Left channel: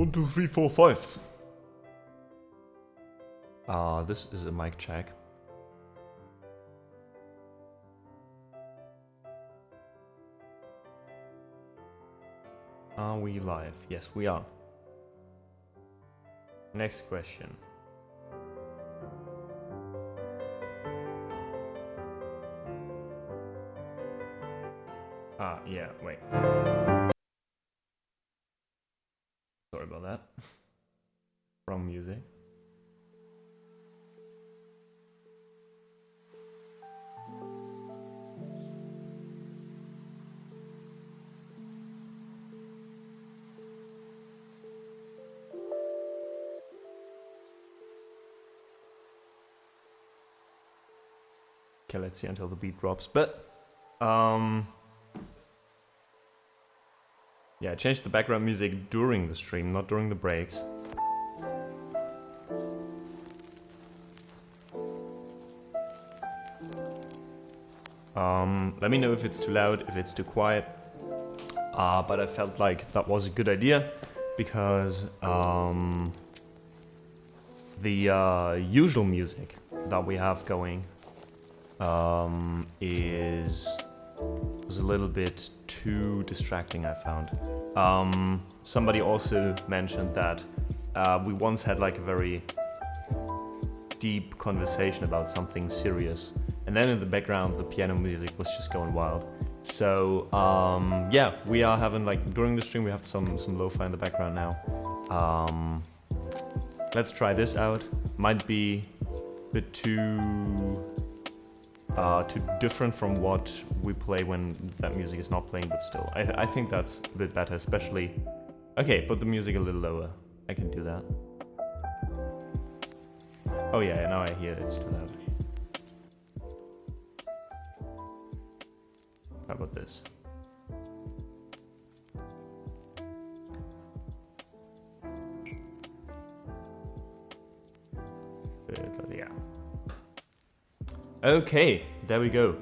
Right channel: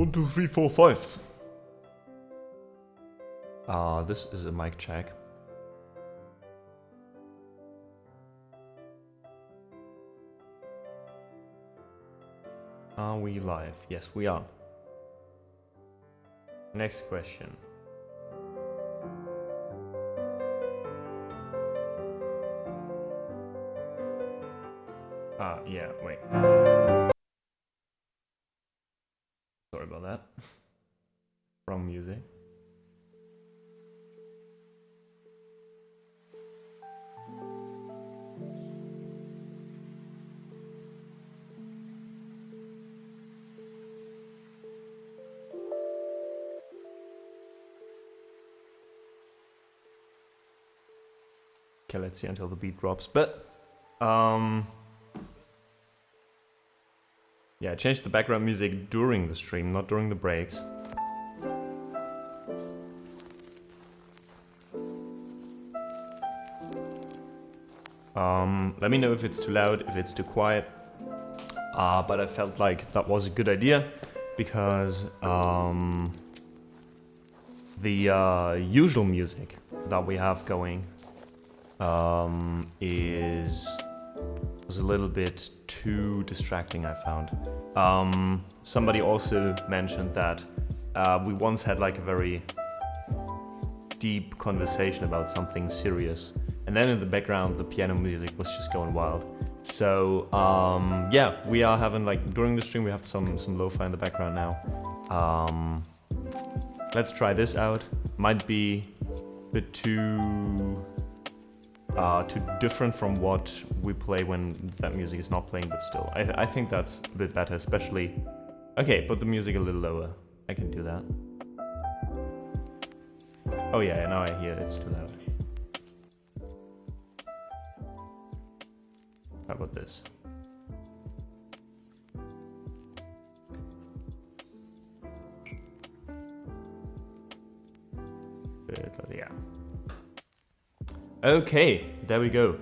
1, 2, 3, 4, 5. This is a mic check. Are we live? Yes, we are. Next question. Yeah, wait. Sorry about that. Wrong music. Okay, let's see until the beat drops. But yeah, I changed the background music during the stream, not during the breaks. Let me know if it's too loud, if it's too quiet. But I felt like that was a good idea because the usual music that we have going was a little bit too distracting, I found. Somebody also mentioned that we once had like a very deep conversation about something serious, and then in the background the piano music was just going wild. So yeah, we are having like during the stream we have some lo-fi in the background now. Let's try this out. Might be a bit too different from what we play when that music is not playing, but still, I think that's a bit better, especially... Okay, put the music a little lower. I can do that. Oh yeah, now I hear it's too loud. How about this? Yeah. Okay, there we go.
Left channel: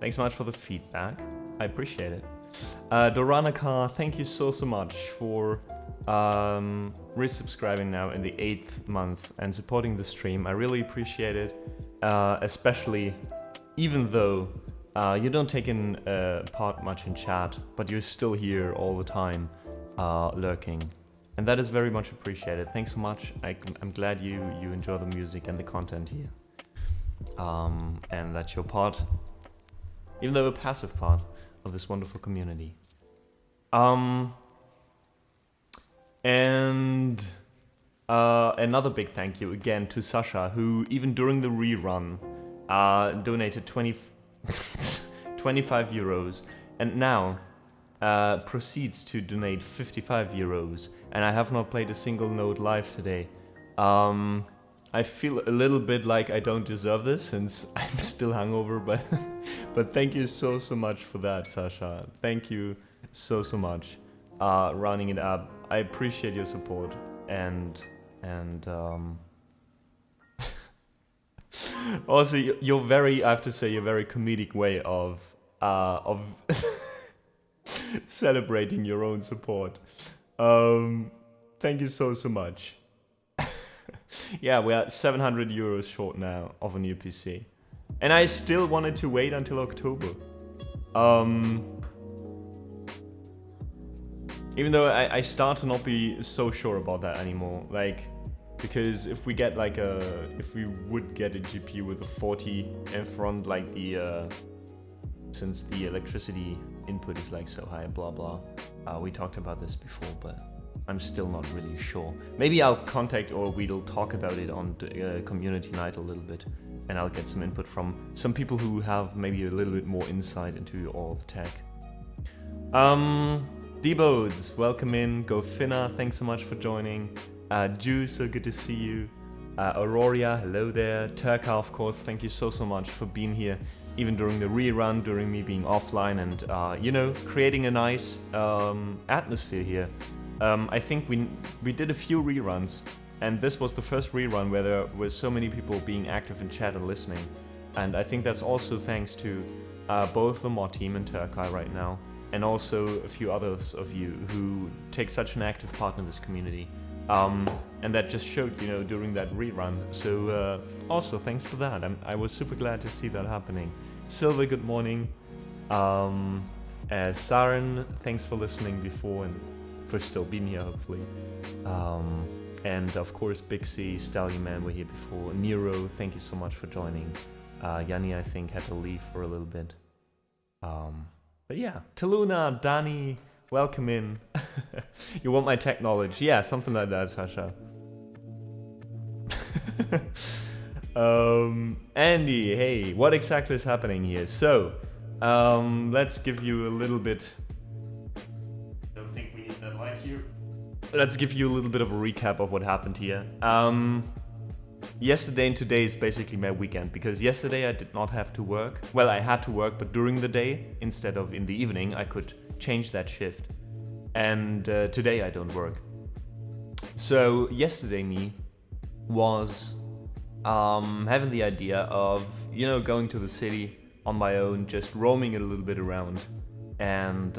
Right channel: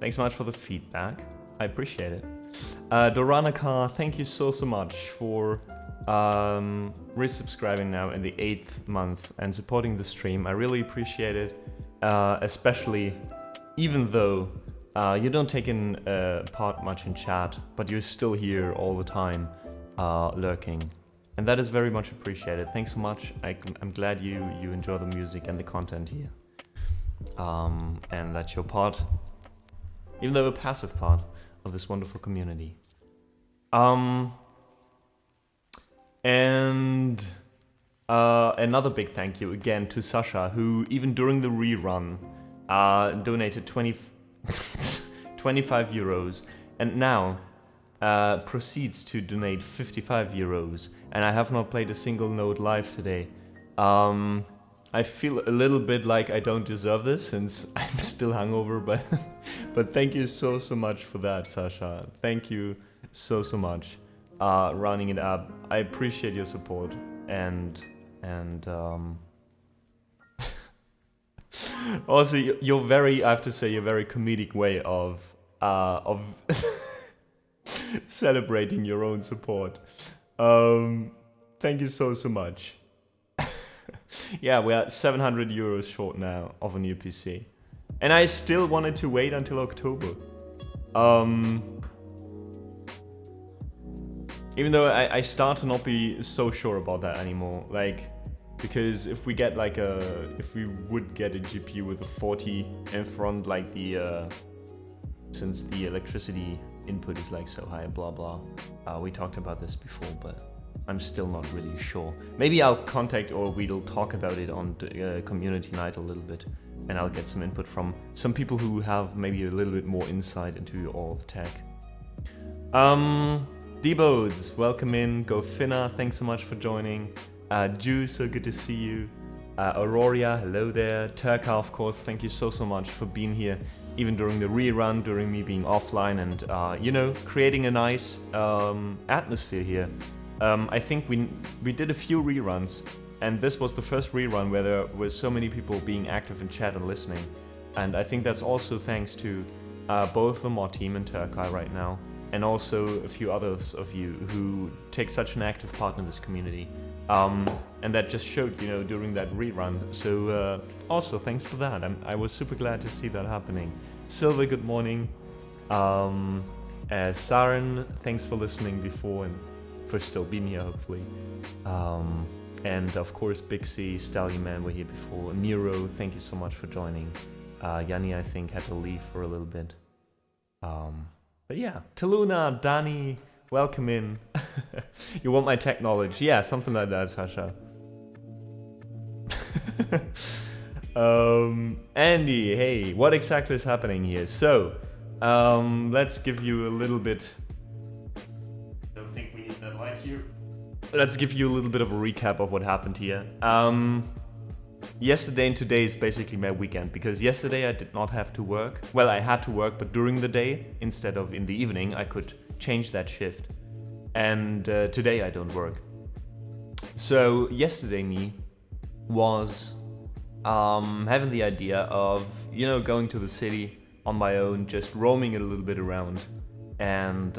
Thanks so much for the feedback. I appreciate it. Doranica, thank you so much for resubscribing now in the 8th month and supporting the stream. I really appreciate it, especially even though you don't take in part much in chat, but you're still here all the time, lurking. And that is very much appreciated. Thanks so much. I'm glad you enjoy the music and the content here. And that you're part, even though a passive part, of this wonderful community. And another big thank you again to Sasha, who even during the rerun donated 25 euros, and now proceeds to donate 55 euros. And I have not played a single note live today. I feel a little bit like I don't deserve this since I'm still hungover, but thank you so much for that, Sasha. Thank you so much. Running it up. I appreciate your support and also your very, I have to say, your very comedic way of celebrating your own support. Thank you so much. Yeah, we are 700 euros short now of a new PC. And I still wanted to wait until October. Even though I start to not be so sure about that anymore. Like, because if we get like if we would get a GPU with a 40 in front, like since the electricity input is like so high, blah blah. We talked about this before, but I'm still not really sure. Maybe I'll contact, or we'll talk about it on community night a little bit, and I'll get some input from some people who have maybe a little bit more insight into all the tech. D-Bodes, welcome in. Go Finna, thanks so much for joining. Ju, so good to see you. Auroria, hello there. Turka, of course, thank you so much for being here, even during the rerun, during me being offline, and you know, creating a nice atmosphere here. I think we did a few reruns, and this was the first rerun where there were so many people being active in chat and listening. And I think that's also thanks to both the mod team and Turkai right now, and also a few others of you who take such an active part in this community. And that just showed, you know, during that rerun. So also thanks for that. I was super glad to see that happening. Silver, good morning. Saren, thanks for listening before and for still being here, hopefully. And of course, Bixie, Stallion Man were here before. Nero, thank you so much for joining. Yanni, I think, had to leave for a little bit. But yeah, Taluna, Dani, welcome in. You want my tech knowledge? Yeah, something like that, Sasha. Andy, hey, what exactly is happening here? So, let's give you a little bit... Don't think we need that light here. Let's give you a little bit of a recap of what happened here. Yesterday and today is basically my weekend, because yesterday I did not have to work. Well, I had to work, but during the day, instead of in the evening, I could change that shift. And today I don't work. So yesterday me was having the idea of, you know, going to the city on my own, just roaming it a little bit around and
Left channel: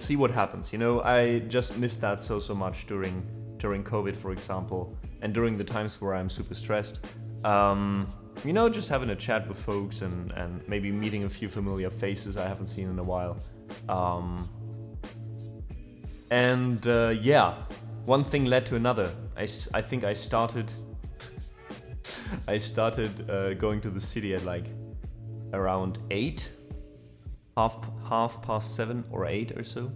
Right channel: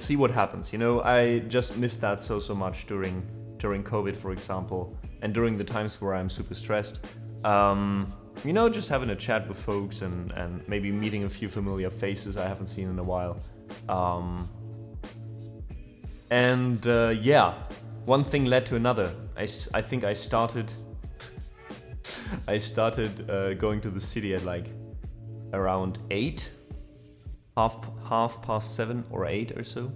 see what happens. You know, I just missed that so much during COVID, for example, and during the times where I'm super stressed. You know, just having a chat with folks and maybe meeting a few familiar faces I haven't seen in a while. Yeah, one thing led to another. I think I started going to the city at like around 8, half past 7 or 8 or so.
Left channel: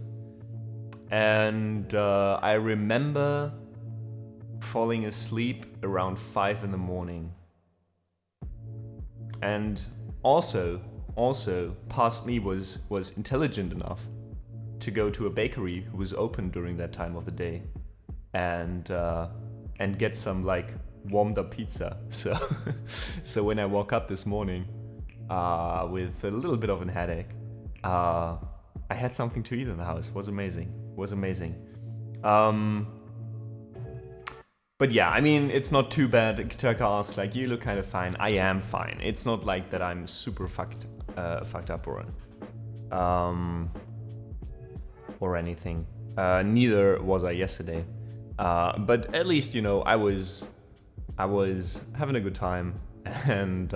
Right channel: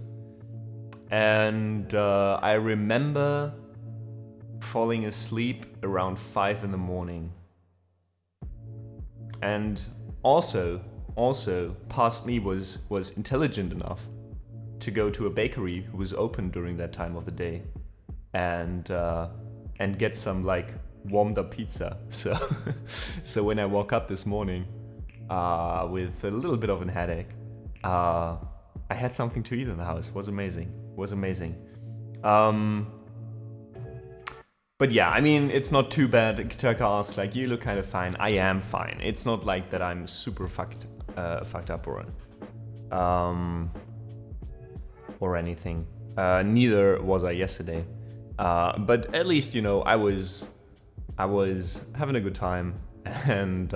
And I remember falling asleep around 5 in the morning. And also past me was intelligent enough to go to a bakery who was open during that time of the day and get some like warmed up pizza. So when I woke up this morning with a little bit of a headache, I had something to eat in the house. It was amazing. But yeah, I mean, it's not too bad. Turka asked, like, you look kind of fine. I am fine. It's not like that I'm super fucked up or anything. Neither was I yesterday. But at least, you know, I was having a good time and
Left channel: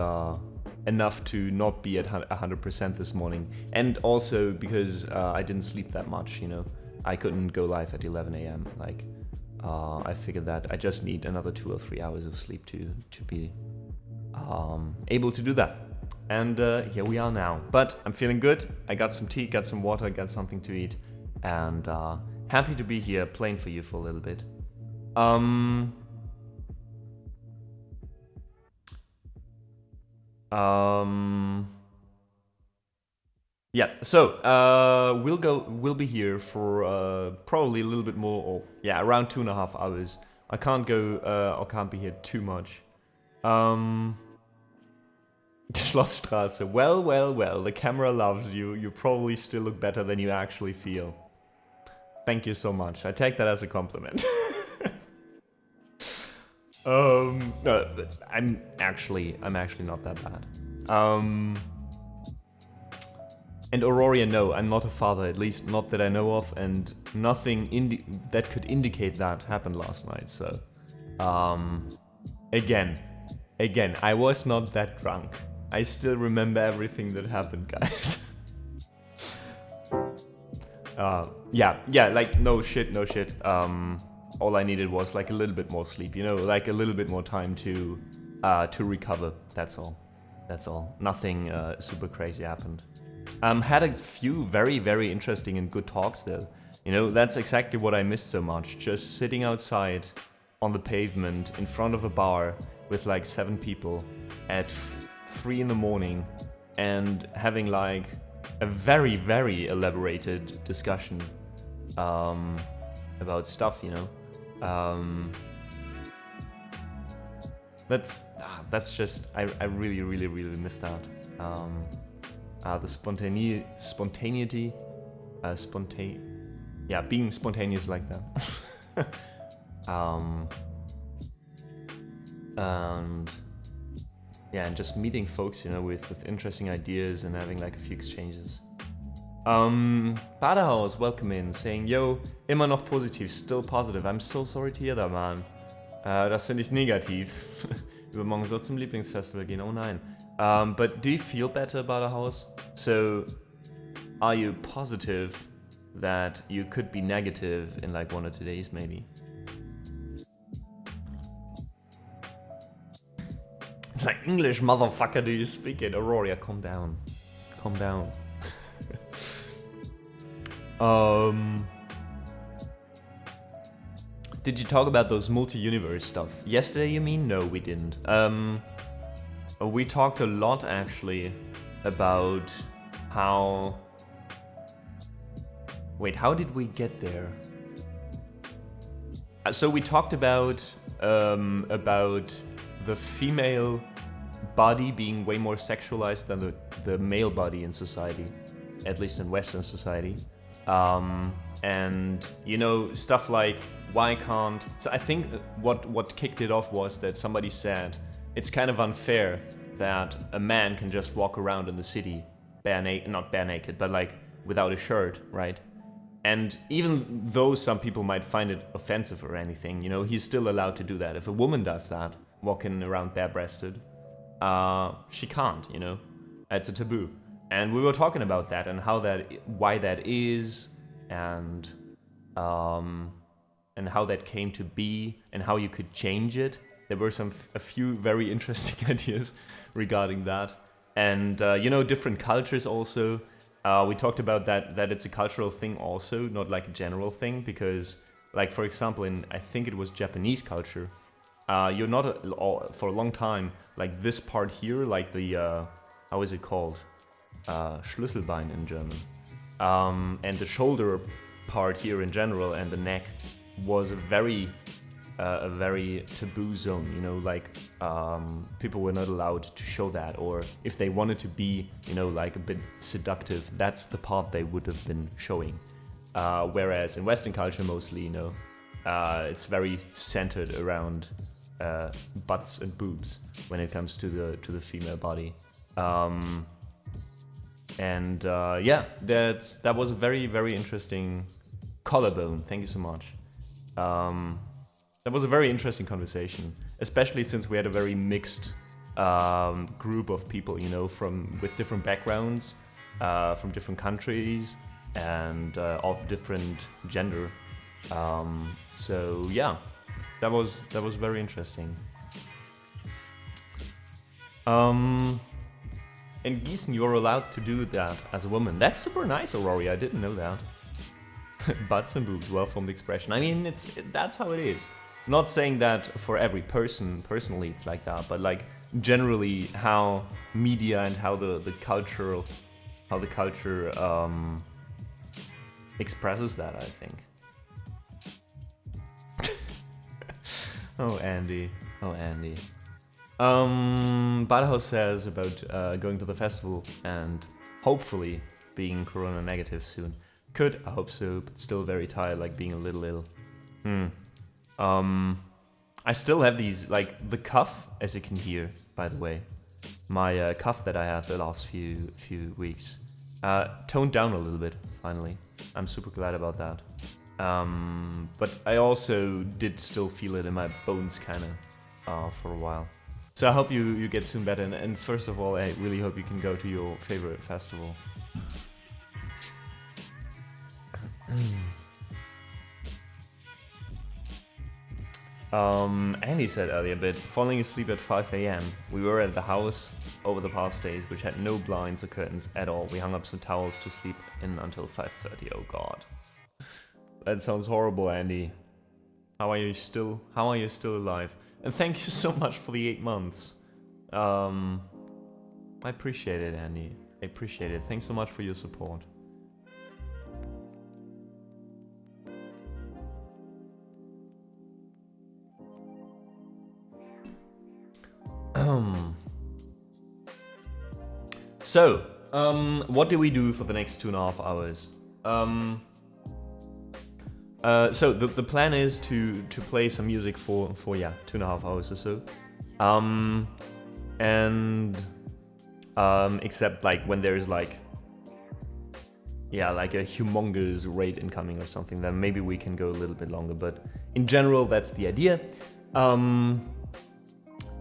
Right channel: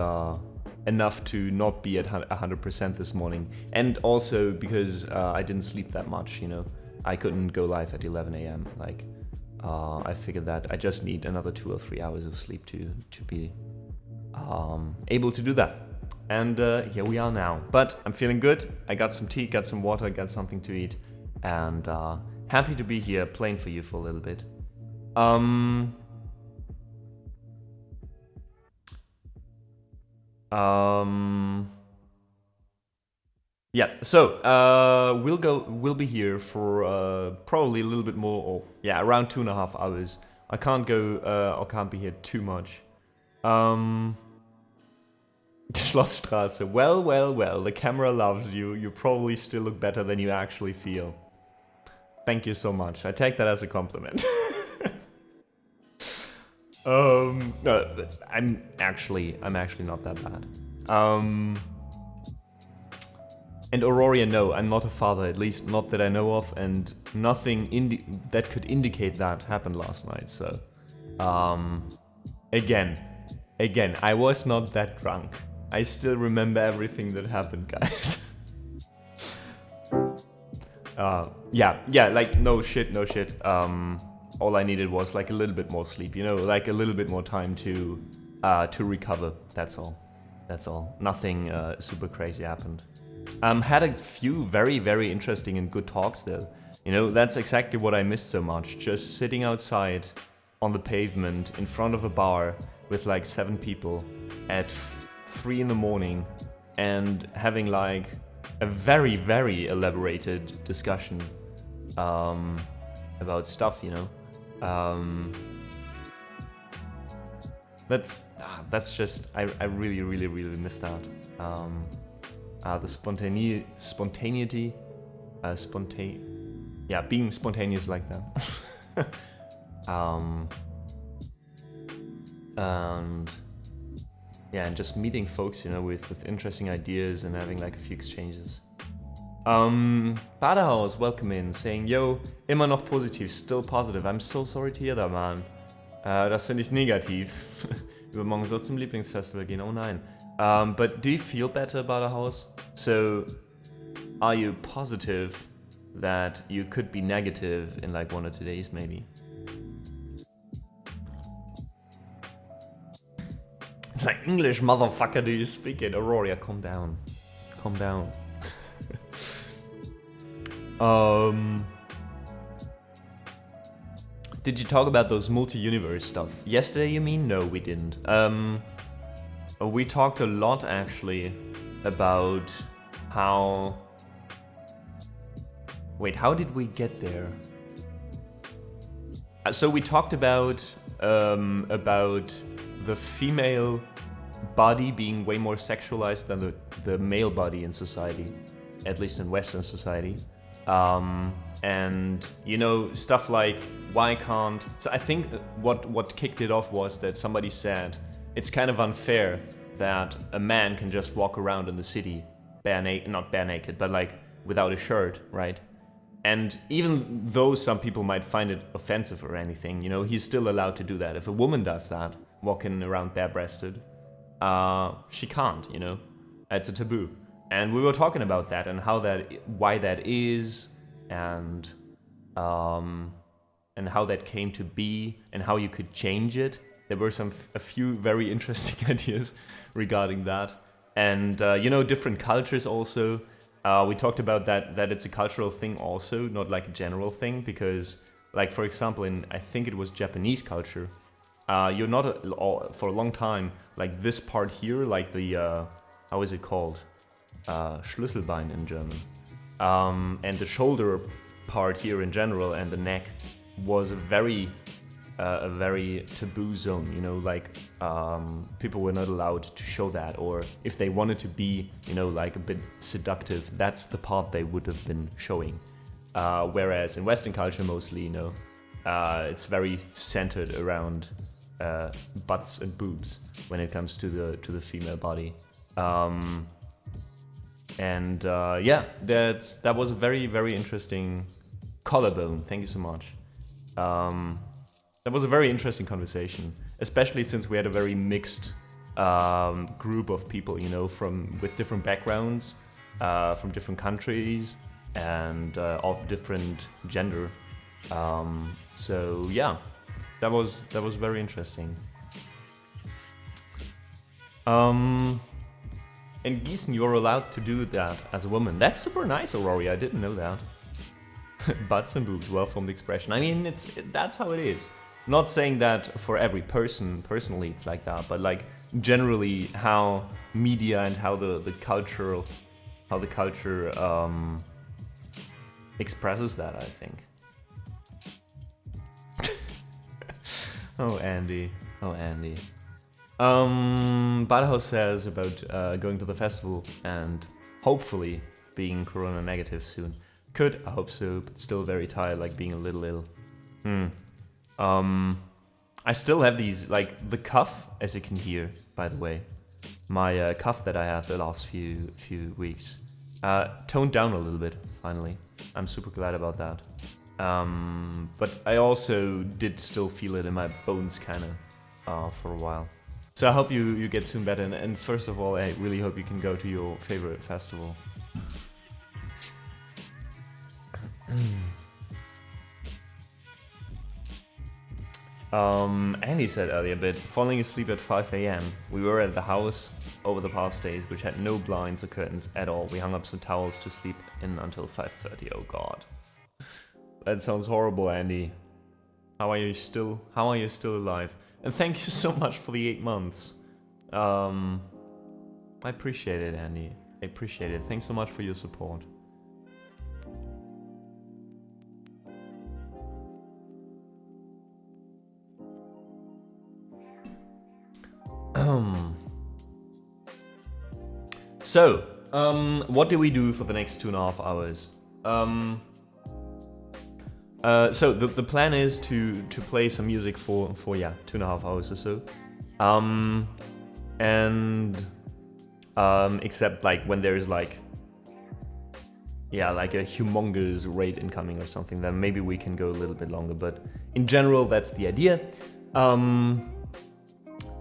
enough to not be at 100% this morning. And also because I didn't sleep that much, you know. I couldn't go live at 11 a.m. Like, I figured that I just need another 2 or 3 hours of sleep to be able to do that. And here we are now. But I'm feeling good. I got some tea, got some water, got something to eat. And happy to be here playing for you for a little bit. Yeah, so we'll be here for probably a little bit more, or yeah, around 2.5 hours. I can't go or can't be here too much. Schlossstraße. Well, the camera loves you. You probably still look better than you actually feel. Thank you so much. I take that as a compliment. No, but I'm actually not that bad. And Aurora, no, I'm not a father, at least not that I know of, and nothing that could indicate that happened last night, so... Again, I was not that drunk. I still remember everything that happened, guys. Yeah, like, no shit. All I needed was, like, a little bit more sleep, you know, like, a little bit more time to recover, that's all. Nothing super crazy happened. Had a few very, very interesting and good talks though. You know, that's exactly what I missed so much. Just sitting outside on the pavement in front of a bar with like 7 people at 3 in the morning and having like a very, very elaborated discussion about stuff, you know. That's just, I really, really, really missed out. The spontaneity, yeah, being spontaneous like that. And yeah, and just meeting folks, you know, with interesting ideas and having like a few exchanges. Badehaus, welcome in, saying, yo, immer noch positiv, still positive. I'm so sorry to hear that, man. Das finde ich negativ. Übermorgen soll zum Lieblingsfestival gehen, oh nein. But do you feel better, Badehaus? So, are you positive that you could be negative in like 1 or 2 days, maybe? It's like, English, motherfucker, do you speak it? Aurora, calm down. Calm down. Did you talk about those multi-universe stuff? Yesterday, you mean? No, we didn't. We talked a lot, actually, about how... Wait, how did we get there? So we talked about the female body being way more sexualized than the male body in society, at least in Western society. And, you know, stuff like, why can't... So I think what kicked it off was that somebody said, it's kind of unfair that a man can just walk around in the city not bare naked, but like without a shirt, right? And even though some people might find it offensive or anything, you know, he's still allowed to do that. If a woman does that, walking around bare-breasted, she can't, you know? It's a taboo. And we were talking about that and why that is, and how that came to be, and how you could change it. There were a few very interesting ideas regarding that. And, you know, different cultures also. We talked about that it's a cultural thing also, not like a general thing, because, like, for example, I think it was Japanese culture, you're not, for a long time, like this part here, like the, how is it called? Schlüsselbein in German. And the shoulder part here in general, and the neck, was a very taboo zone, you know, like, people were not allowed to show that, or if they wanted to be, you know, like a bit seductive, that's the part they would have been showing. Whereas in Western culture mostly, you know, it's very centered around butts and boobs when it comes to the female body. Yeah, that was a very, very interesting collarbone. Thank you so much. That was a very interesting conversation, especially since we had a very mixed group of people, you know, with different backgrounds, from different countries, and of different gender. So yeah, that was very interesting. In Gießen, you're allowed to do that as a woman. That's super nice, Aurora. I didn't know that. Butts and boobs, well-formed expression. I mean, that's how it is. Not saying that for every person, personally, it's like that, but like generally how media and how the culture expresses that, I think. Oh, Andy. Badehaus says about going to the festival and hopefully being corona negative soon. I hope so, but still very tired, like being a little ill. I still have these, like the cough, as you can hear, by the way. My cough that I had the last few weeks toned down a little bit, finally. I'm super glad about that. But I also did still feel it in my bones, kind of, for a while. So I hope you get soon better, and first of all, I really hope you can go to your favorite festival. Andy said earlier, but falling asleep at 5 AM. We were at the house over the past days, which had no blinds or curtains at all. We hung up some towels to sleep in until 5:30. Oh god. That sounds horrible, Andy. How are you still alive? And thank you so much for the 8 months. I appreciate it, Andy. I appreciate it. Thanks so much for your support. So, what do we do for the next 2.5 hours? So the plan is to play some music for 2.5 hours or so. Except like when there's like yeah, like a humongous raid incoming or something, then maybe we can go a little bit longer. But in general, that's the idea.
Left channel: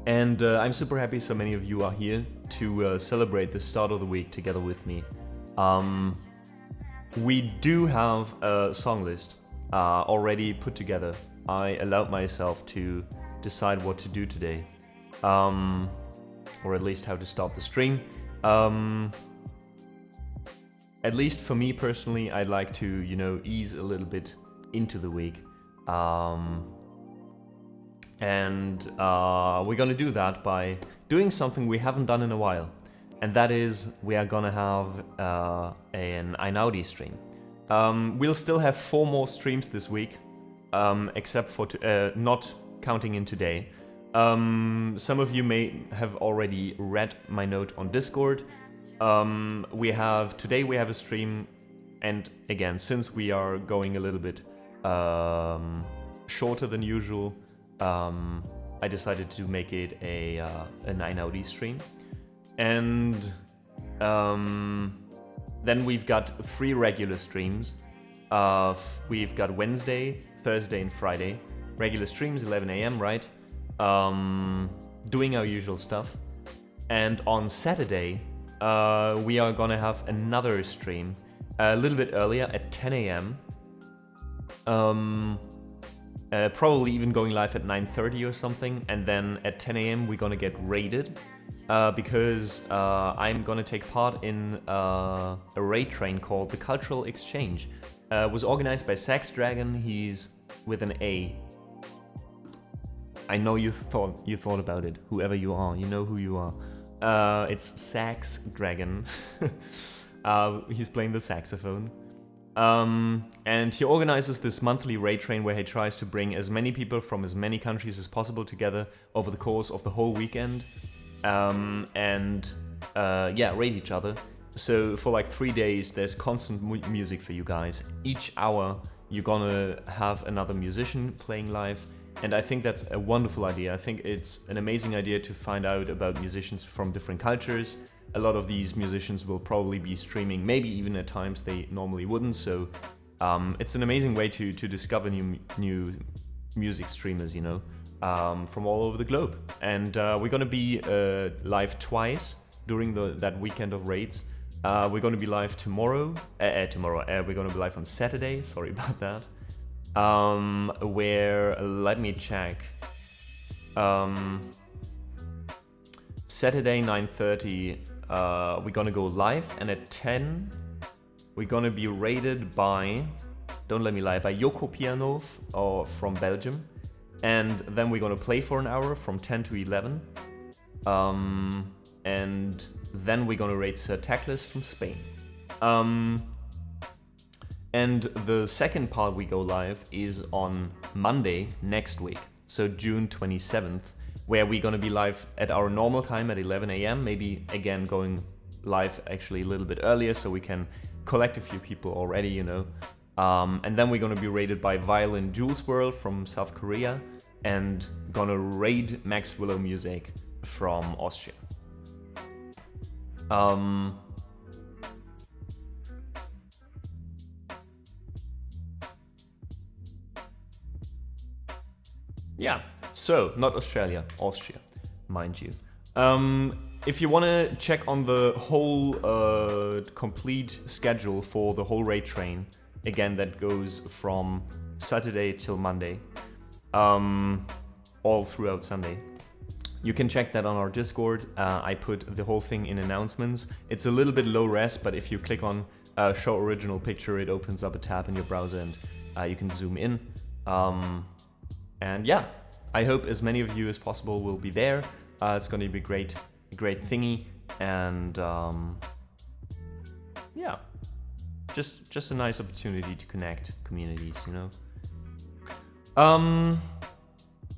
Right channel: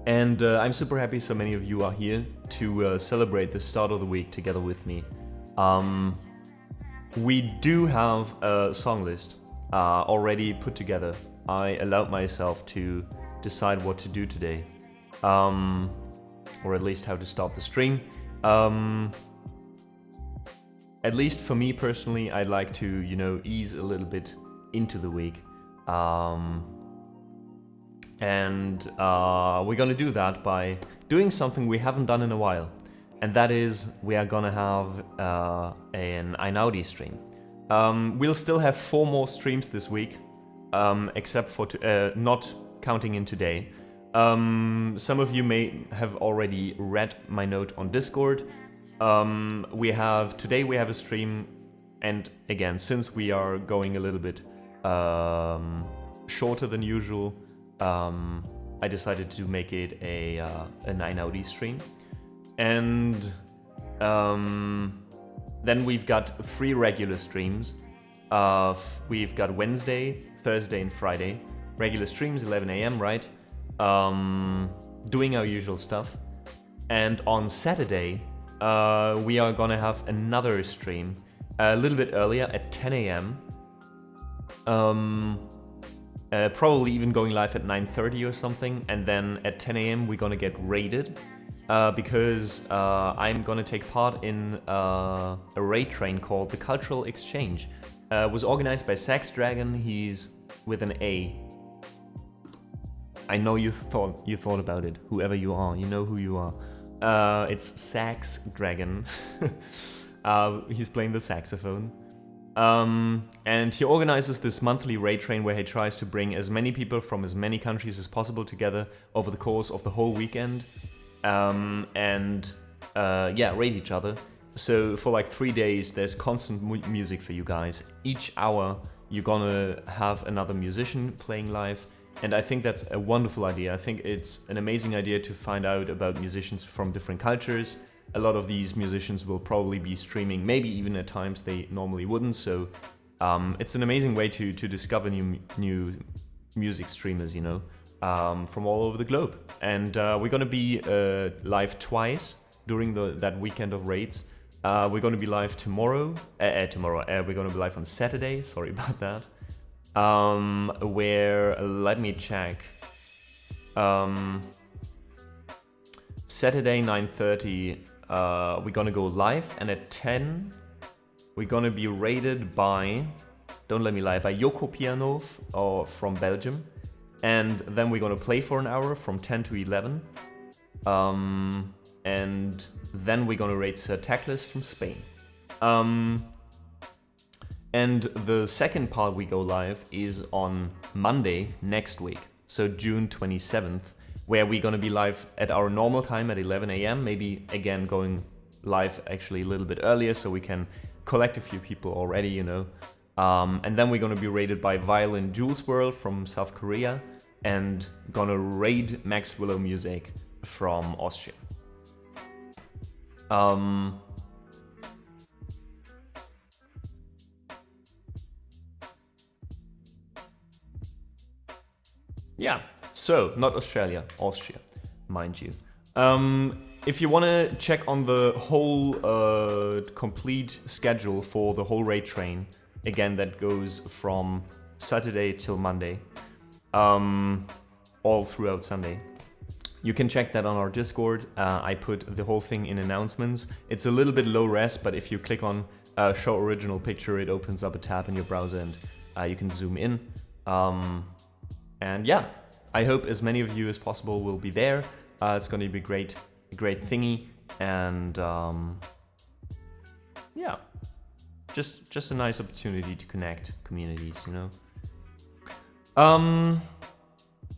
And I'm super happy so many of you are here to celebrate the start of the week together with me. We do have a song list already put together. I allowed myself to decide what to do today, or at least how to start the stream. At least for me personally, I'd like to, you know, ease a little bit into the week. And we're gonna do that by doing something we haven't done in a while. And that is, we are gonna have an Einaudi stream. We'll still have 4 more streams this week, except for not counting in today. Some of you may have already read my note on Discord. Today we have a stream, and again, since we are going a little bit shorter than usual, I decided to make it a 9OD stream. And then we've got 3 regular streams. We've got Wednesday, Thursday and Friday. Regular streams, 11 AM, right? Doing our usual stuff. And on Saturday, we are gonna have another stream a little bit earlier at 10 AM. Probably even going live at 9:30 or something, and then at 10 AM we're gonna get raided because I'm gonna take part in a raid train called the Cultural Exchange. It was organized by Sax Dragon. He's with an A. I know you thought about it. Whoever you are, you know who you are. It's Sax Dragon. He's playing the saxophone. And he organizes this monthly raid train where he tries to bring as many people from as many countries as possible together over the course of the whole weekend, and raid each other. So for like 3 days there's constant music for you guys. Each hour you're gonna have another musician playing live, and I think that's a wonderful idea. I think it's an amazing idea to find out about musicians from different cultures. A lot of these musicians will probably be streaming, maybe even at times they normally wouldn't, so it's an amazing way to discover new music streamers, you know, from all over the globe. And we're gonna be live twice during that weekend of raids. We're gonna be live tomorrow. We're gonna be live on Saturday, sorry about that. Where, let me check. Saturday 9:30, we're gonna go live, and at 10 we're gonna be raided by, don't let me lie, by Yoko Pianov from Belgium, and then we're gonna play for an hour from 10 to 11, and then we're gonna raid Sir Tackless from Spain. And the second part we go live is on Monday next week, so June 27th, where we're gonna be live at our normal time at 11 AM, maybe again going live actually a little bit earlier so we can collect a few people already, you know. And then we're gonna be raided by Violin Jules World from South Korea, and gonna raid Max Willow Music from Austria. Yeah, so not Australia, Austria, mind you. If you want to check on the whole complete schedule for the whole raid train, again, that goes from Saturday till Monday, all throughout Sunday, you can check that on our Discord. I put the whole thing in announcements. It's a little bit low res, but if you click on show original picture, it opens up a tab in your browser and you can zoom in. And yeah, I hope as many of you as possible will be there. It's going to be a great thingy, and yeah, just a nice opportunity to connect communities, you know.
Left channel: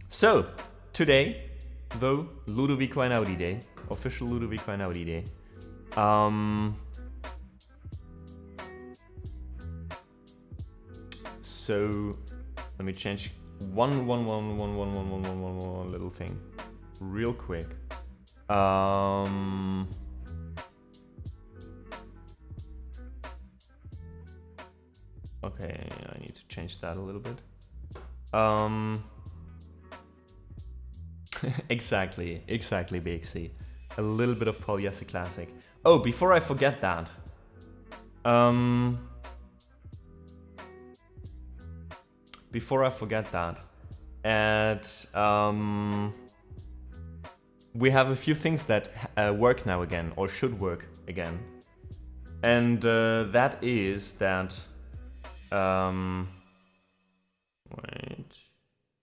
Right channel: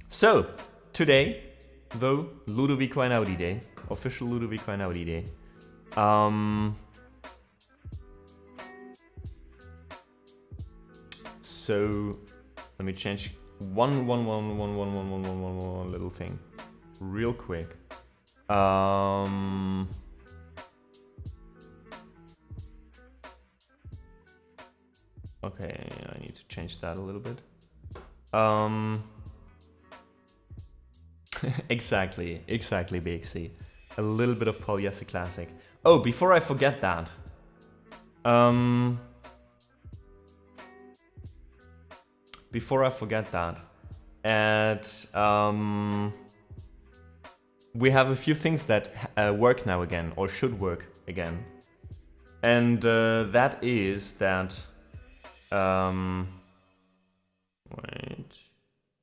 So today, though, Ludovico Einaudi Day, official Ludovico Einaudi Day. So let me change one little thing real quick. Okay, I need to change that a little bit. Exactly, BXC. A little bit of polyester classic. Oh, before I forget that. Before I forget that. We have a few things that work now again, or should work again. And that is that... wait...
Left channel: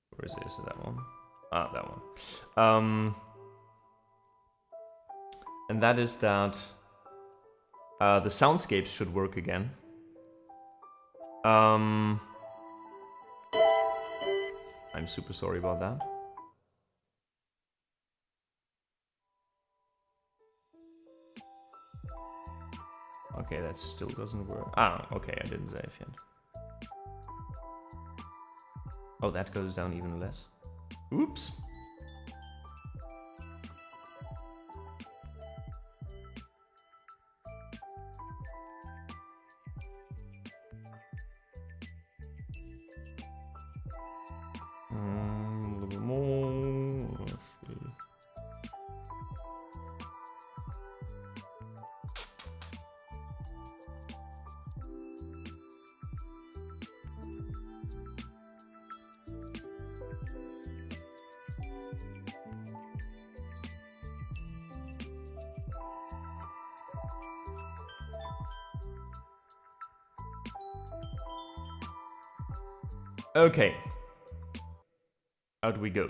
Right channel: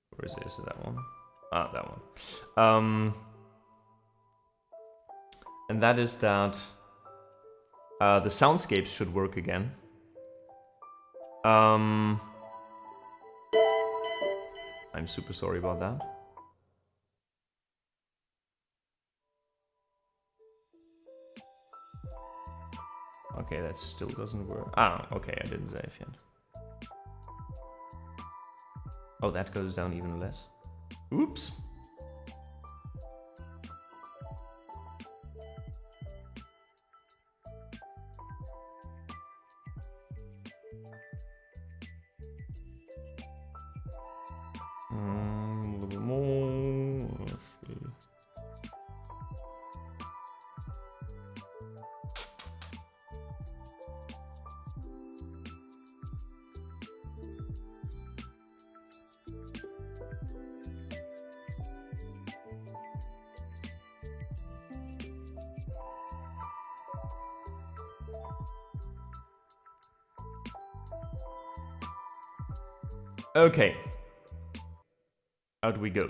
Where is this? That one? Ah, that one. And that is that the soundscapes should work again. I'm super sorry about that. Okay, that still doesn't work. Ah, okay, I didn't save yet. Oh, that goes down even less. Oops. A little bit more. Okay. Out we go.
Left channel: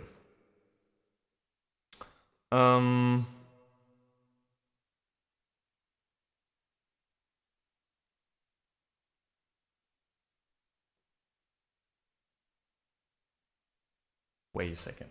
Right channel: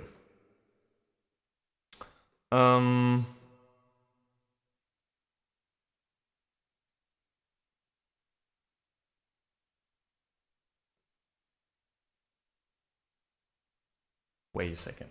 Wait a second.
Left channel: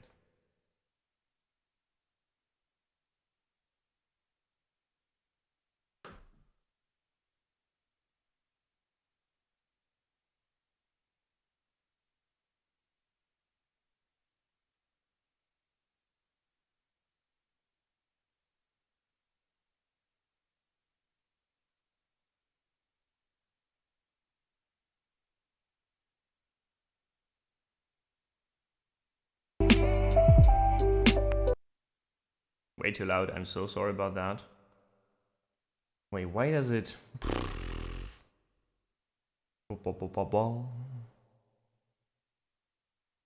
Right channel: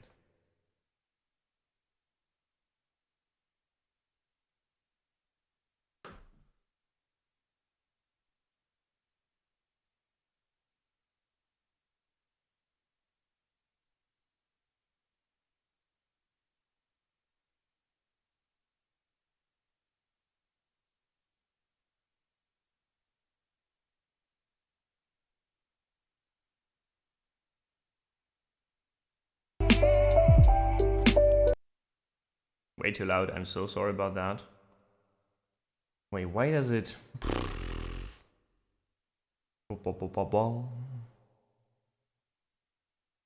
Way too loud, I'm so sorry about that. Wait, why does it...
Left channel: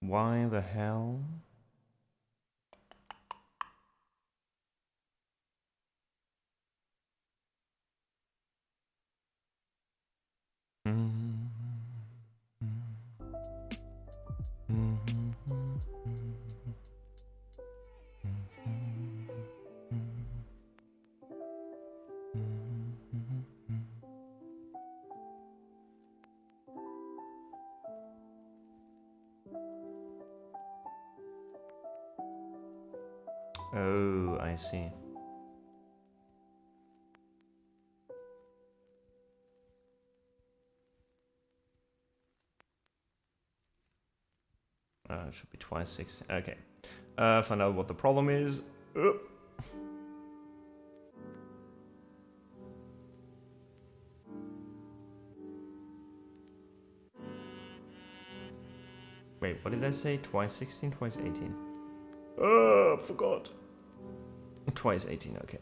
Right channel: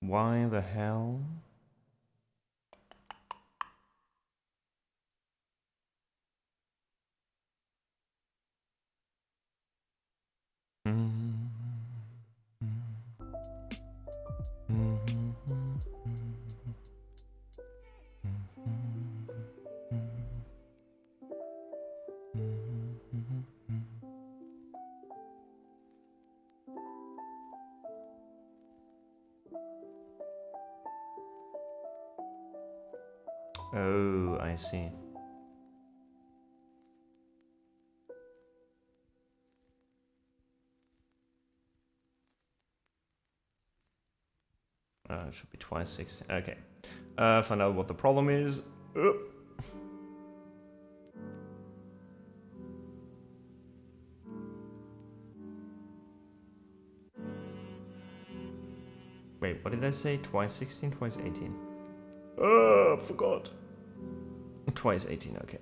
Why the hell? Oh, I see. It should be twice 60. Okay. Find out what the problem is. Wait, what did I say? Twice 16, twice 18. Forgot. Twice 18, okay.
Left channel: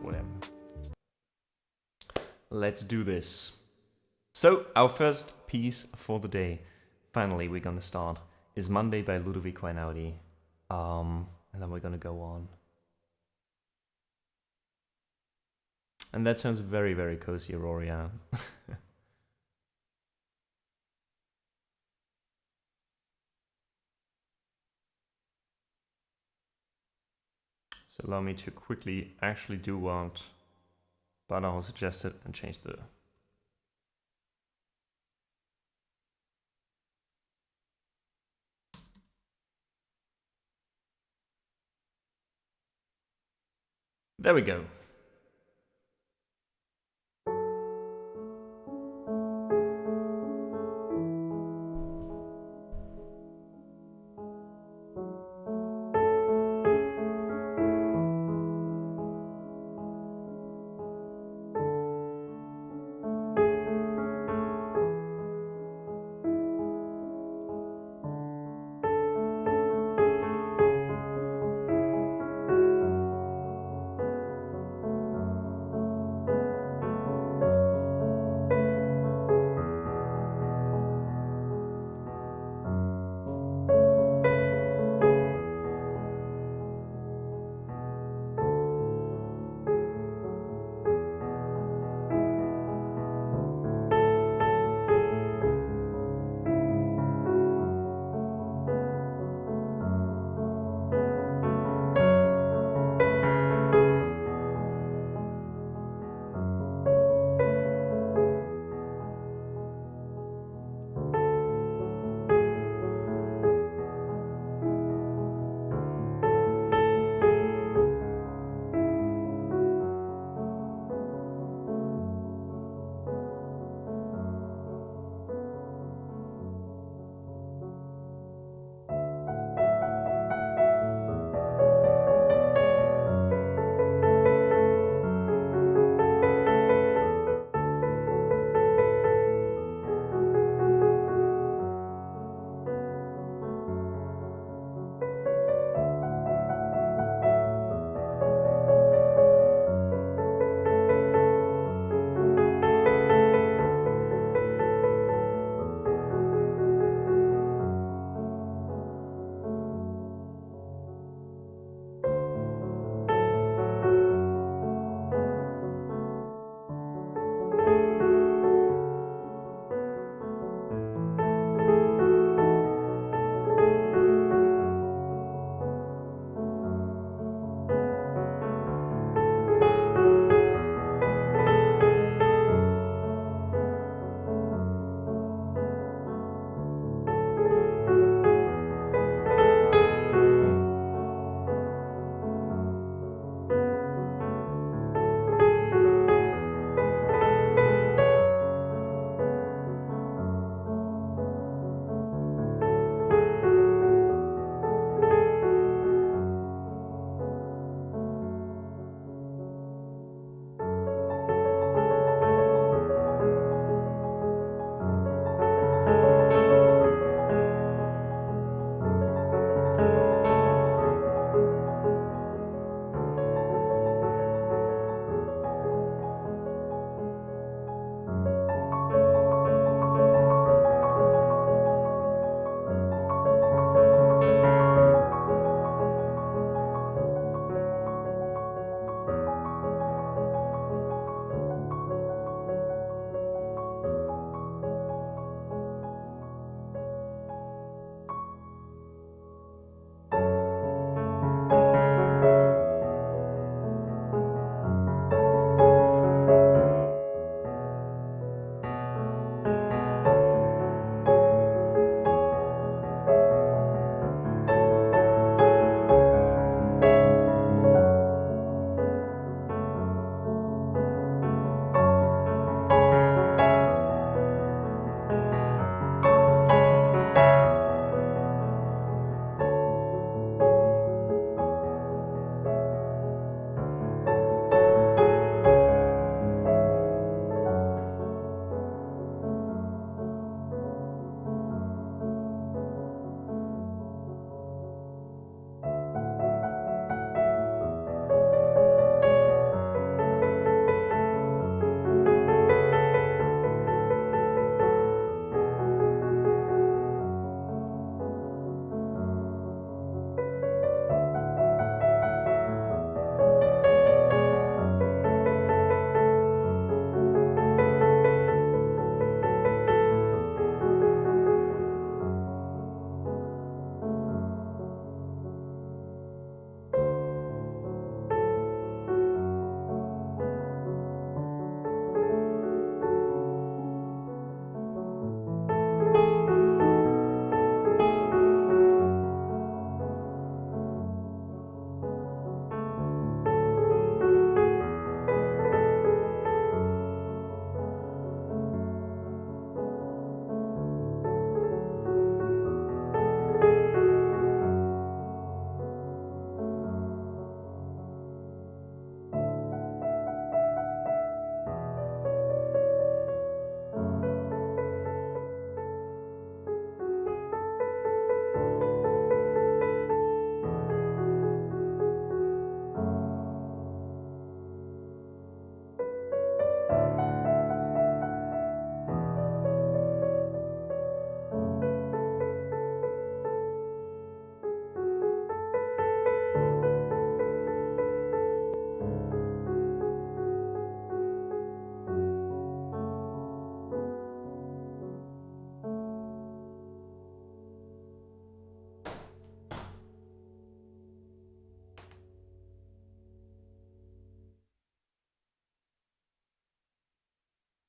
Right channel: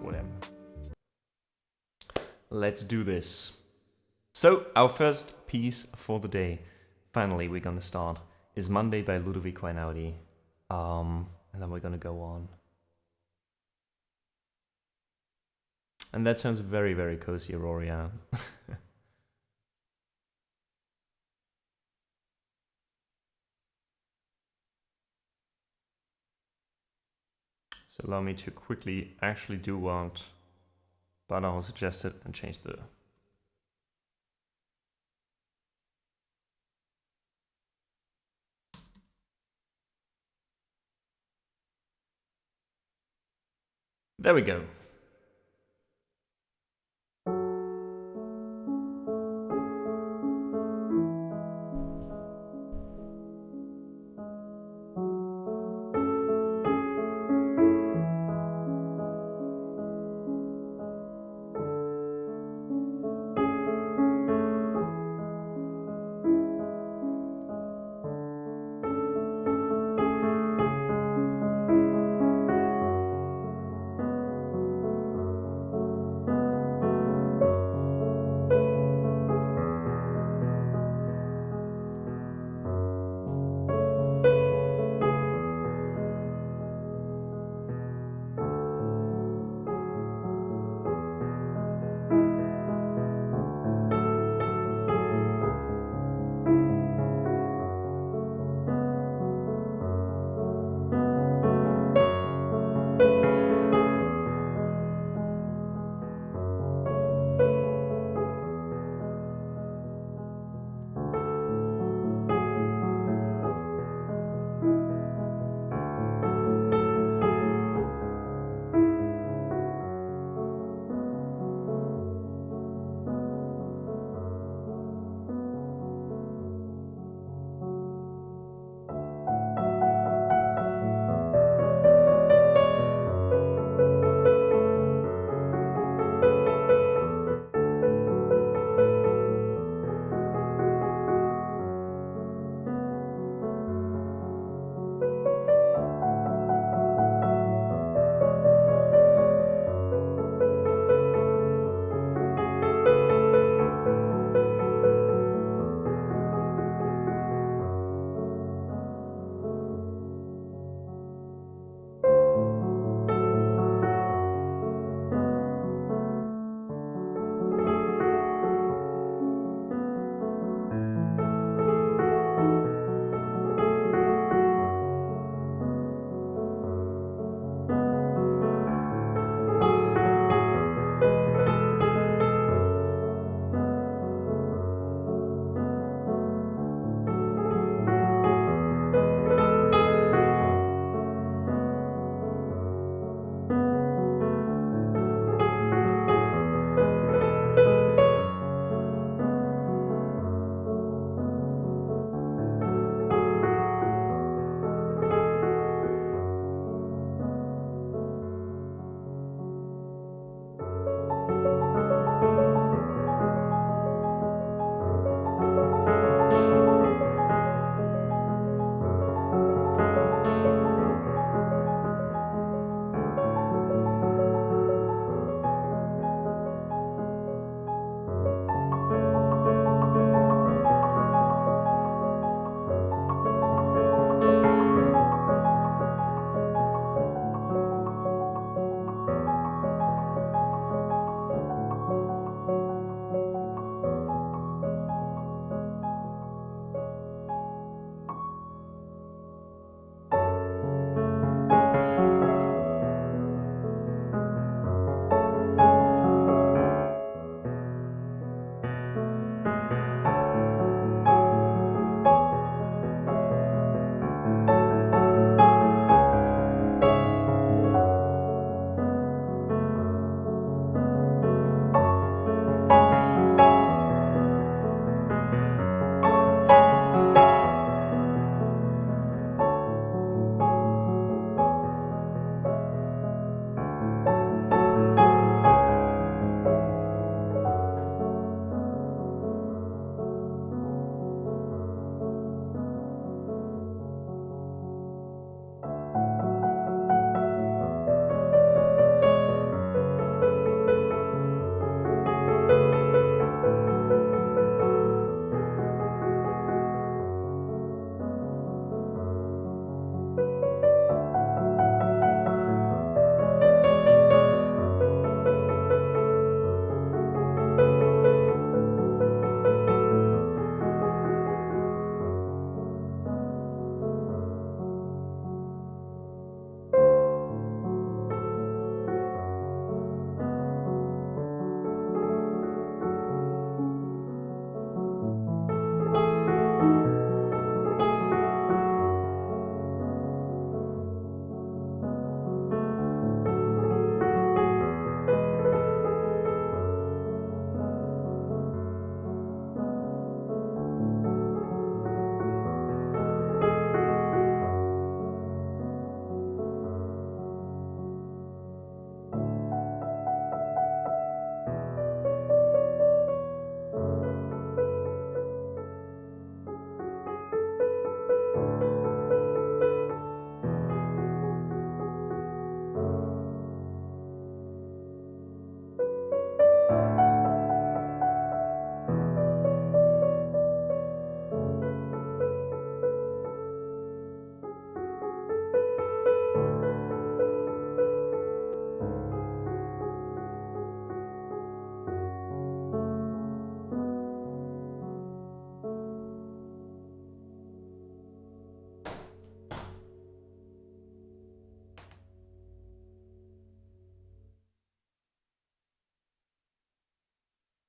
Whatever. Let's do this. So, our first piece for the day, finally we're gonna start, is Monday by Ludovico Einaudi. And then we're gonna go on. And that sounds very, very cozy, Aurora. So allow me to quickly actually do what Badaho suggested and change the There we go.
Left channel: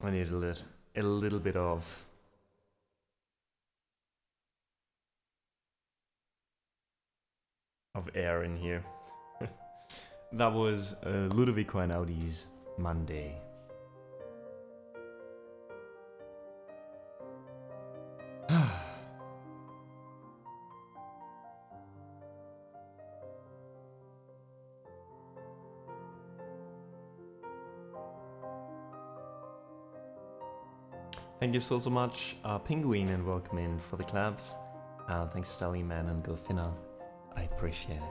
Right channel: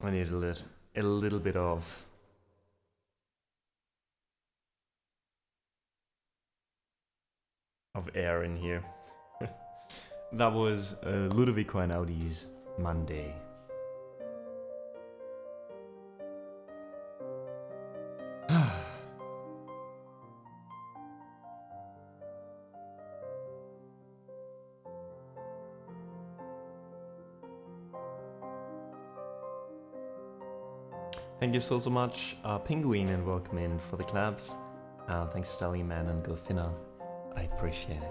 I need a little bit of air in here. That was Ludovico Einaudi's Monday. Thank you so much, Penguin, and welcome in for the claps. Thanks, Stelly Man and Gofinna. I appreciate it.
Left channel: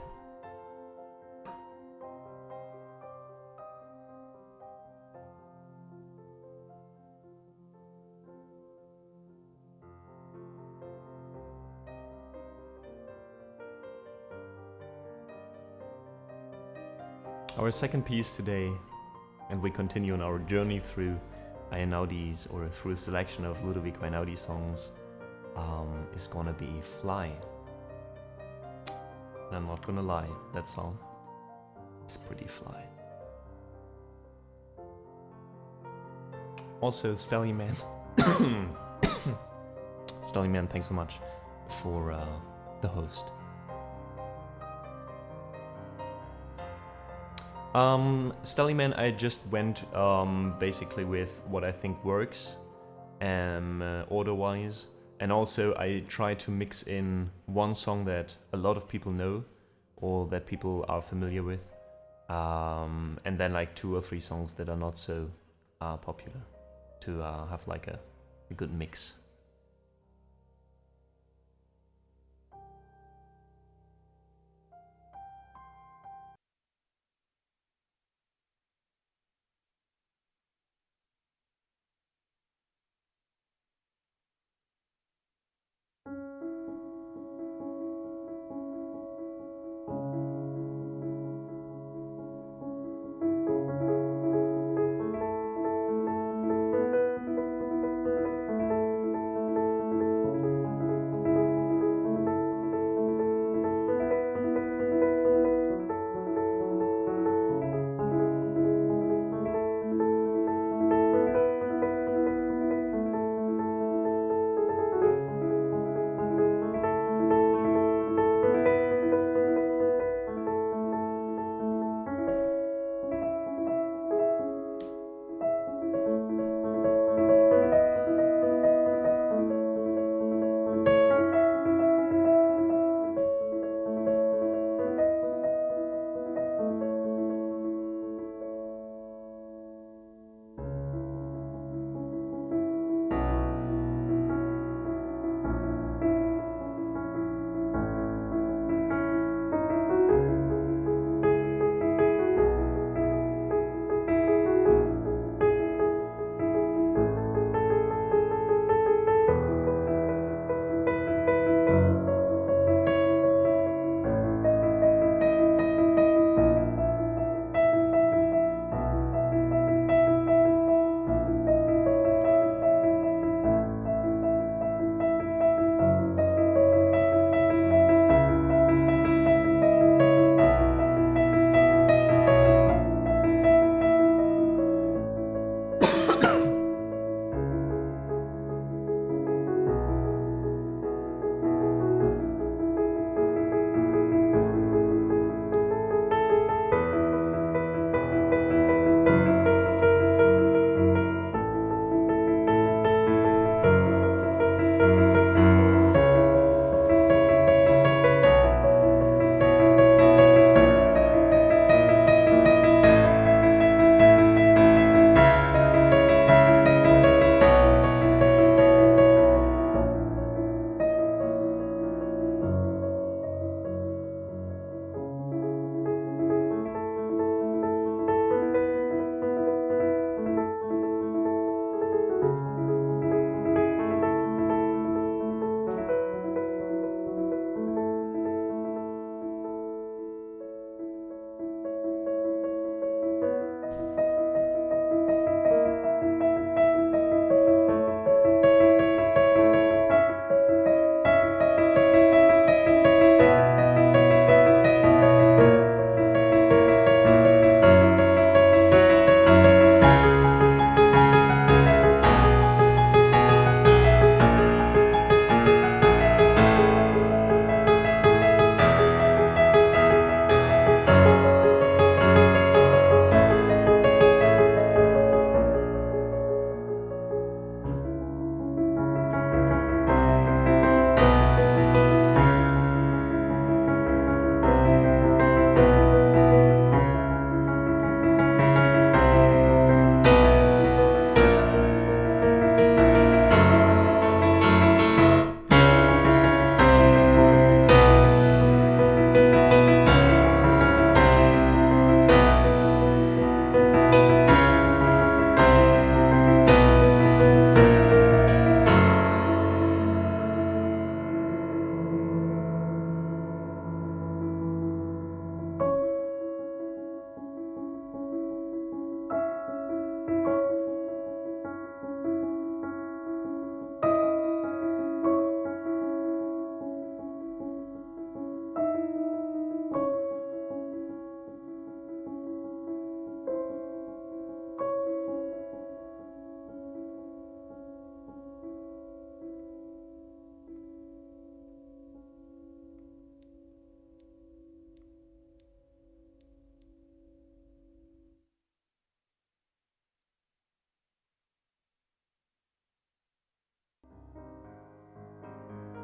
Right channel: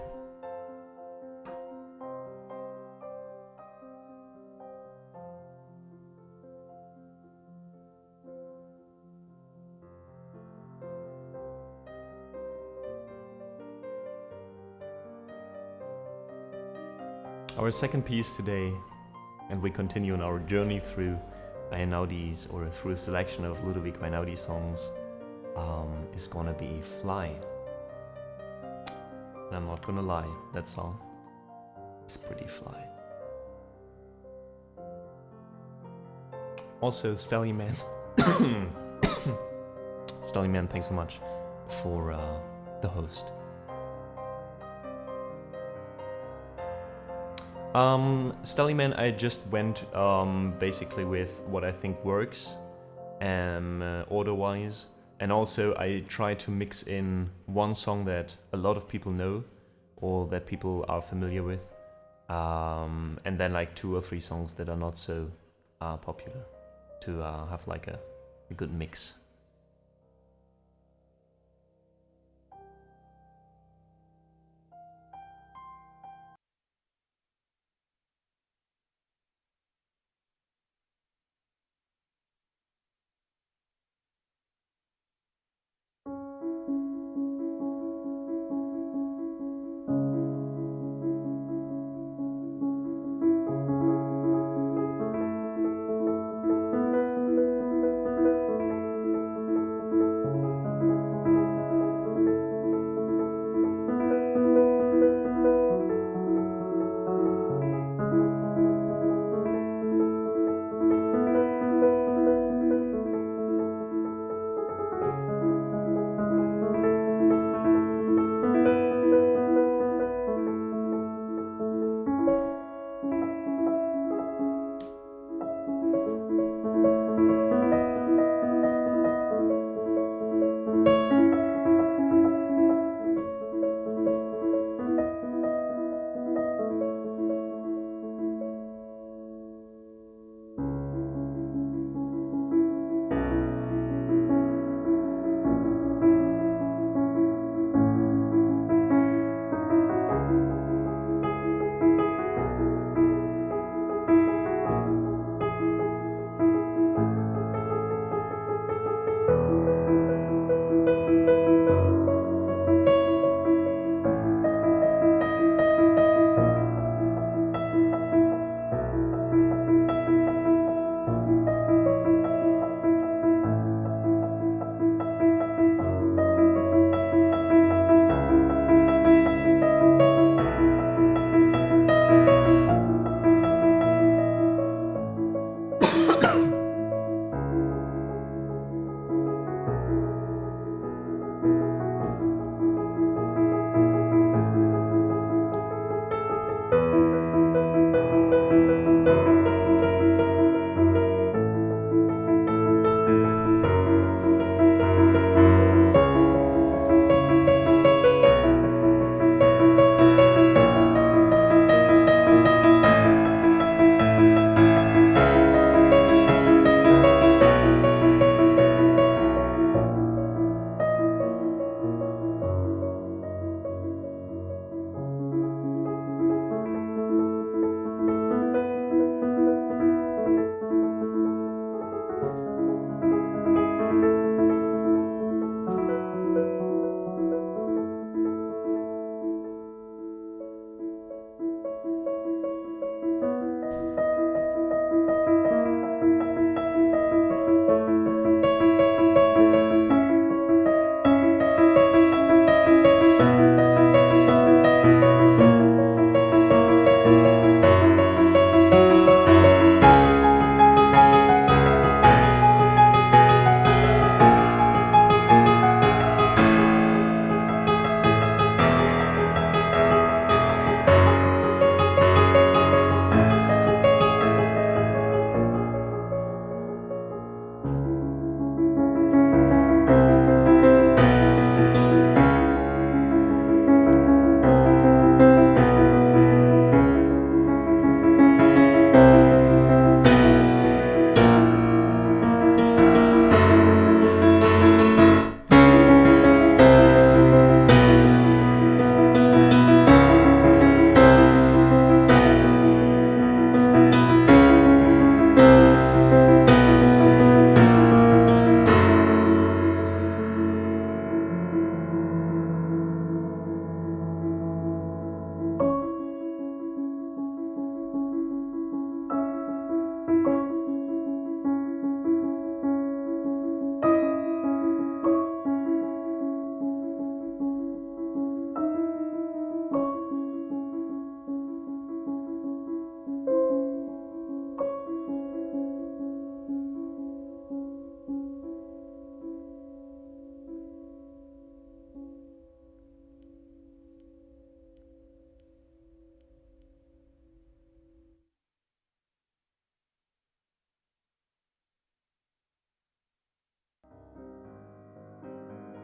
Our second piece today, and we continue on our journey through Einaudi's, or through a selection of Ludovico Einaudi songs, is gonna be Fly. And I'm not gonna lie, that song is pretty fly. Also, Stelly Man. Stelly Man, thanks so much for the host. Stelly Man, I just went basically with what I think works, order-wise, and also I try to mix in one song that a lot of people know or that people are familiar with, and then like 2 or 3 songs that are not so popular, to have like a good mix.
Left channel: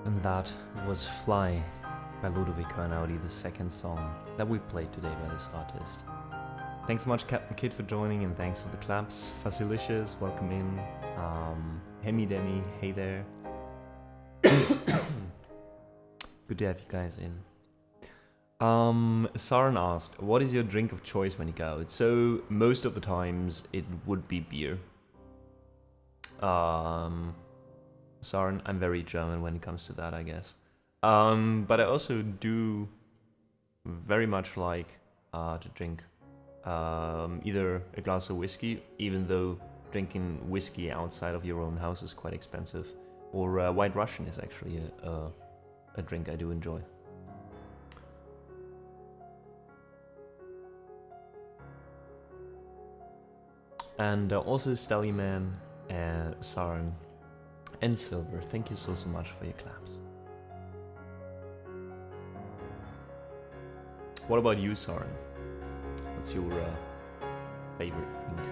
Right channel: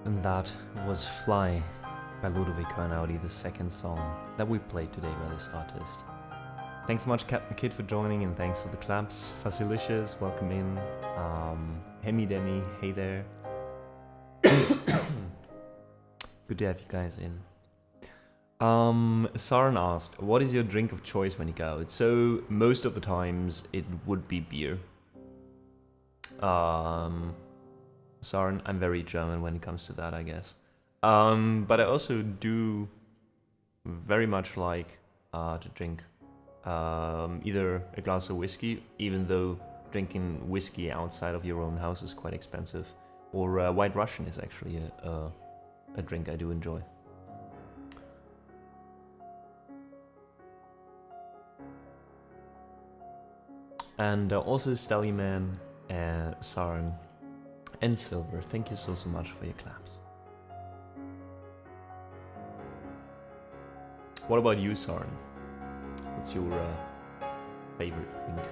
And that was Fly by Ludovico Einaudi, the second song that we played today by this artist. Thanks so much, Captain Kid, for joining, and thanks for the claps. Facilicious, welcome in. Hemi Demi, hey there. Good to have you guys in. Saran asked, what is your drink of choice when you go out? So, most of the times, it would be beer. Saran, I'm very German when it comes to that, I guess. But I also do very much like to drink either a glass of whiskey, even though drinking whiskey outside of your own house is quite expensive, or White Russian is actually a drink I do enjoy. And also Stallyman, Saran, and Silver, thank you so much for your claps. What about you, Saran? What's your favorite drink?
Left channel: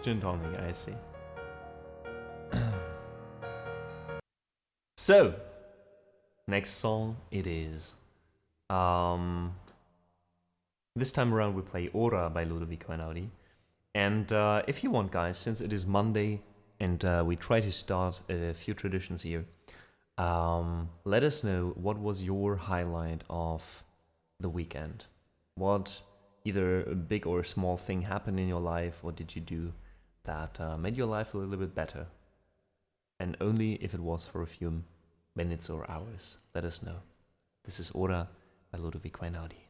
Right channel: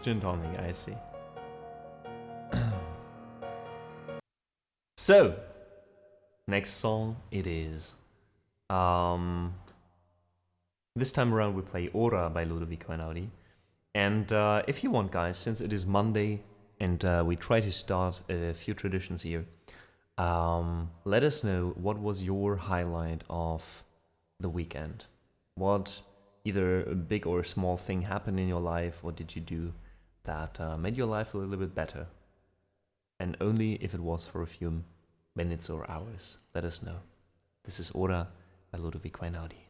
Gin tonic, I see. So, next song it is. This time around we play Ora by Ludovico Einaudi. And if you want, guys, since it is Monday and we try to start a few traditions here, let us know what was your highlight of the weekend. What either a big or a small thing happened in your life, what did you do that made your life a little bit better? And only if it was for a few minutes or hours. Let us know. This is Ora by Ludovico Einaudi.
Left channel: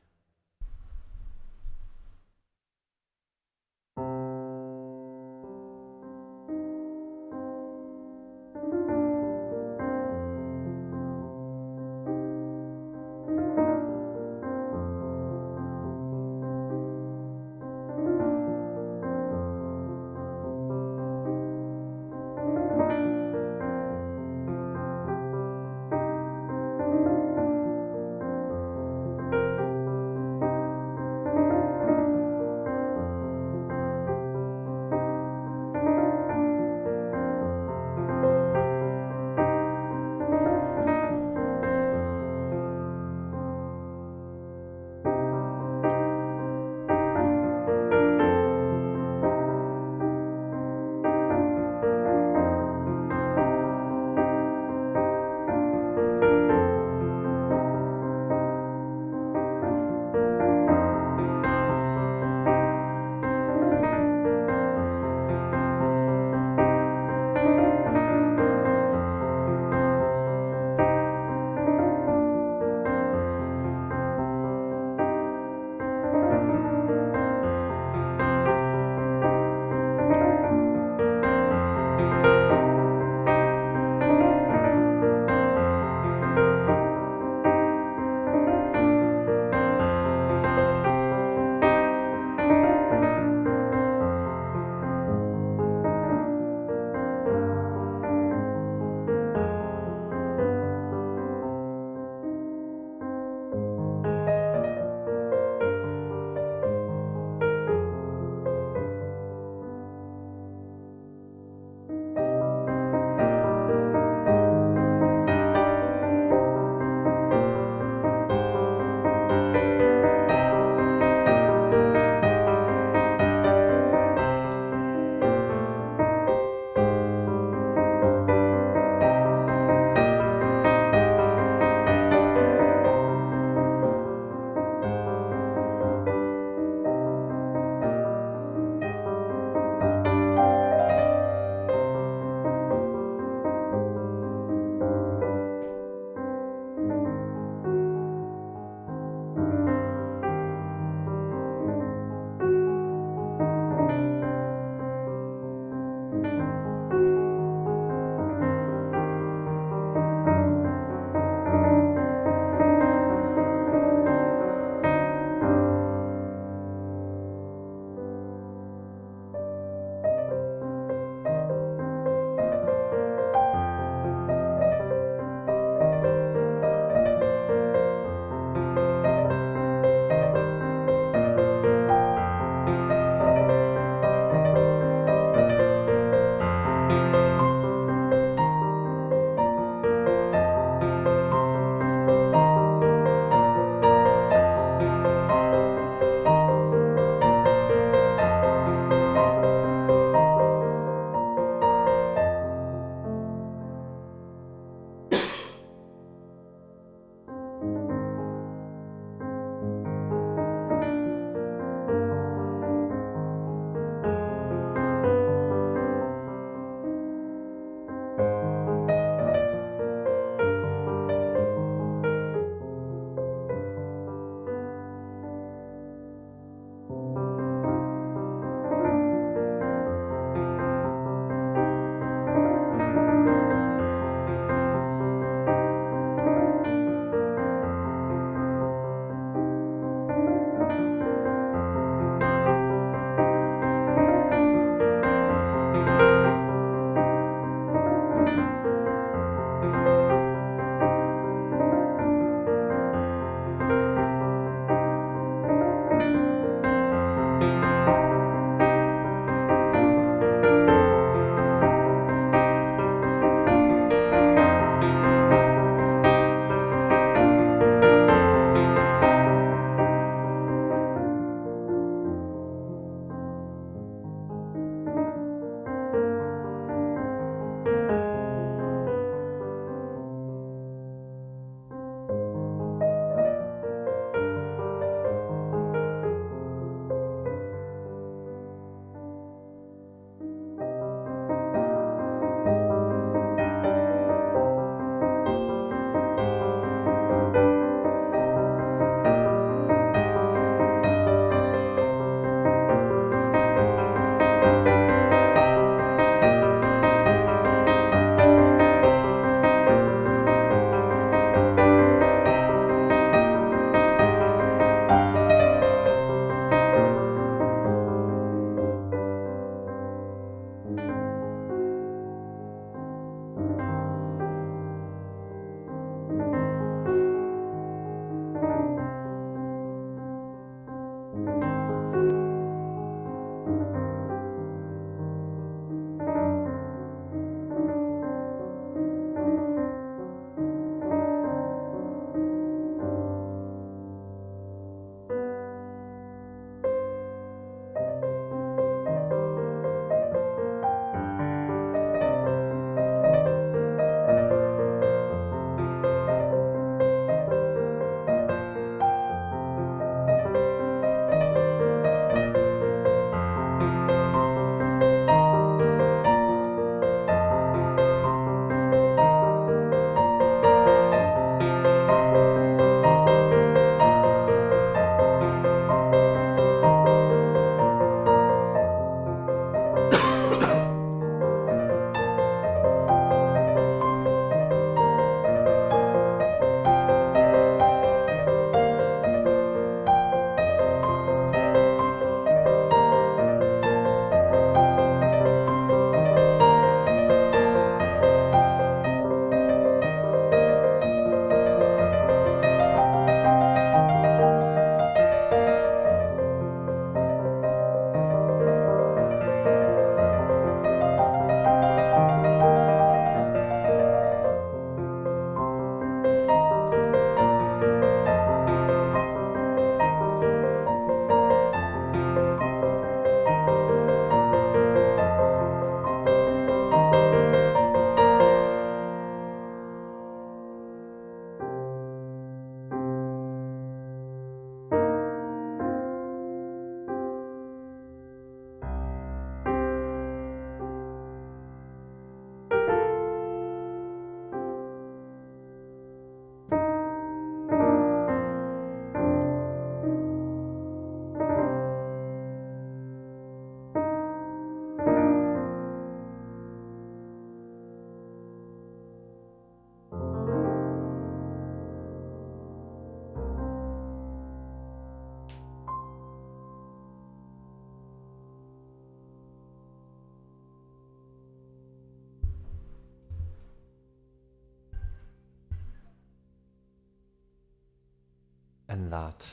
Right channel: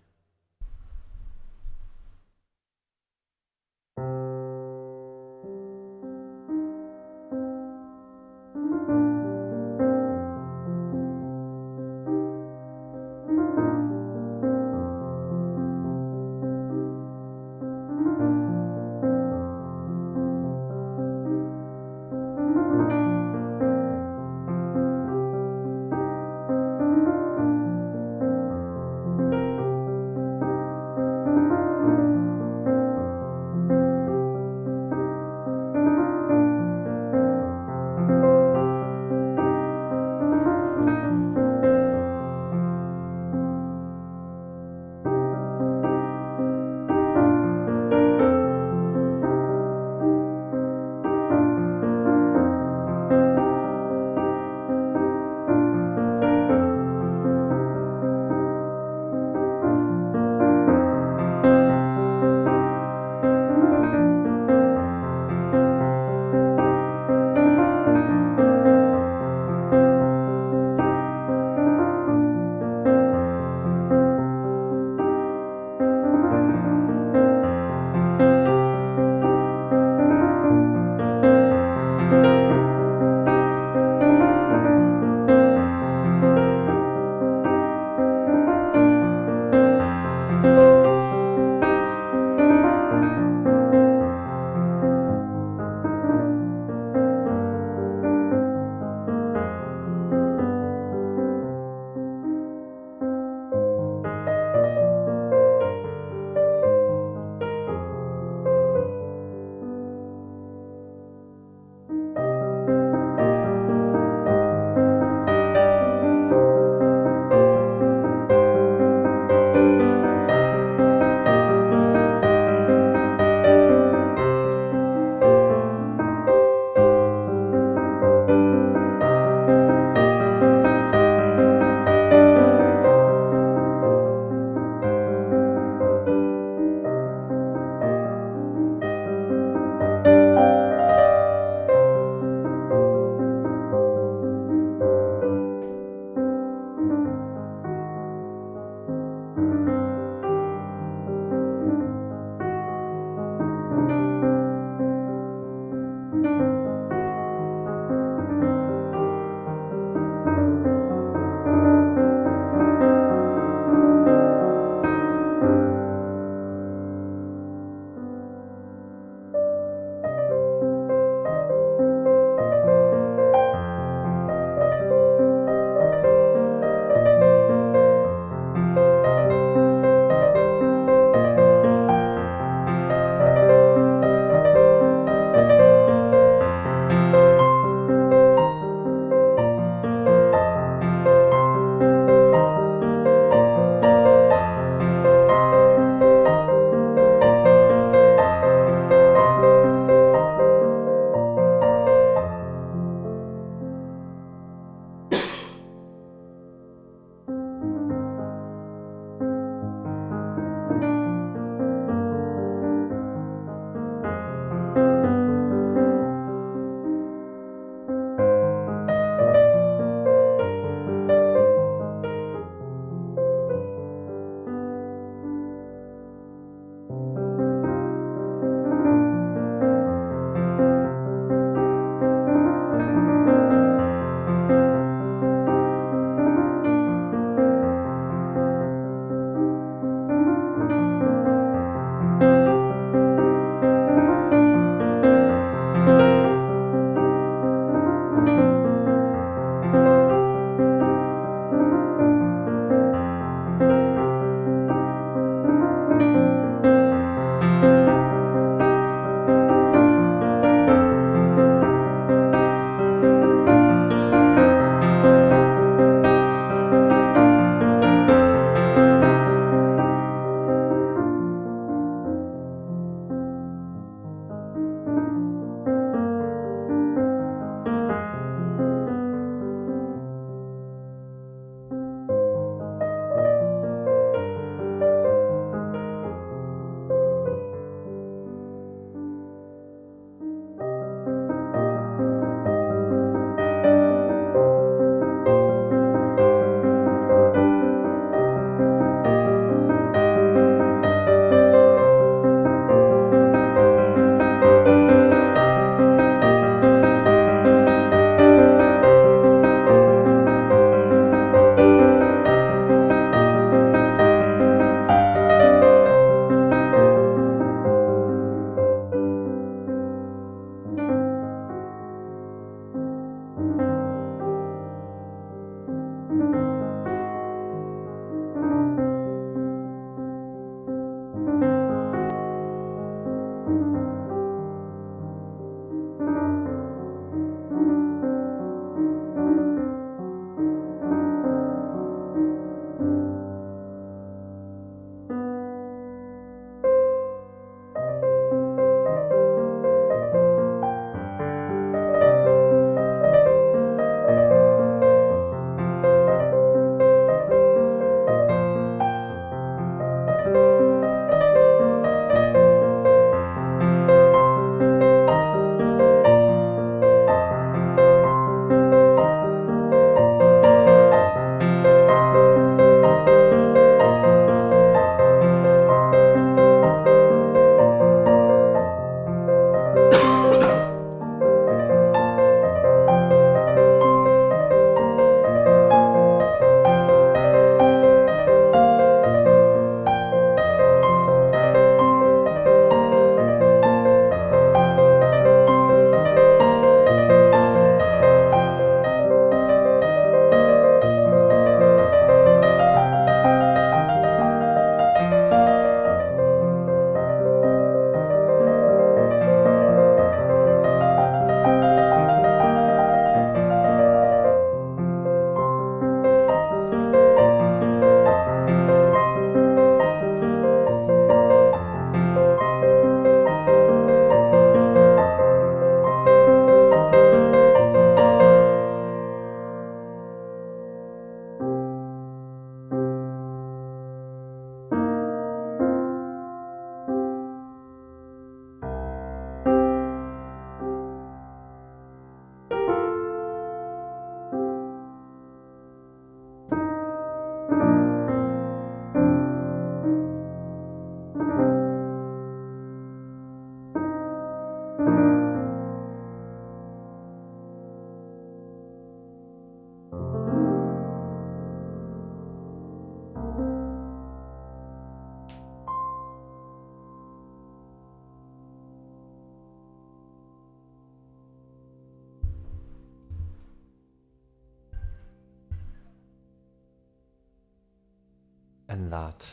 And that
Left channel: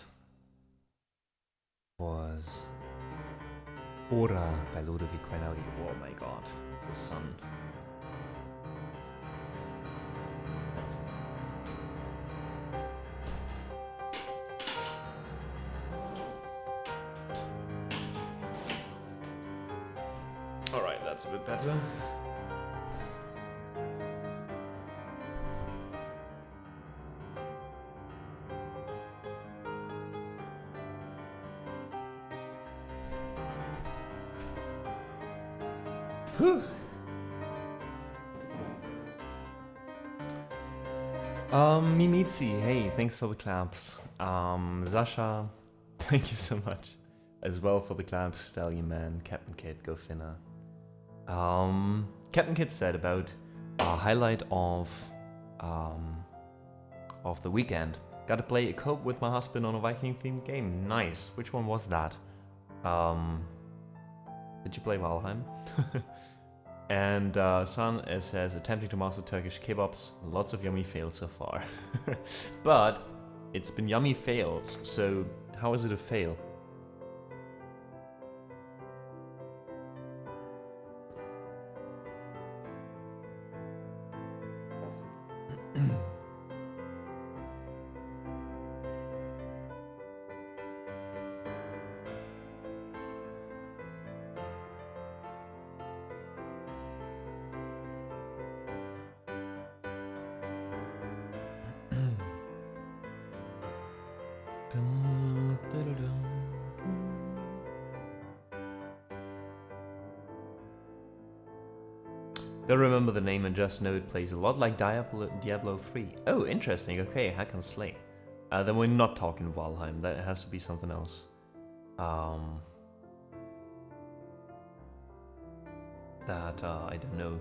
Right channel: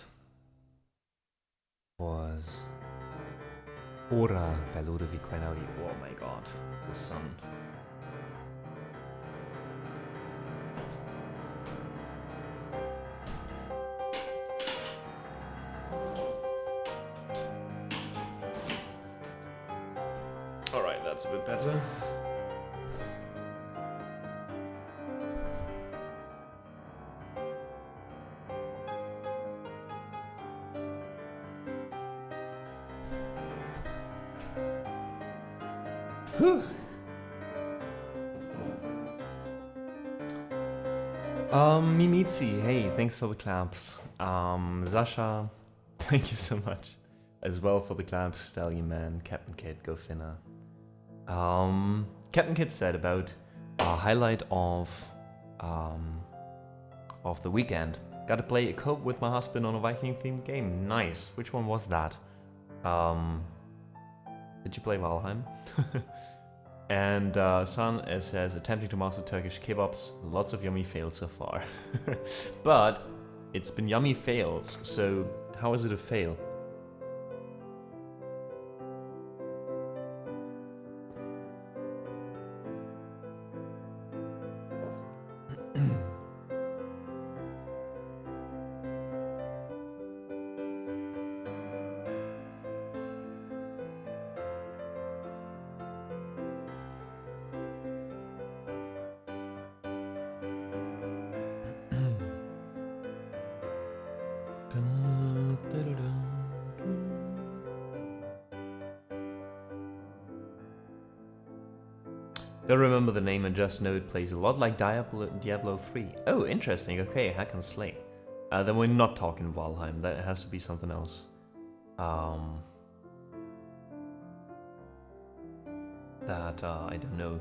was Ora by Ludovic Einaudi. Oh my god, the sun. Alright, that's a bit better. Whew. Mimitzi, hey, thanks for the claps. Sasha, thank you so much as well for the claps. Stallion Man, Captain Kid, Go Finna. Captain Kid said about a highlight of the weekend. Got to play a co-op with my husband on a Viking-themed game. Nice. Which one was that? Did you play Valheim? And San says, attempting to master Turkish kebabs. Lots of yummy fails so far. But it's been yummy fails, so how is it a fail? Don't remember the name and just know it plays a lot like Diablo 3. Oh, interesting. Okay, hack and slay. Then we're not talking Valheim. That has to be something else. That I don't know.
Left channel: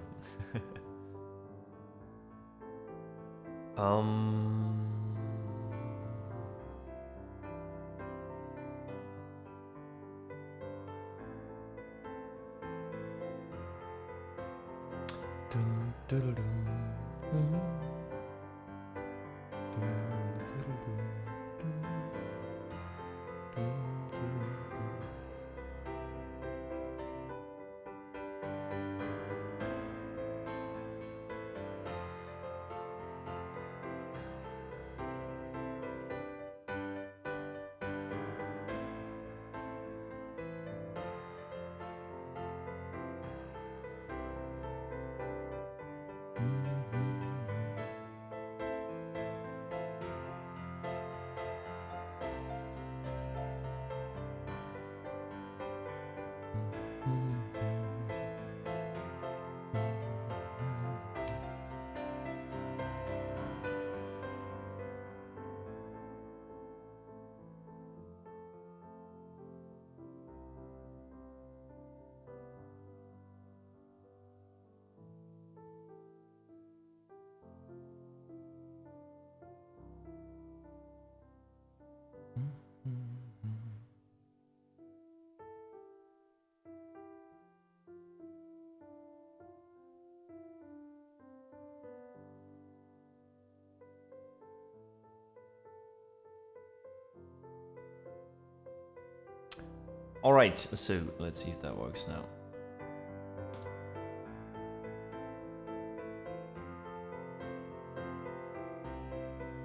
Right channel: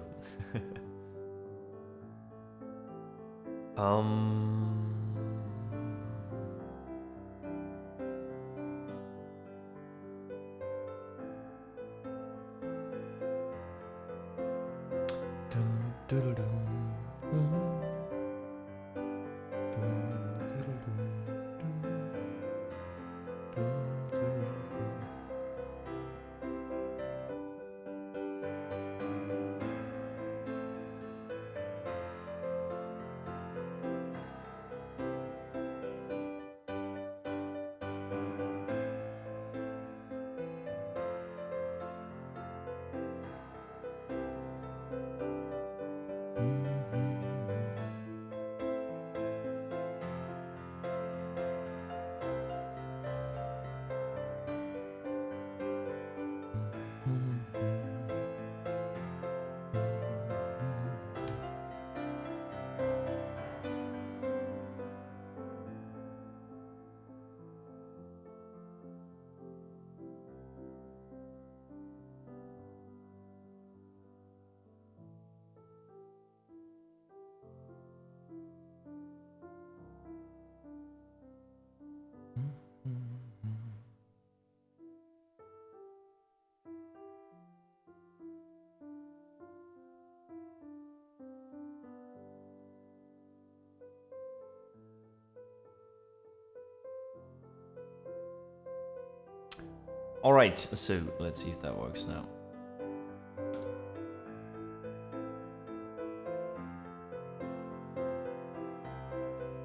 Alright, so let's see if that works now.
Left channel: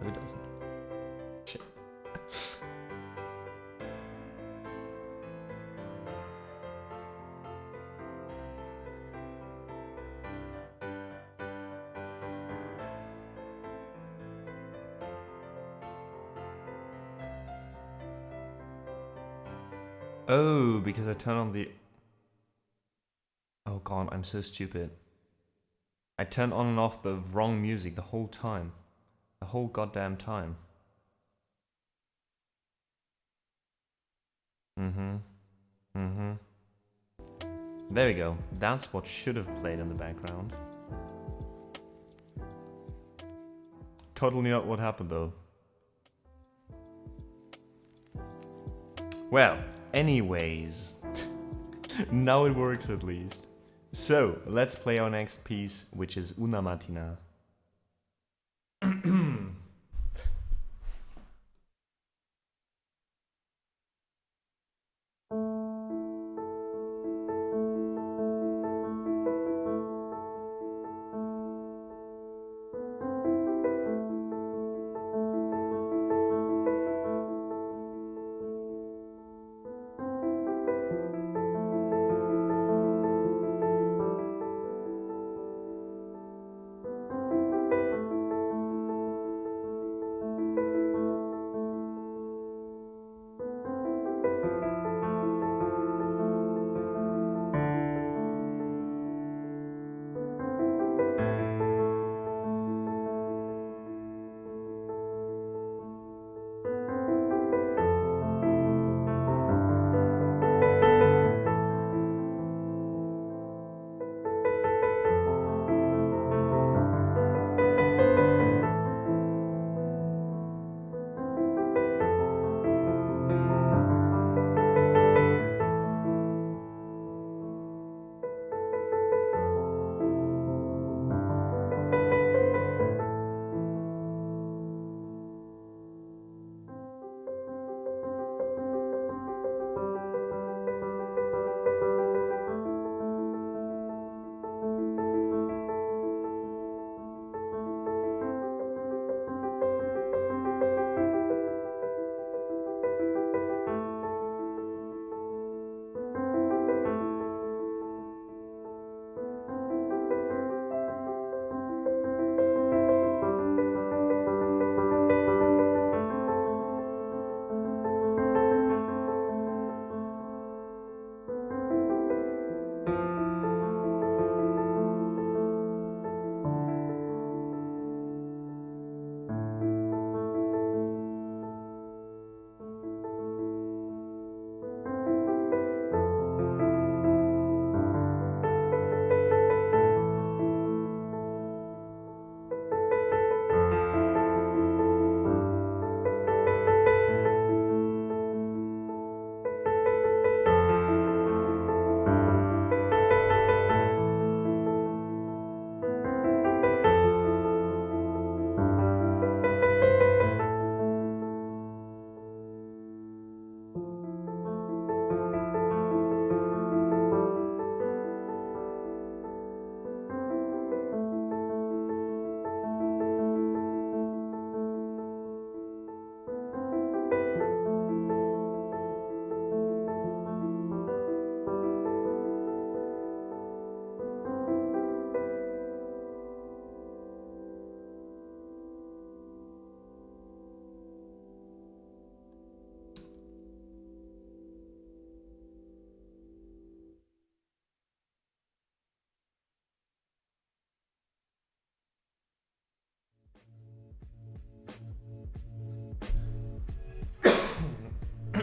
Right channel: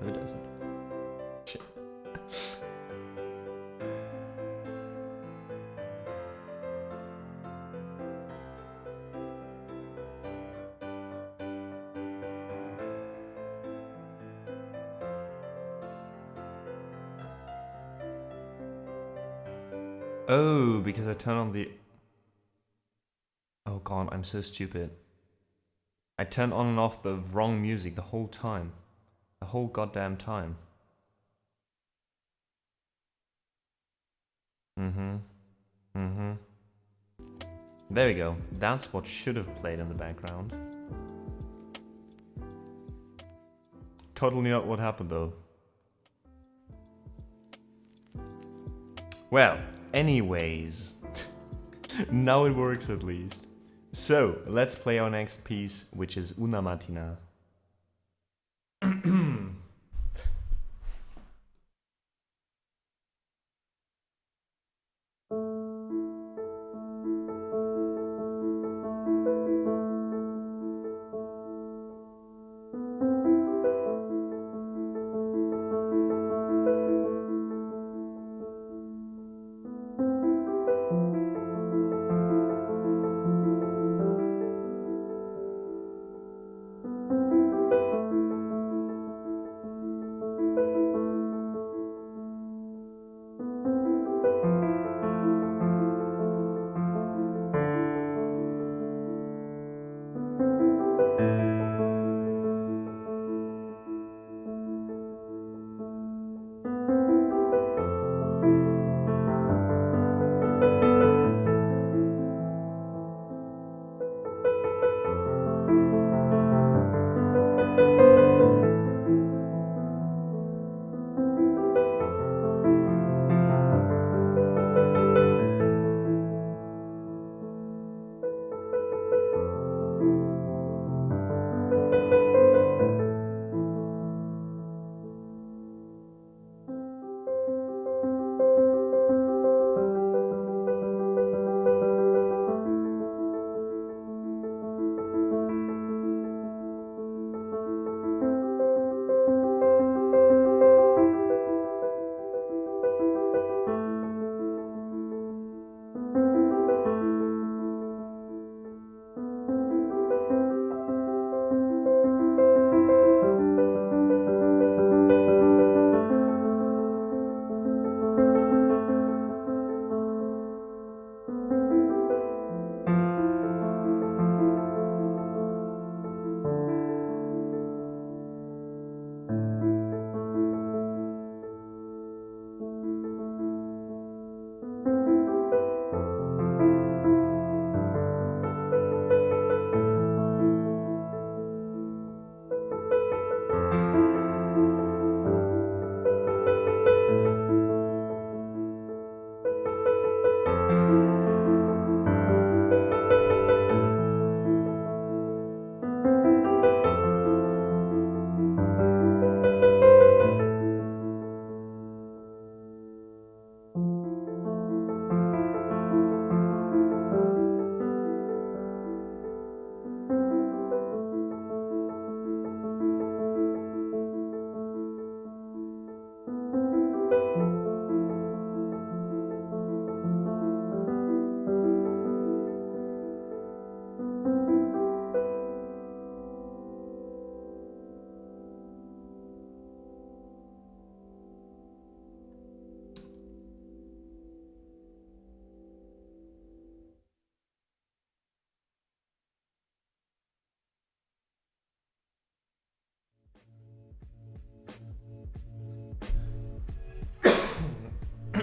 No, it doesn't. Shit. Oh, because I turned on the... Oh god, I'm so stupid. I turned on and off the wrong music the whole time. The whole goddamn time. There we go. That's what should have played in the background. Totally not what happened though. Well, anyways. Now it works at least. So, let's play our next piece, which is Una Mattina.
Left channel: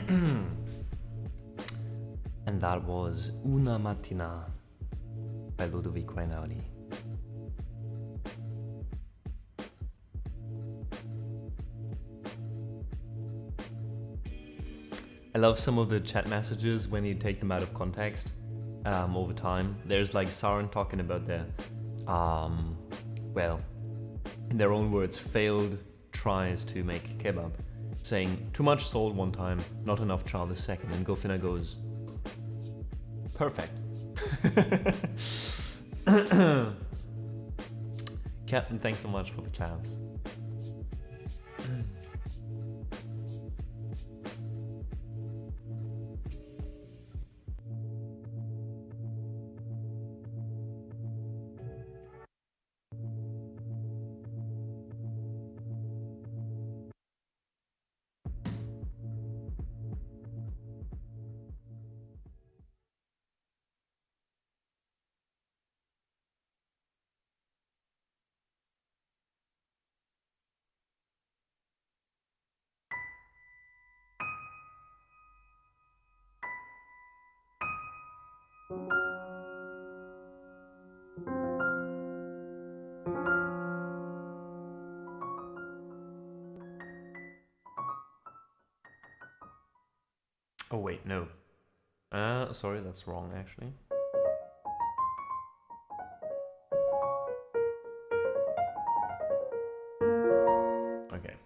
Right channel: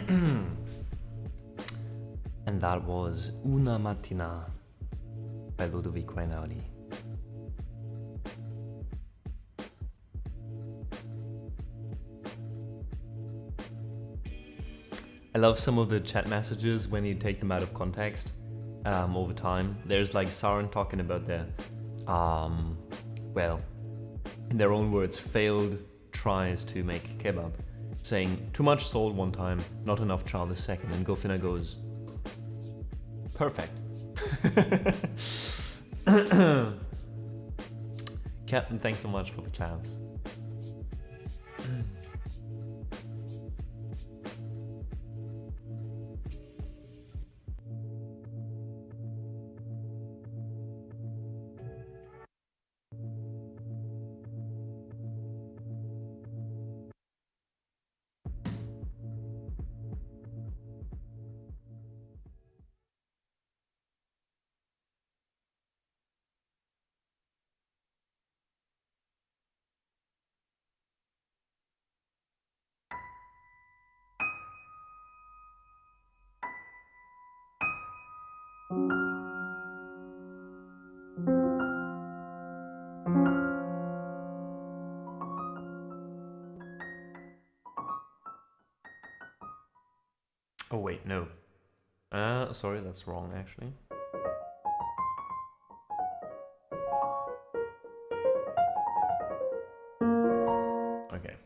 And that was Una Mattina by Ludovico Einaudi. I love some of the chat messages when you take them out of context over time. There's like Saran talking about the, well, in their own words, failed tries to make kebab, saying too much salt one time, not enough char the second, and Gofina goes, perfect. Captain, thanks so much for the tabs. Oh wait, no. Sorry, that's wrong actually. Okay.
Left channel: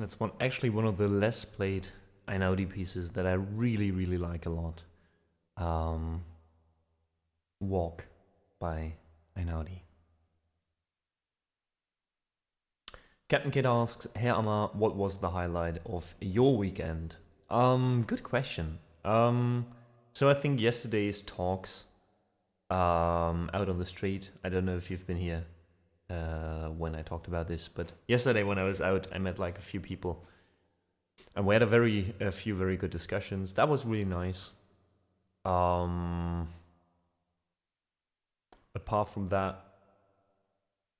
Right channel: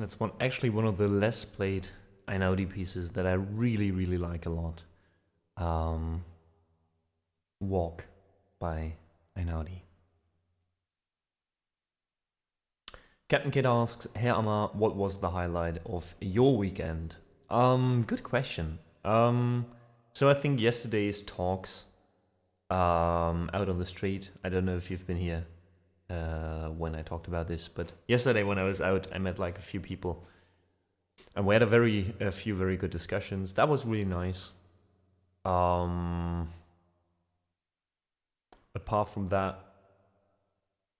That's actually one of the less played Einaudi pieces that I really, really like a lot. Walk by Einaudi. Captain Kid asks, Herr Amar, what was the highlight of your weekend? Good question. So I think yesterday's talks out on the street. I don't know if you've been here when I talked about this, but yesterday when I was out, I met like a few people, and we had a few very good discussions. That was really nice. Apart from that,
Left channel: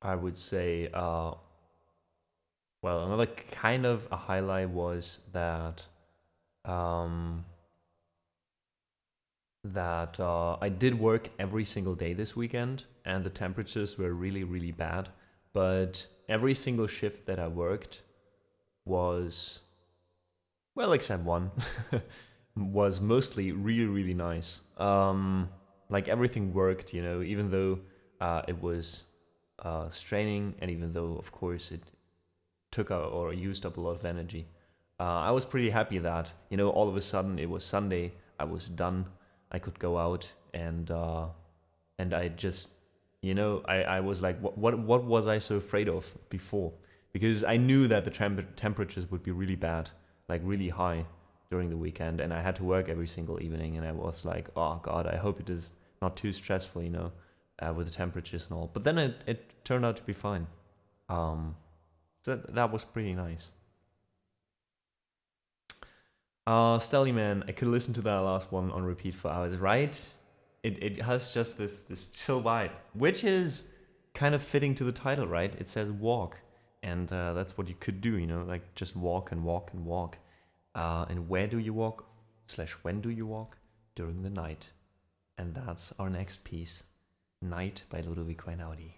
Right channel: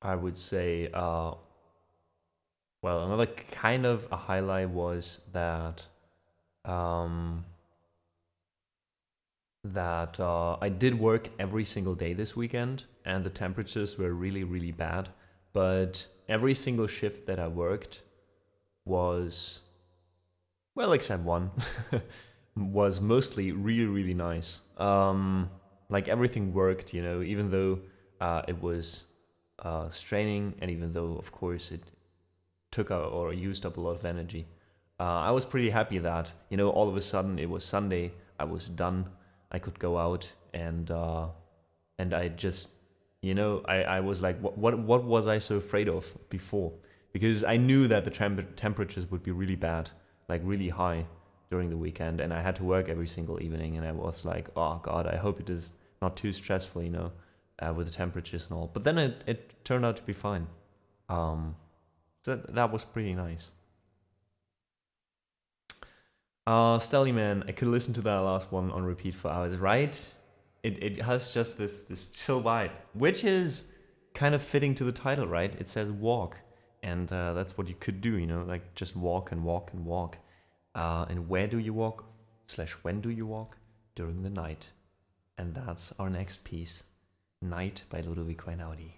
I would say, well, another kind of a highlight was that I did work every single day this weekend, and the temperatures were really, really bad. But every single shift that I worked was, well, except one, was mostly really, really nice. Like everything worked, you know, even though it was straining, and even though, of course, it took out or used up a lot of energy. I was pretty happy that, you know, all of a sudden it was Sunday, I was done, I could go out, and I just, you know, I was like, what was I so afraid of before? Because I knew that the temperatures would be really bad, like really high during the weekend, and I had to work every single evening, and I was like, oh God, I hope it is not too stressful, you know, with the temperatures and all. But then it turned out to be fine. So that was pretty nice. Stelly Man, I could listen to that last one on repeat for hours, right? It has just this chill vibe, which is kind of fitting to the title, right? It says walk, and that's what you could do, you know, like just walk and walk and walk. And where do you walk? / when do you walk? During the night. And that's our next piece, Night by Ludovico Einaudi.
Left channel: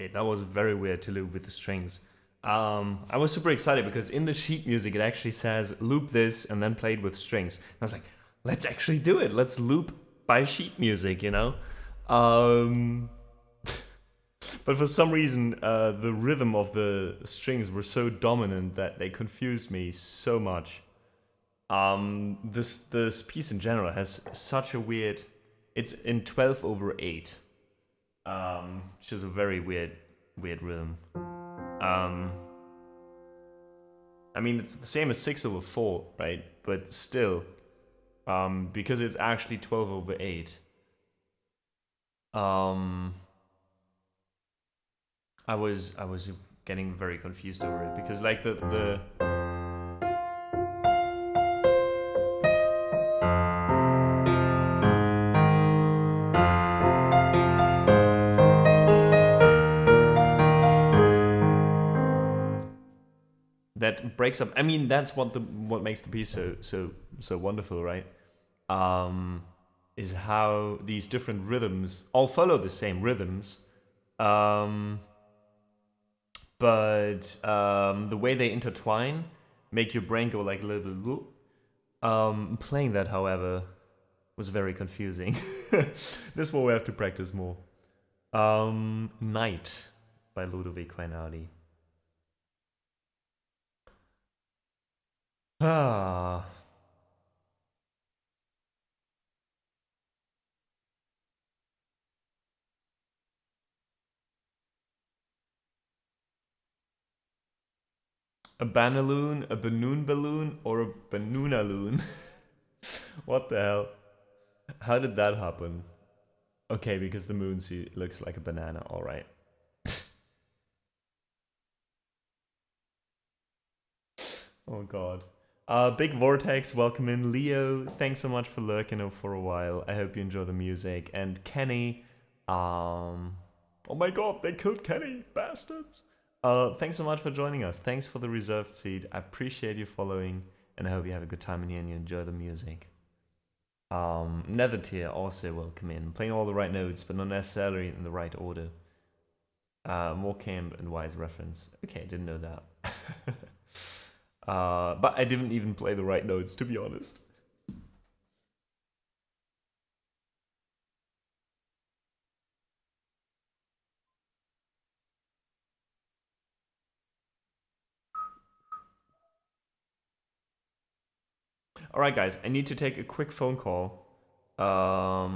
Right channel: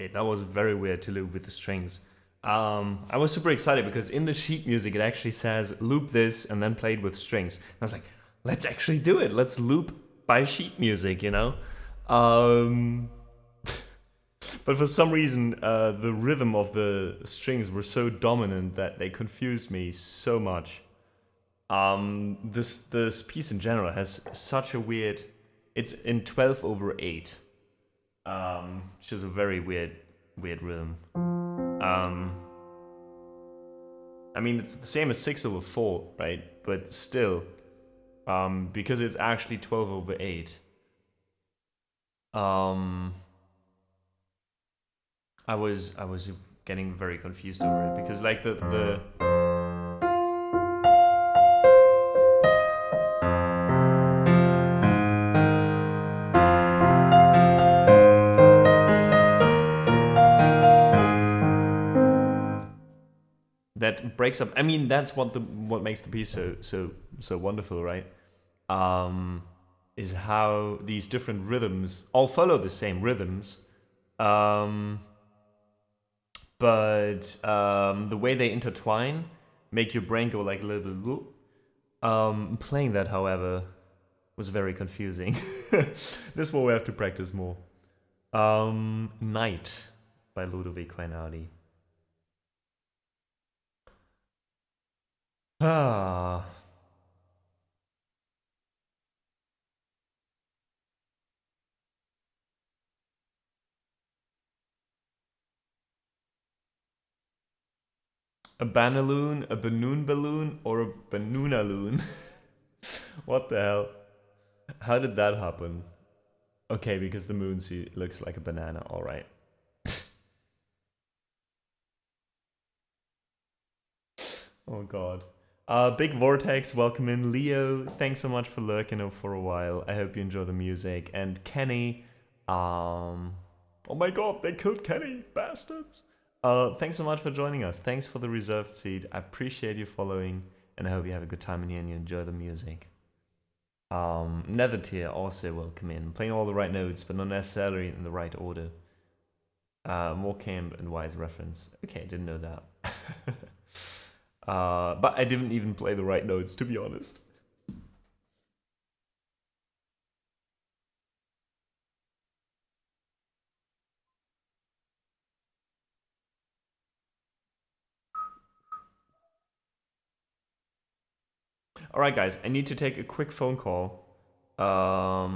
Okay, that was very weird to loop with the strings. I was super excited because in the sheet music it actually says loop this and then play it with strings. And I was like, let's actually do it. Let's loop by sheet music, you know? But for some reason, the rhythm of the strings were so dominant that they confused me so much. This piece in general has such a weird... It's in 12/8, which is a very weird rhythm. I mean, it's the same as 6/4, right? But still, because it's actually 12/8. I was getting very confused over it because like the that breaks up. I mean, that's what makes the piece so wonderful, right? Is how these different rhythms all follow the same rhythms, but the way they intertwine make your brain go like a little bit whoop. Playing that, however, was very confusing. This one we have to practice more. Night by Ludovic Quainardi. Ah. A banaloon, a banoon balloon, or a banoonaloon? What the hell? How did that happen? Okay, because the moon looks like a banana, alright. Oh god. Big Vortex, welcome in. Leo, thanks so much for lurking for a while. I hope you enjoy the music. And Kenny, oh my god, they killed Kenny, bastards. Thanks so much for joining us. Thanks for the reserved seat. I appreciate you following, and I hope you have a good time in here and you enjoy the music. Nether Tier, also welcome in. Playing all the right notes, but not necessarily in the right order. More camp and wise reference. Okay, didn't know that. But I didn't even play the right notes, to be honest. Alright guys, I need to take a quick phone call. I'll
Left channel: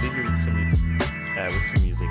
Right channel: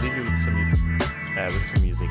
leave you with some music.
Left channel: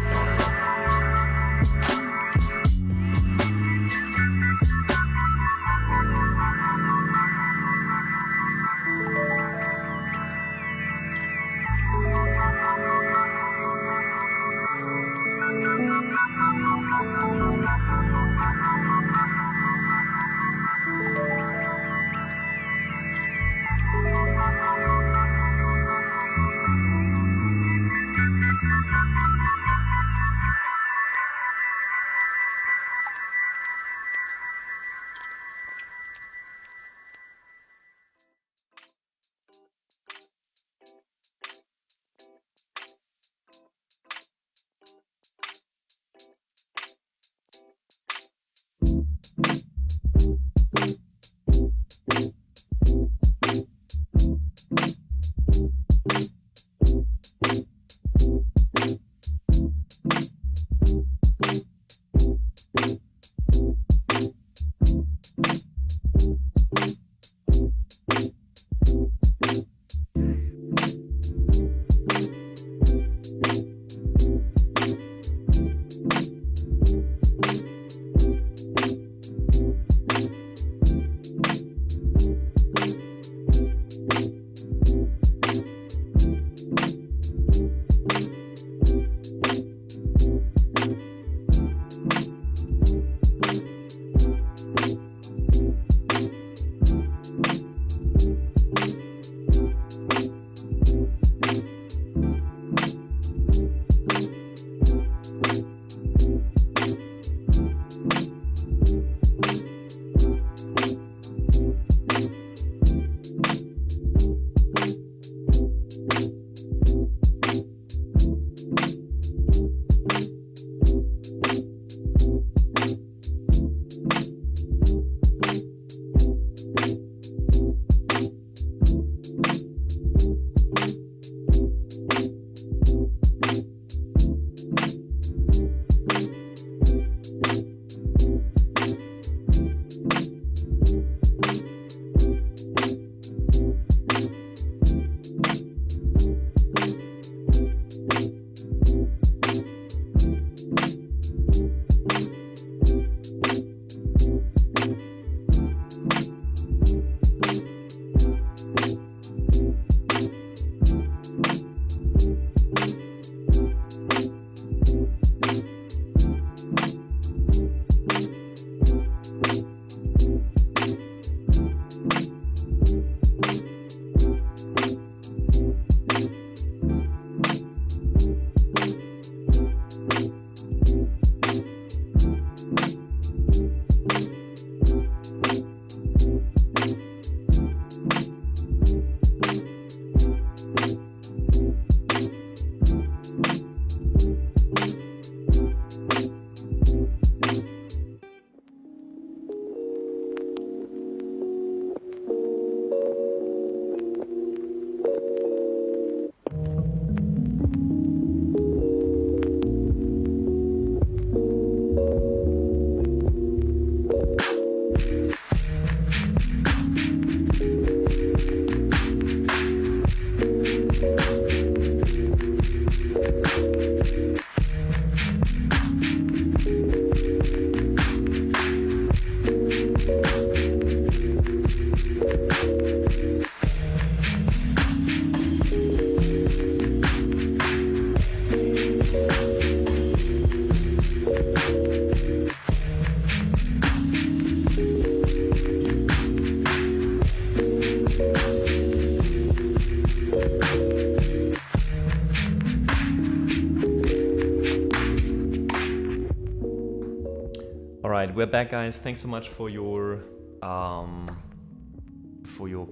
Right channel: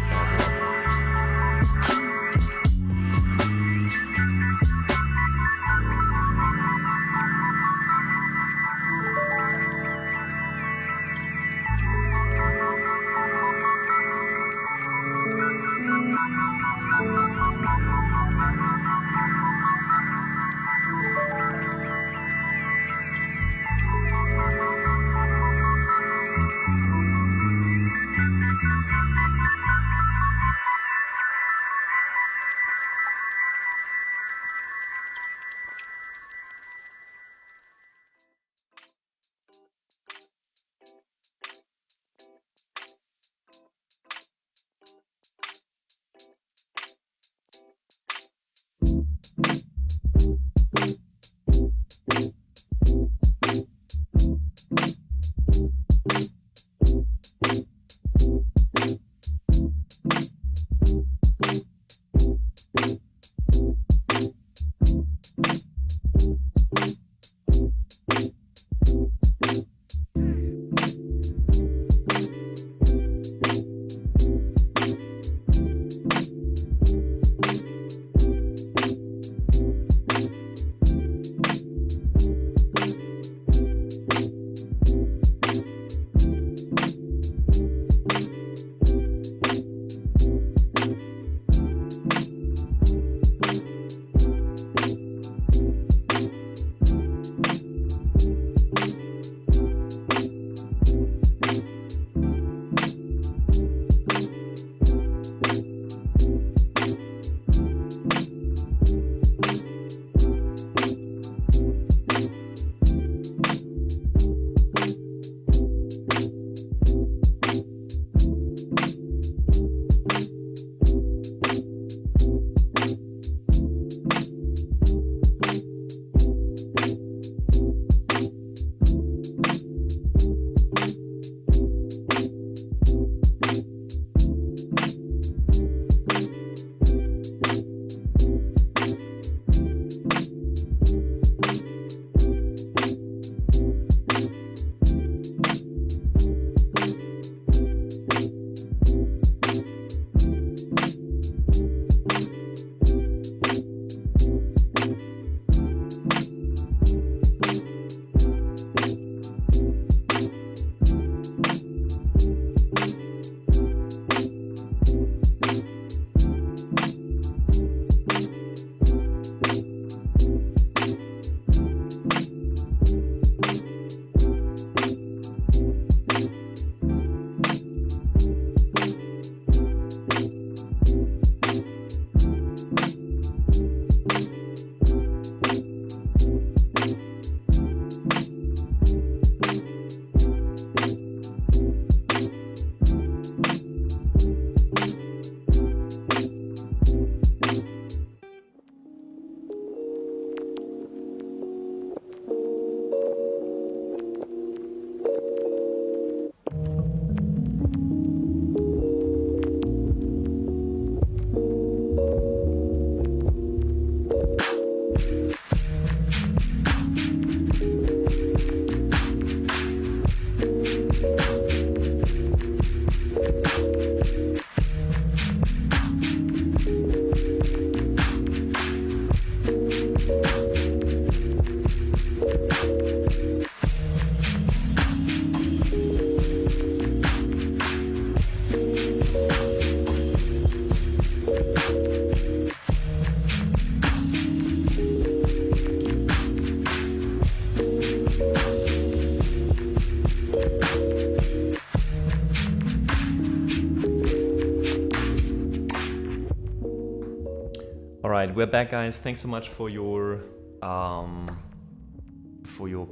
All right, we're back, guys. Thanks so much for your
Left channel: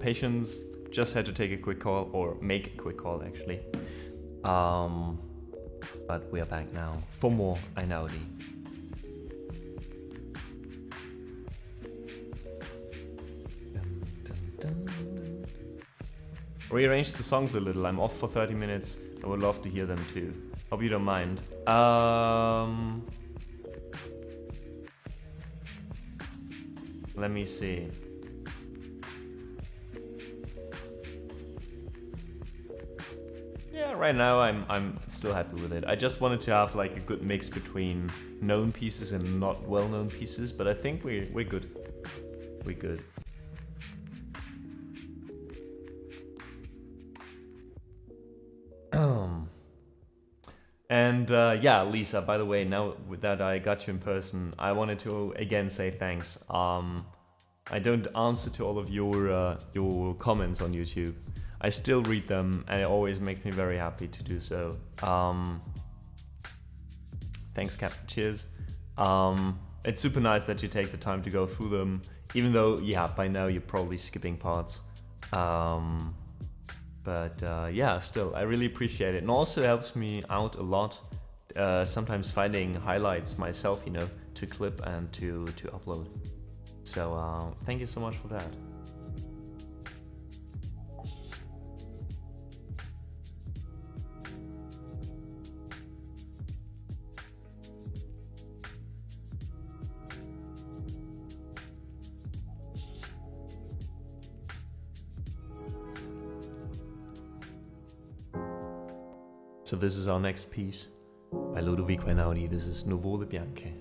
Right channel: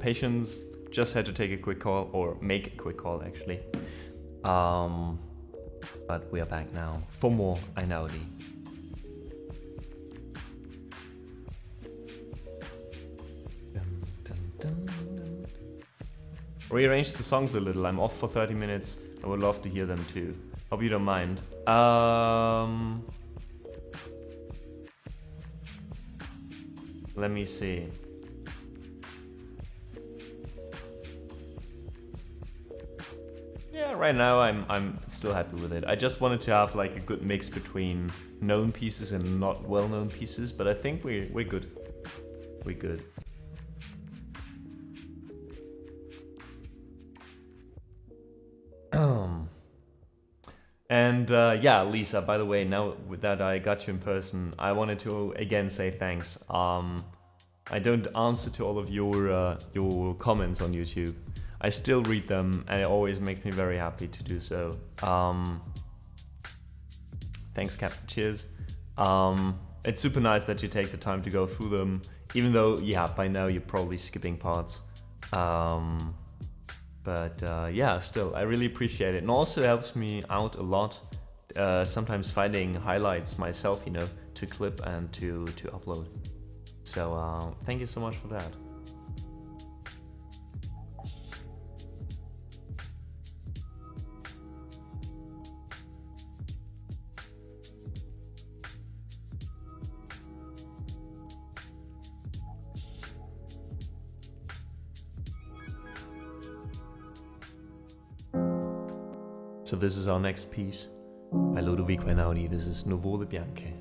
patience. Just had to take a quick call, or make a quick call, actually. But we are back now for more Einaudi. Rearrange the songs a little. I'm off for 30 minutes. I would love to hear them too. Hope you don't mind. Let me see. Yeah, right now I'm still happy with it. I just wanted to have like a good mix between known pieces and not well-known pieces, but I think we're good. We're good. And yeah, Lisa, by the way, now that I got you in person, I wanted to again say thanks. I don't answer to all of your comments on YouTube. I still read them, and it always makes me very happy to do so. Thanks, Captain. Cheers. It's super nice that you take the time to go through them, even though, yeah, by now you're probably skipping parts. But yeah, still, I really appreciate it. And also helps me out a lot, sometimes finding highlights myself, you know, to clip and to upload. So thank you so much for that. So this is our next piece by Ludovico Einaudi. This is Nuvole Bianche.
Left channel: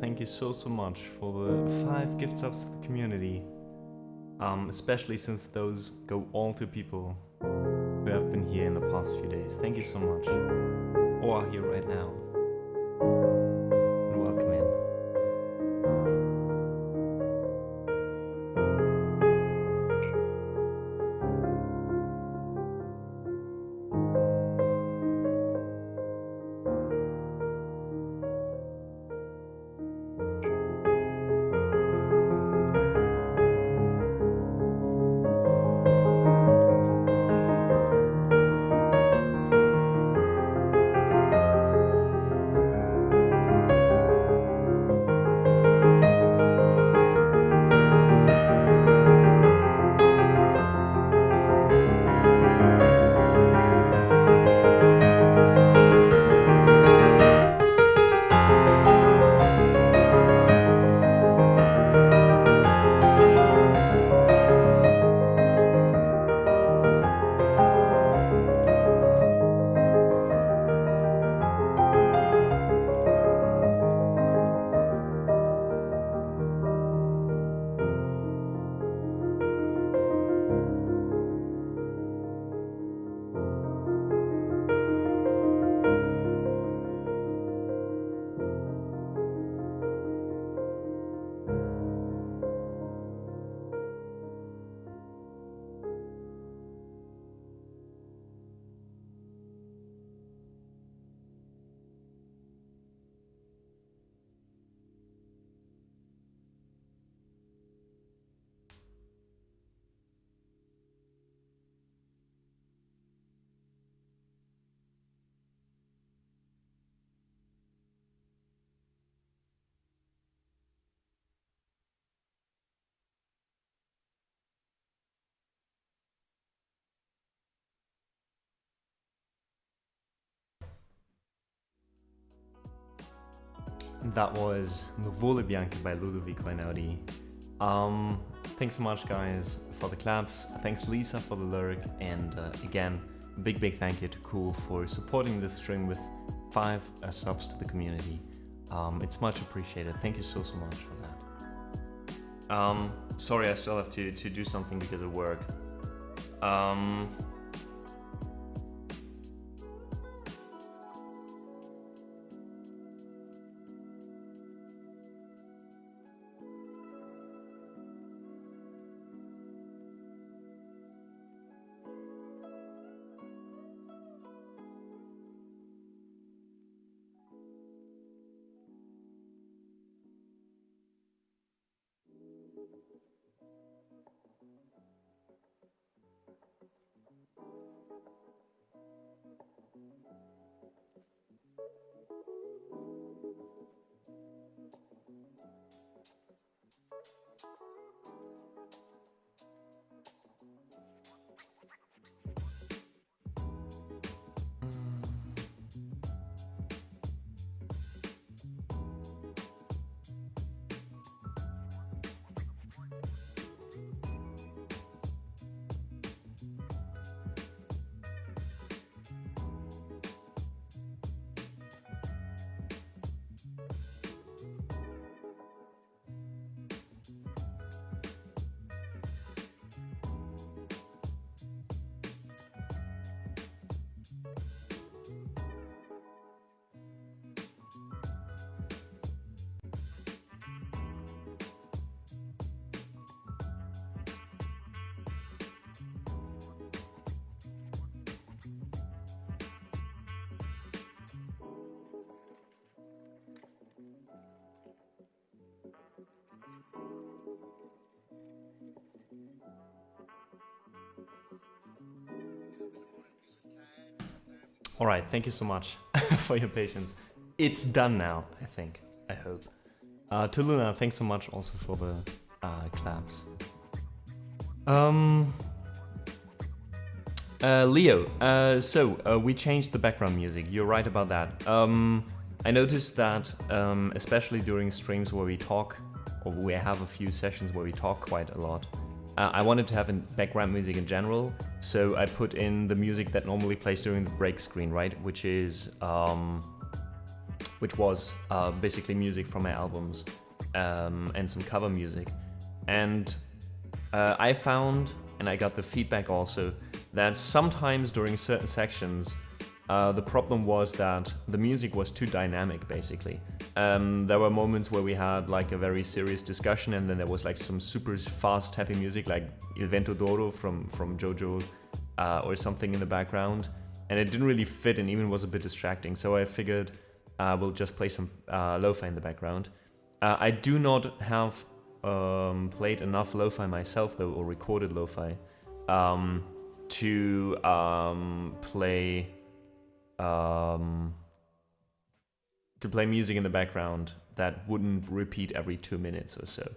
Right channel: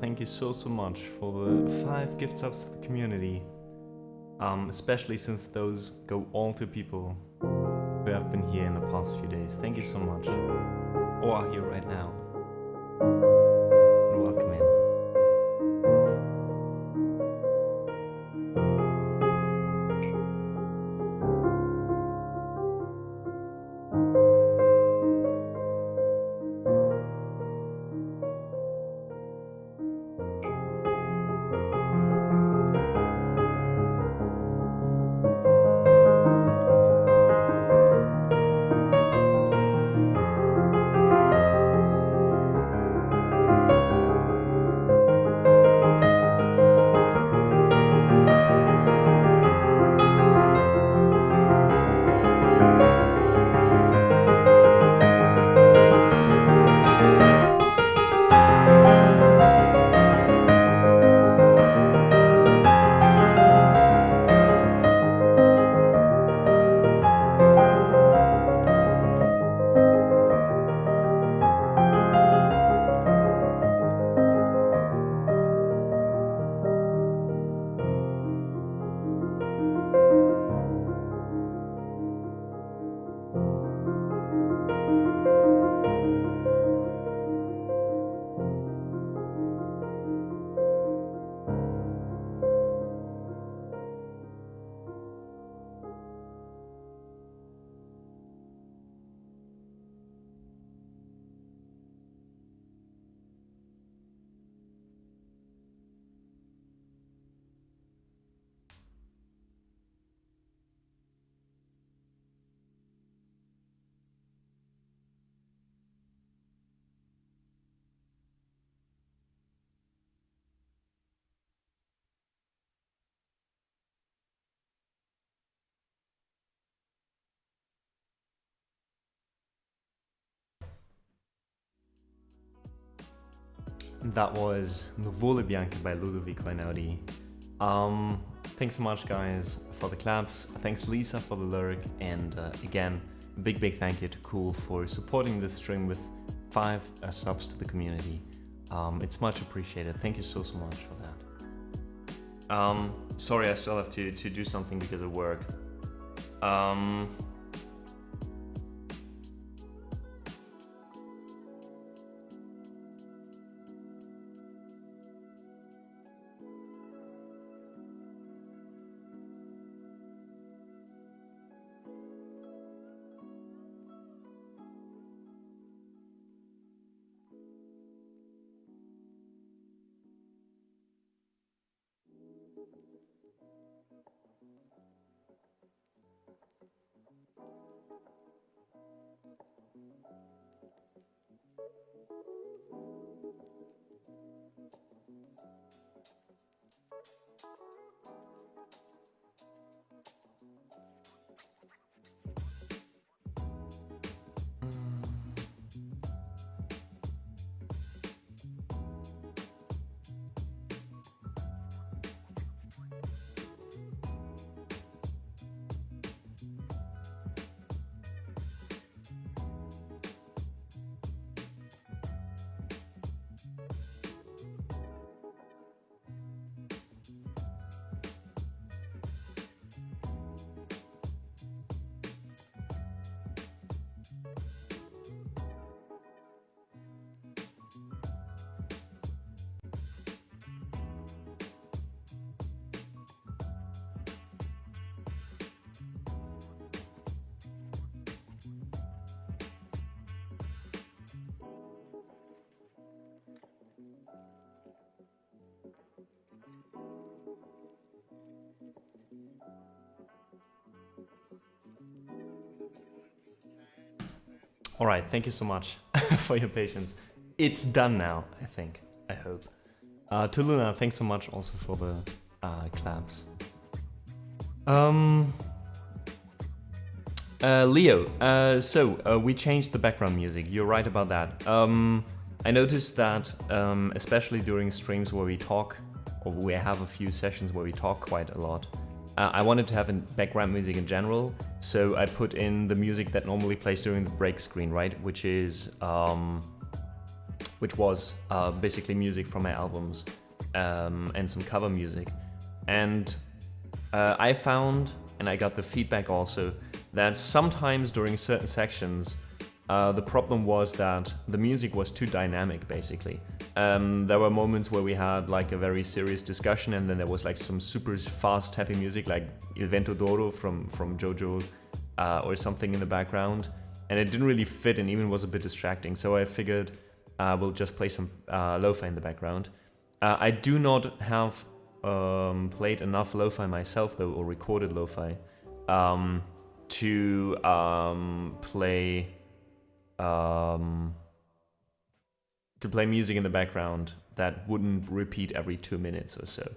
thank you so much for the 5 gift subs to the community. Especially since those go all to people who have been here in the past few days. Thank you so much. Or are here right now. And welcome in. That was Nuvole Bianche by Ludovico Einaudi. Thanks so much, guys, for the claps. Thanks, Lisa, for the lyric. And again, a big thank you to Cool for supporting this stream with 5 subs to the community. It's much appreciated. Thank you so much for that. Sorry, I still have to do something because of work. All right, thank you so much for your patience. It's done now, I think. I hope. To Luna, thanks so much also for the claps. Leo, so we changed the background music. You're right about that. I noticed that, especially during streams where we talk, or we have a few sessions where we talk quite a lot, I wanted to have background music in general, so I put in the music that normally plays during the break screen, right? Which is which was basically music from my albums and some cover music. And I found, and I got the feedback also, that sometimes during certain sections, the problem was that the music was too dynamic, basically. There were moments where we had like a very serious discussion, and then there was like some super fast happy music like Il Vento d'Oro from Jojo or something in the background, and it didn't really fit and even was a bit distracting. So I figured we'll just play some lo-fi in the background. I do not have played enough lo-fi myself though, or recorded lo-fi, to play music in the background that wouldn't repeat every 2 minutes or so.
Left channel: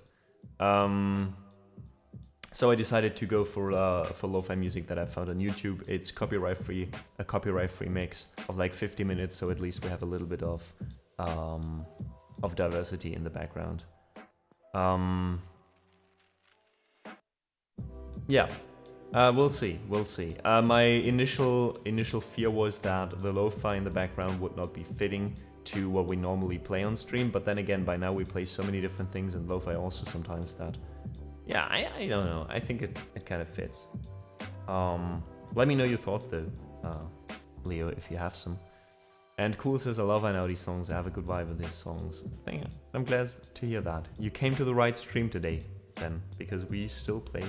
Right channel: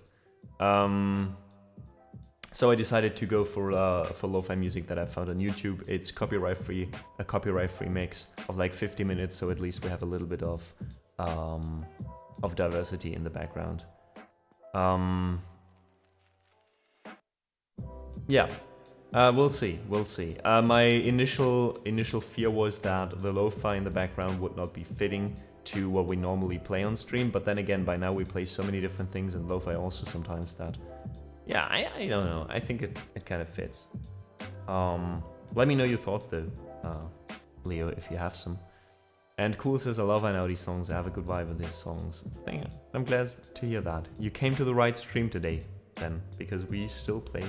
So I decided to go for lo-fi music that I found on YouTube. It's copyright free, a copyright free mix of like 50 minutes, so at least we have a little bit of diversity in the background. Yeah, we'll see. My initial fear was that the lo-fi in the background would not be fitting to what we normally play on stream, but then again, by now we play so many different things and lo-fi also sometimes that, yeah, I don't know. I think it kind of fits. Let me know your thoughts though, Leo, if you have some. And Cool says, I love Einaudi songs. I have a good vibe with these songs. I'm glad to hear that. You came to the right stream today, then, because we still play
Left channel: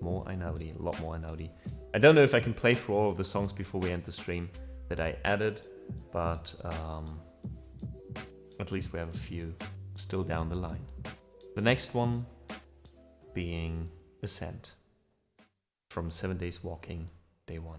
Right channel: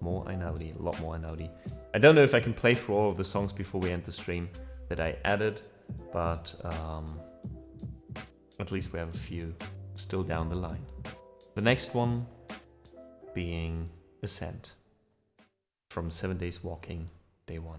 more Einaudi, a lot more Einaudi. I don't know if I can play through all of the songs before we end the stream that I added, but at least we have a few still down the line. The next one being Ascent from 7 Days Walking, Day 1.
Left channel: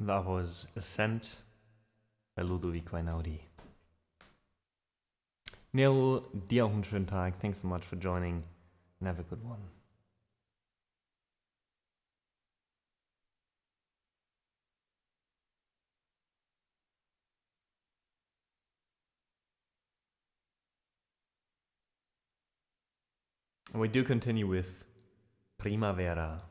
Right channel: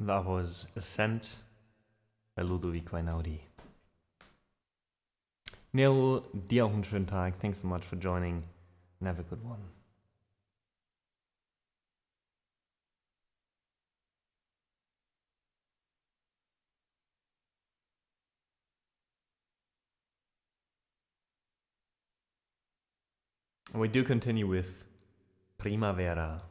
That was Ascent bei Ludovico Einaudi. Neil, dir auch einen schönen Tag. Thanks so much for joining. And have a good one. And we do continue with Primavera.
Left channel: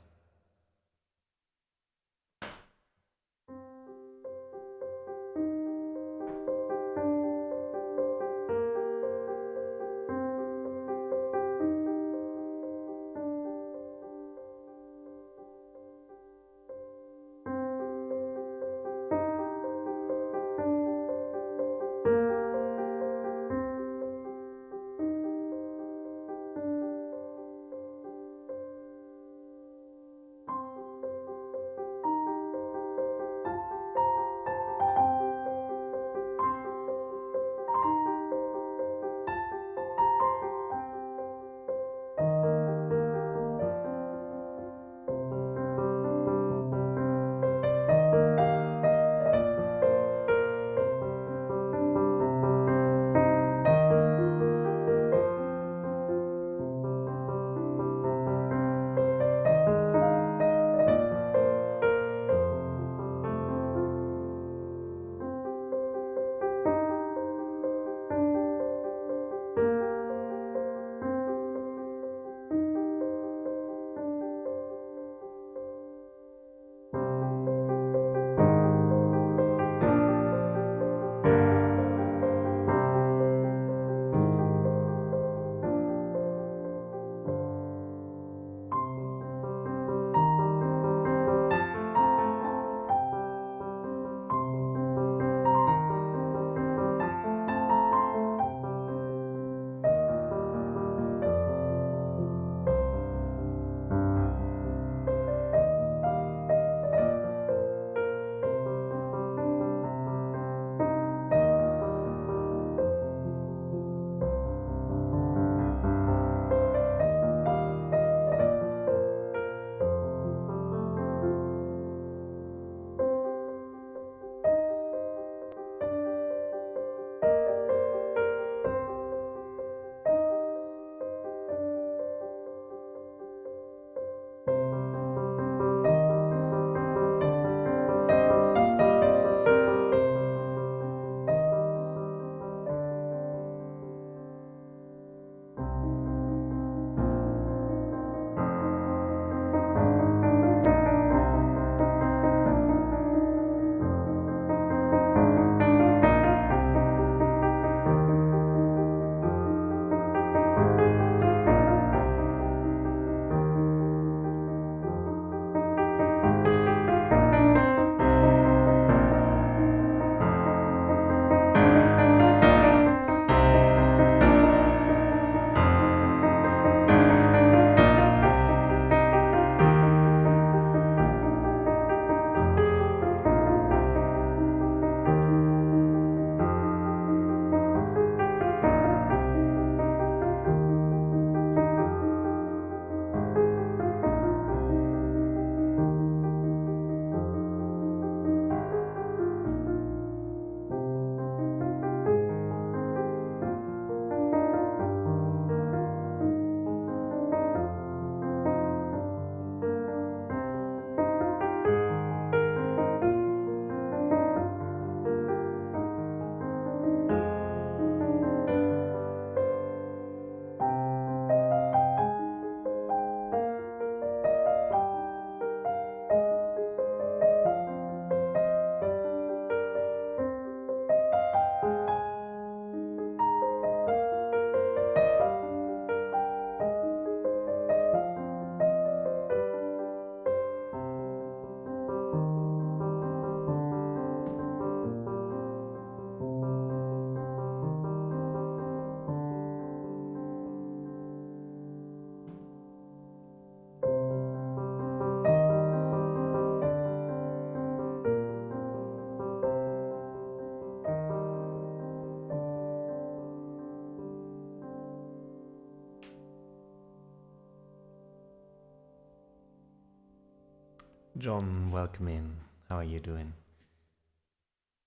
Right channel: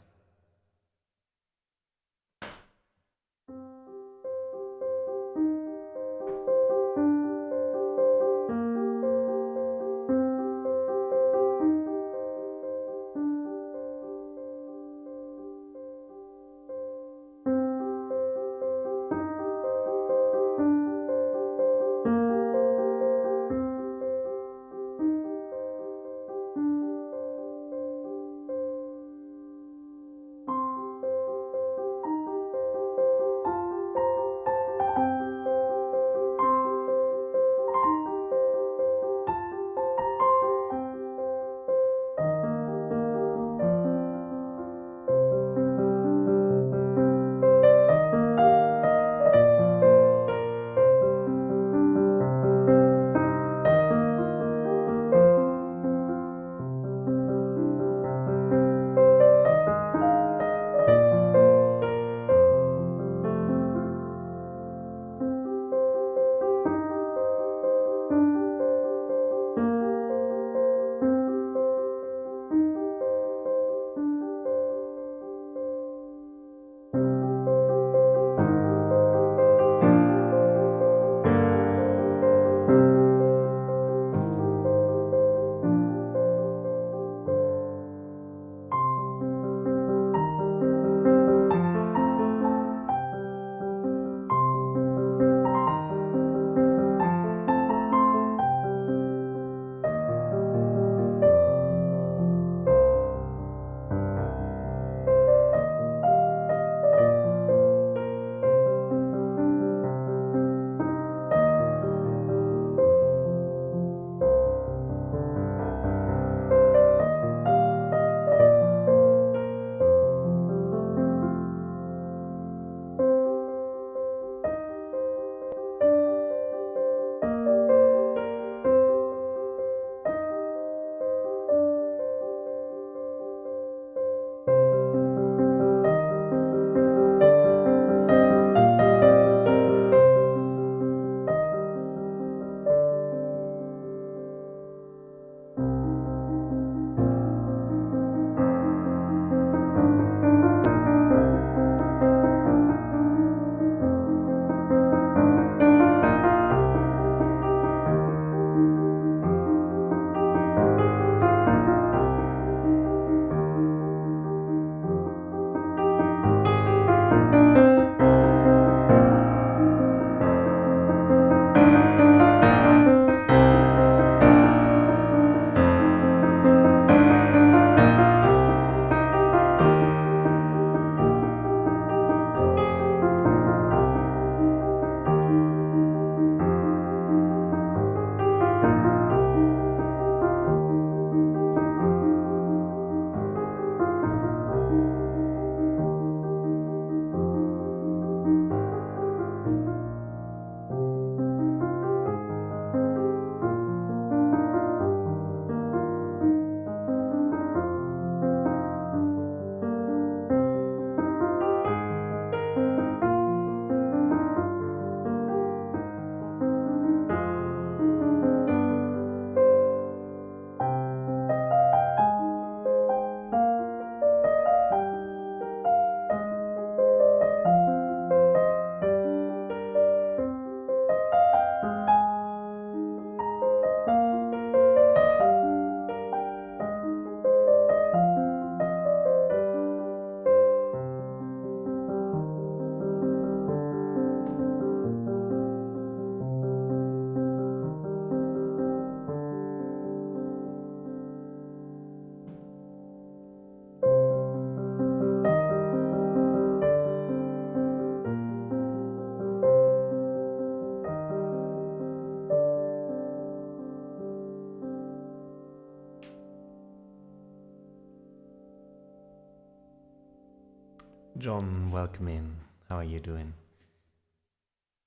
John, welcome in. How are you doing?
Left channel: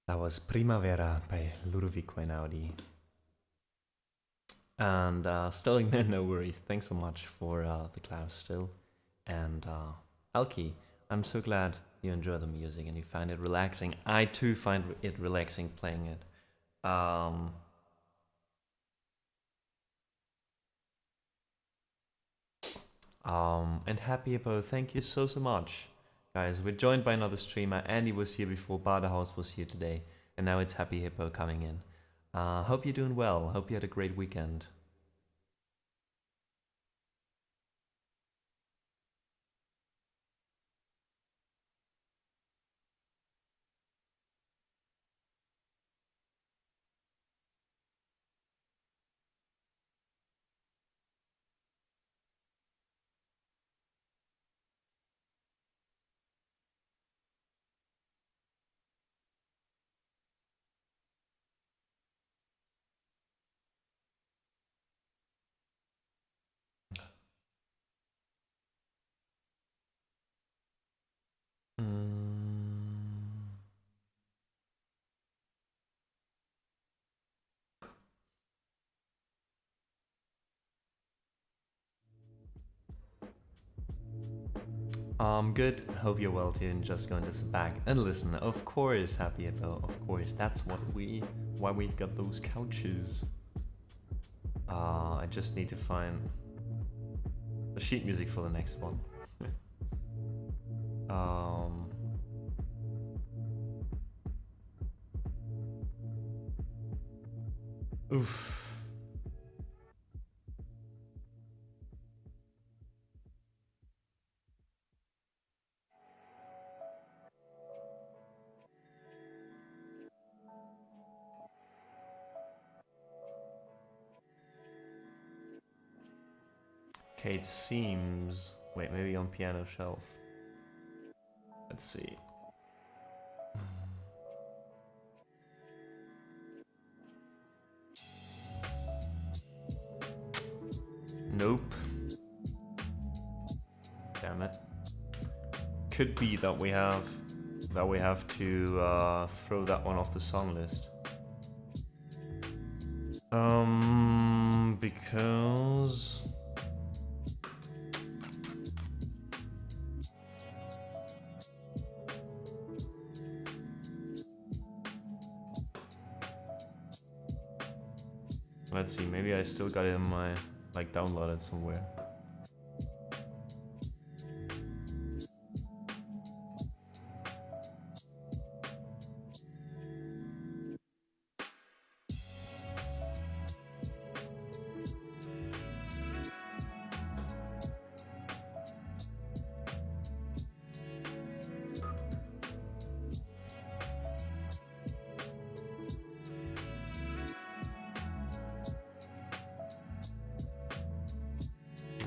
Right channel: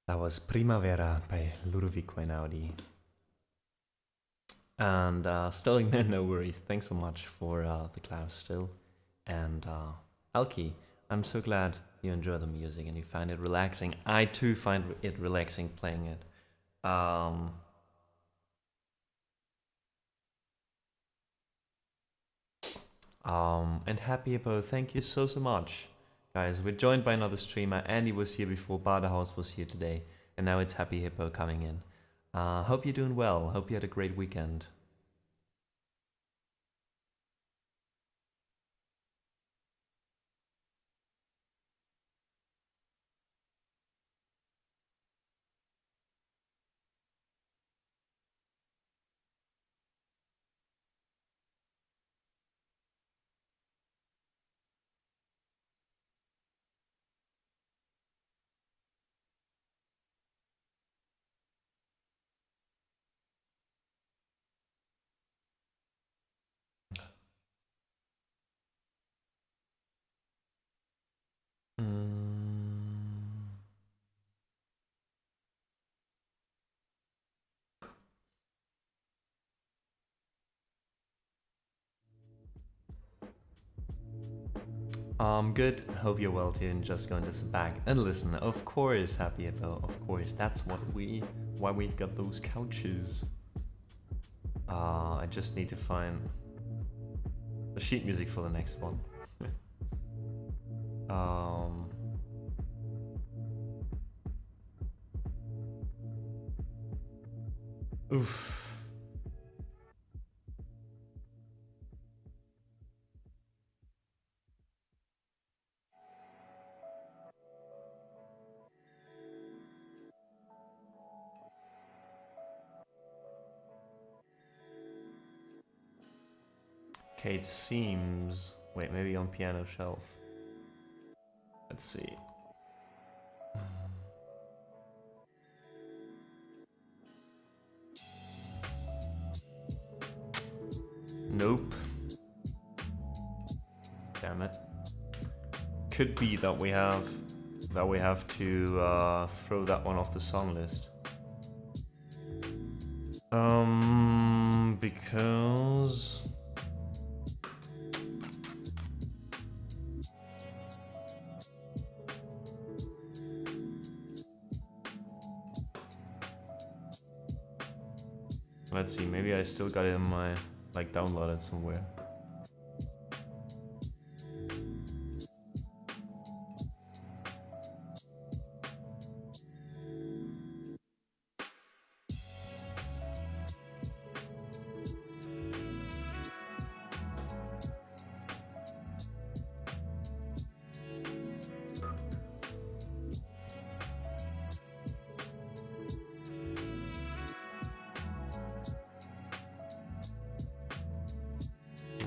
That was Primavera by Ludovico Einaudi. And still, no worries. Thanks so much for the class still. And Alki, I'm so glad you enjoy the music and you find it relaxing. I too find it relaxing playing it. And Happy Hippo, thank you so much. Guys, we're joined by another streamer. Andy was here before, Badehouse was here today, and now it's Happy Hippo coming in. Hope you're doing well. Hope you had a great weekend. Good. Hope you're well too, and just going to sit back and listen. Of course, Happy Hippo. Of course, that's why we've got those couches. I just need to find the sheet music for the next one. Oof. Okay, it seems... Wait, maybe on piano shelf. Let's see. Nope. Damn it. Could be that we have to throw that one off the song list. Because let's see, maybe I still got it in my like downloaded somewhere.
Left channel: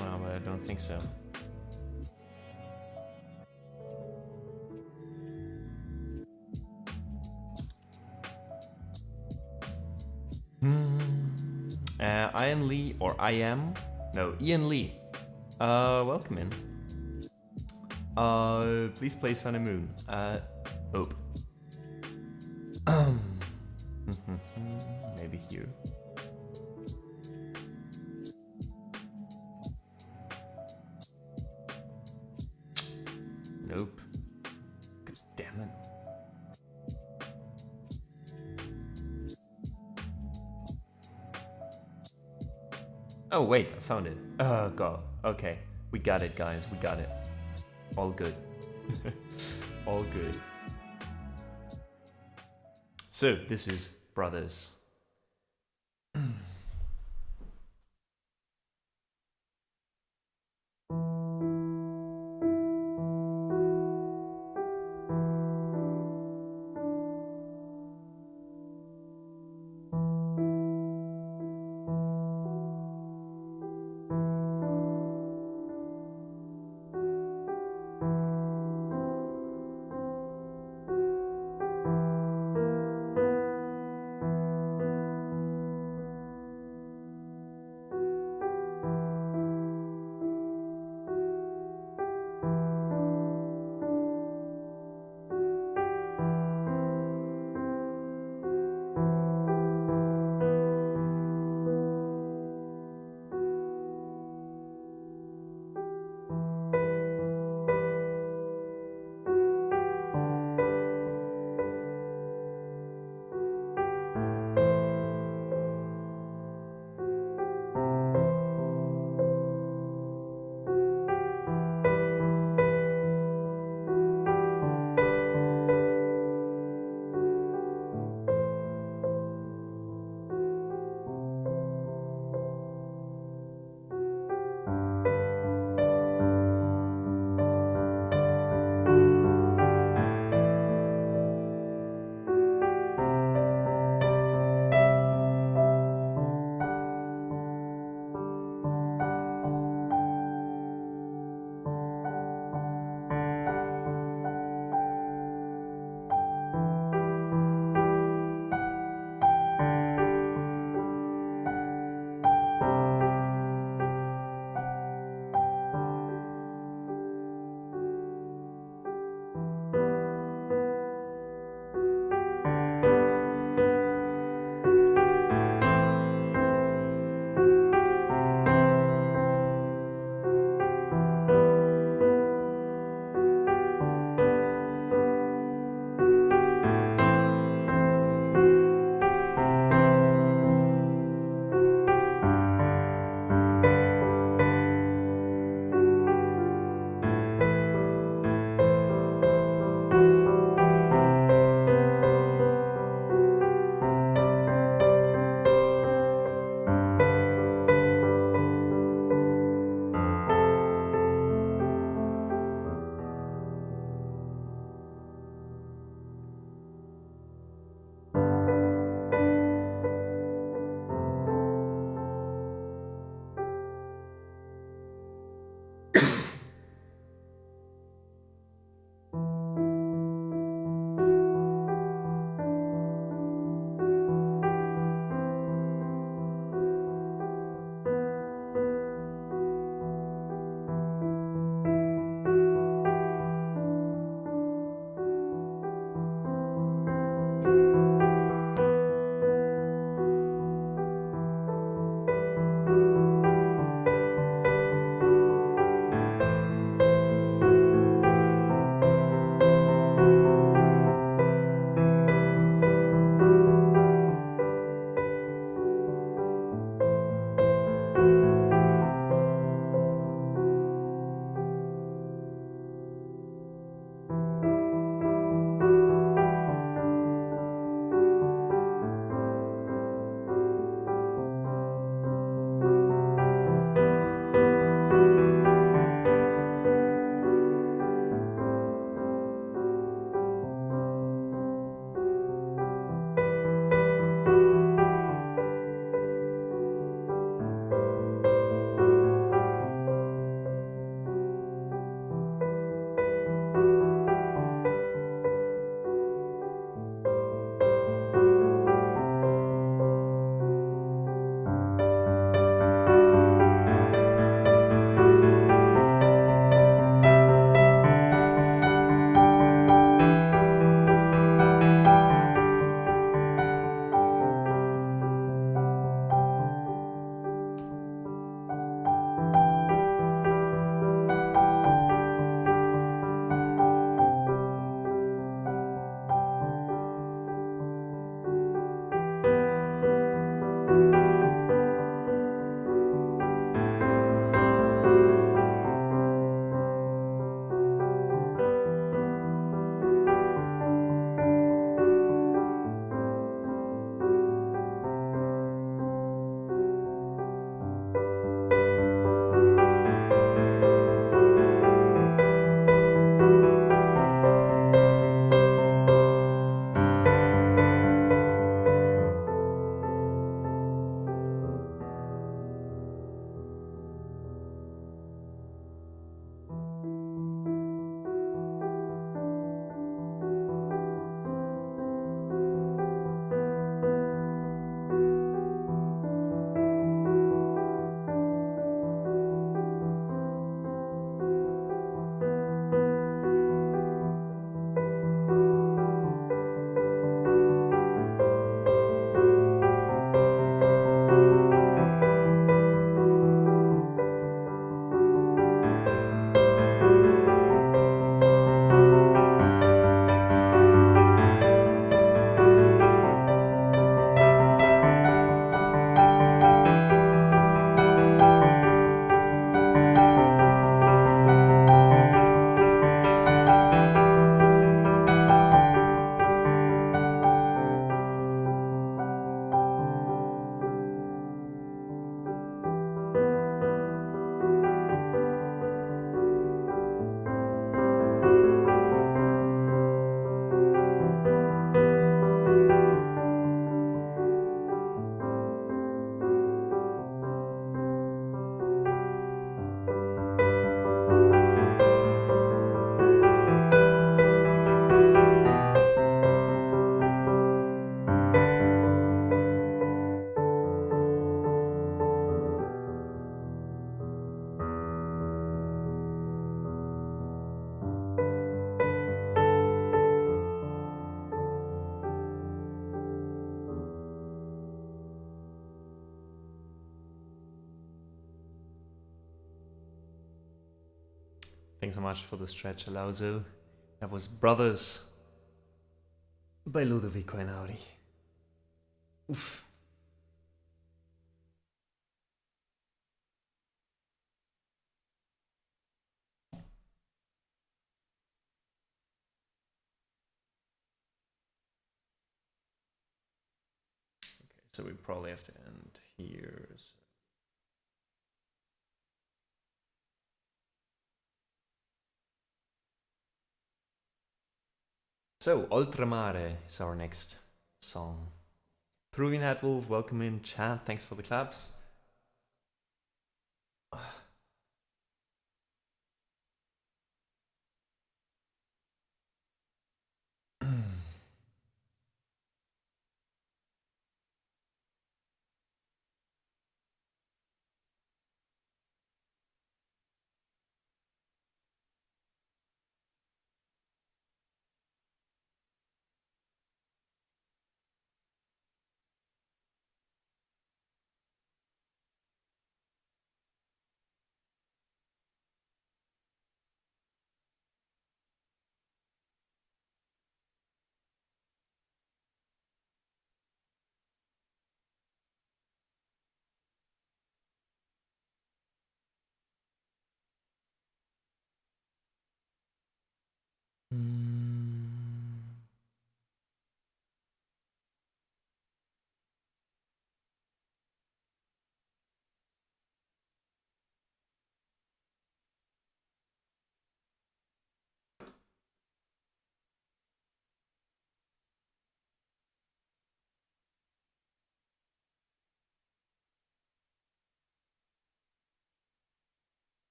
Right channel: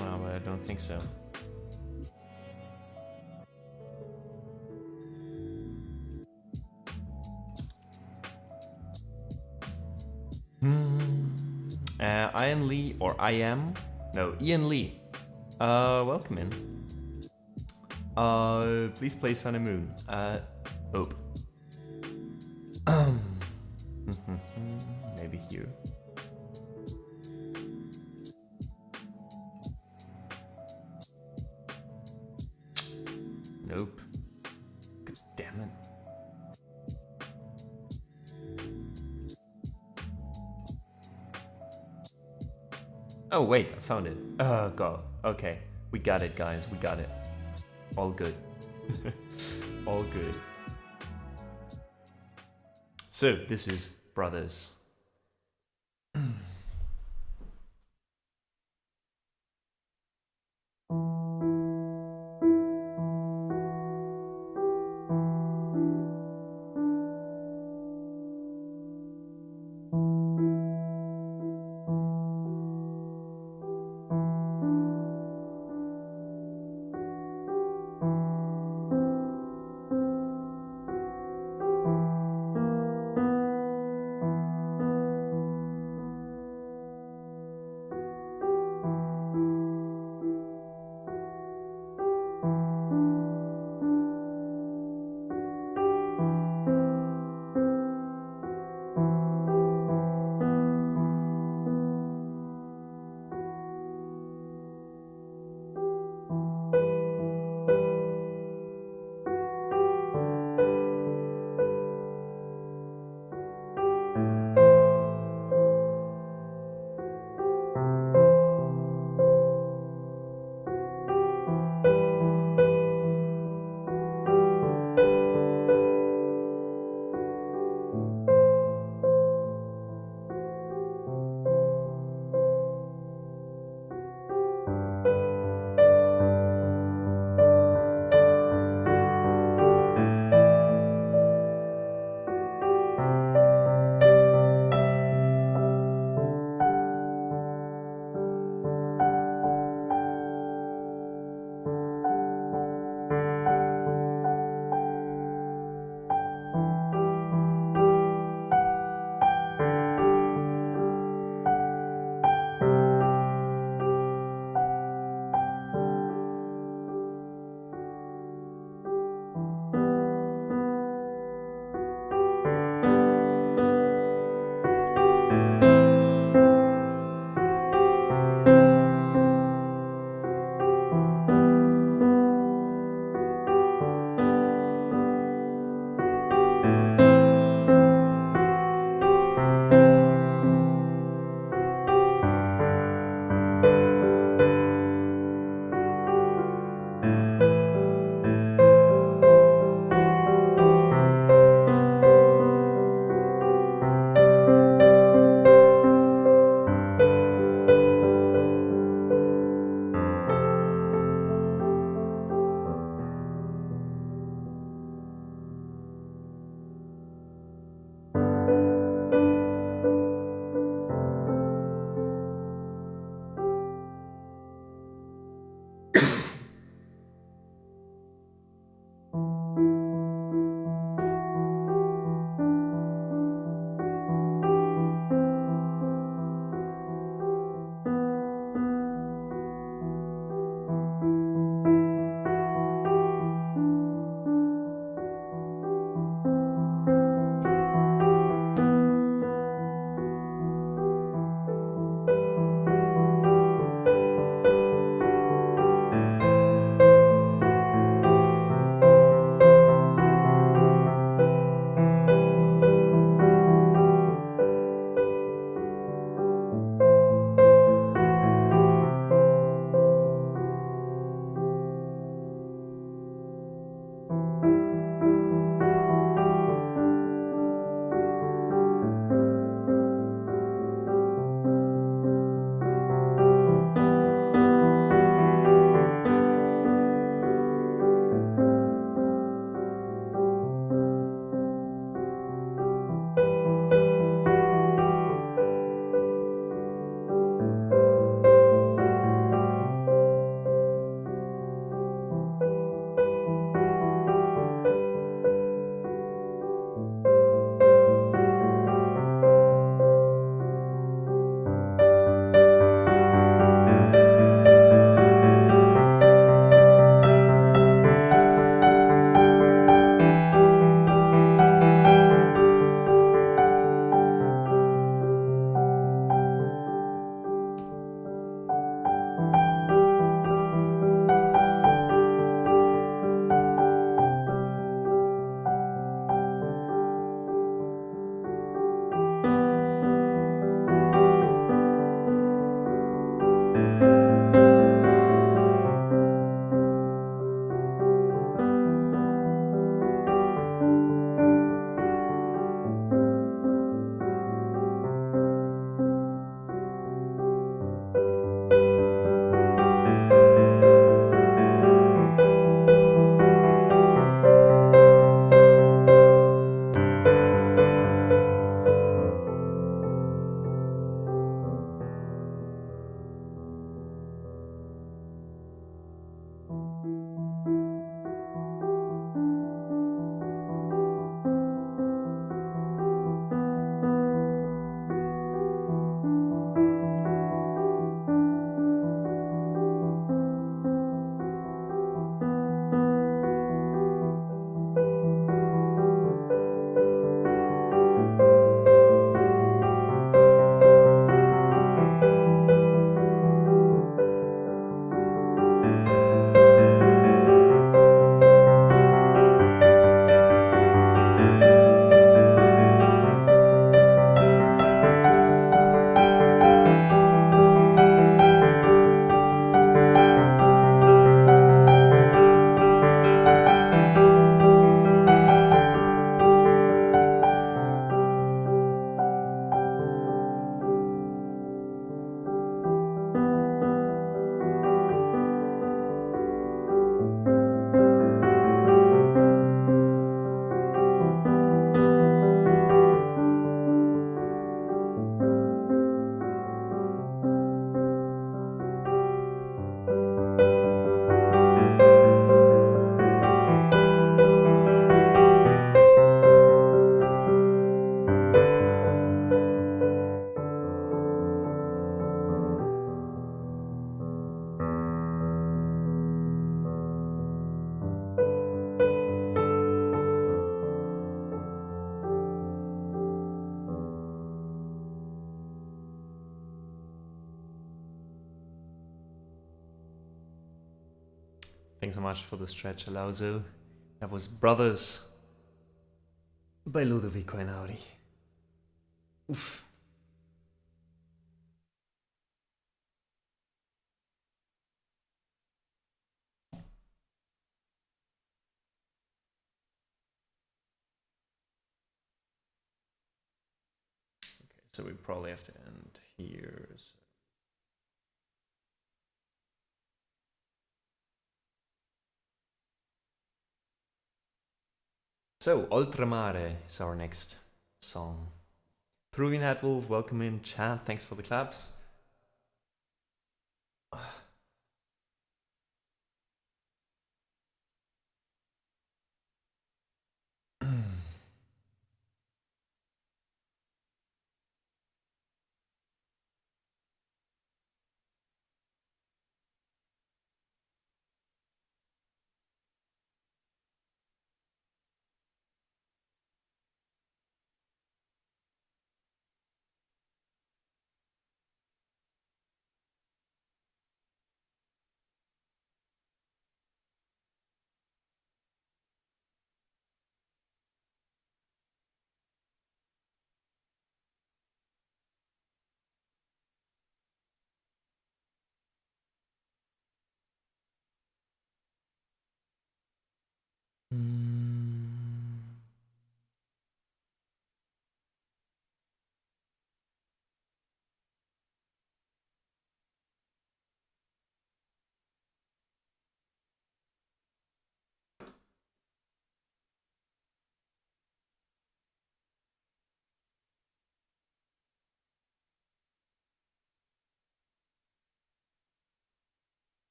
Wow, but I don't think so. Ian Lee, or I am? No, Ian Lee. Welcome in. Please play Sun and Moon. Oh. Maybe here. Nope. God damn it. Oh wait, I found it. Oh god. Okay. We got it, guys. We got it. All good. All good. So, this is Brothers. Thanks so much for the stretch, Alauzo. That was Brothers by Ludovico Einaudi. Oof. Okay, so we probably have to end here. So, Oltremare is our next song. Peruvian Hatwolf, welcome in chat. Thanks for the claps.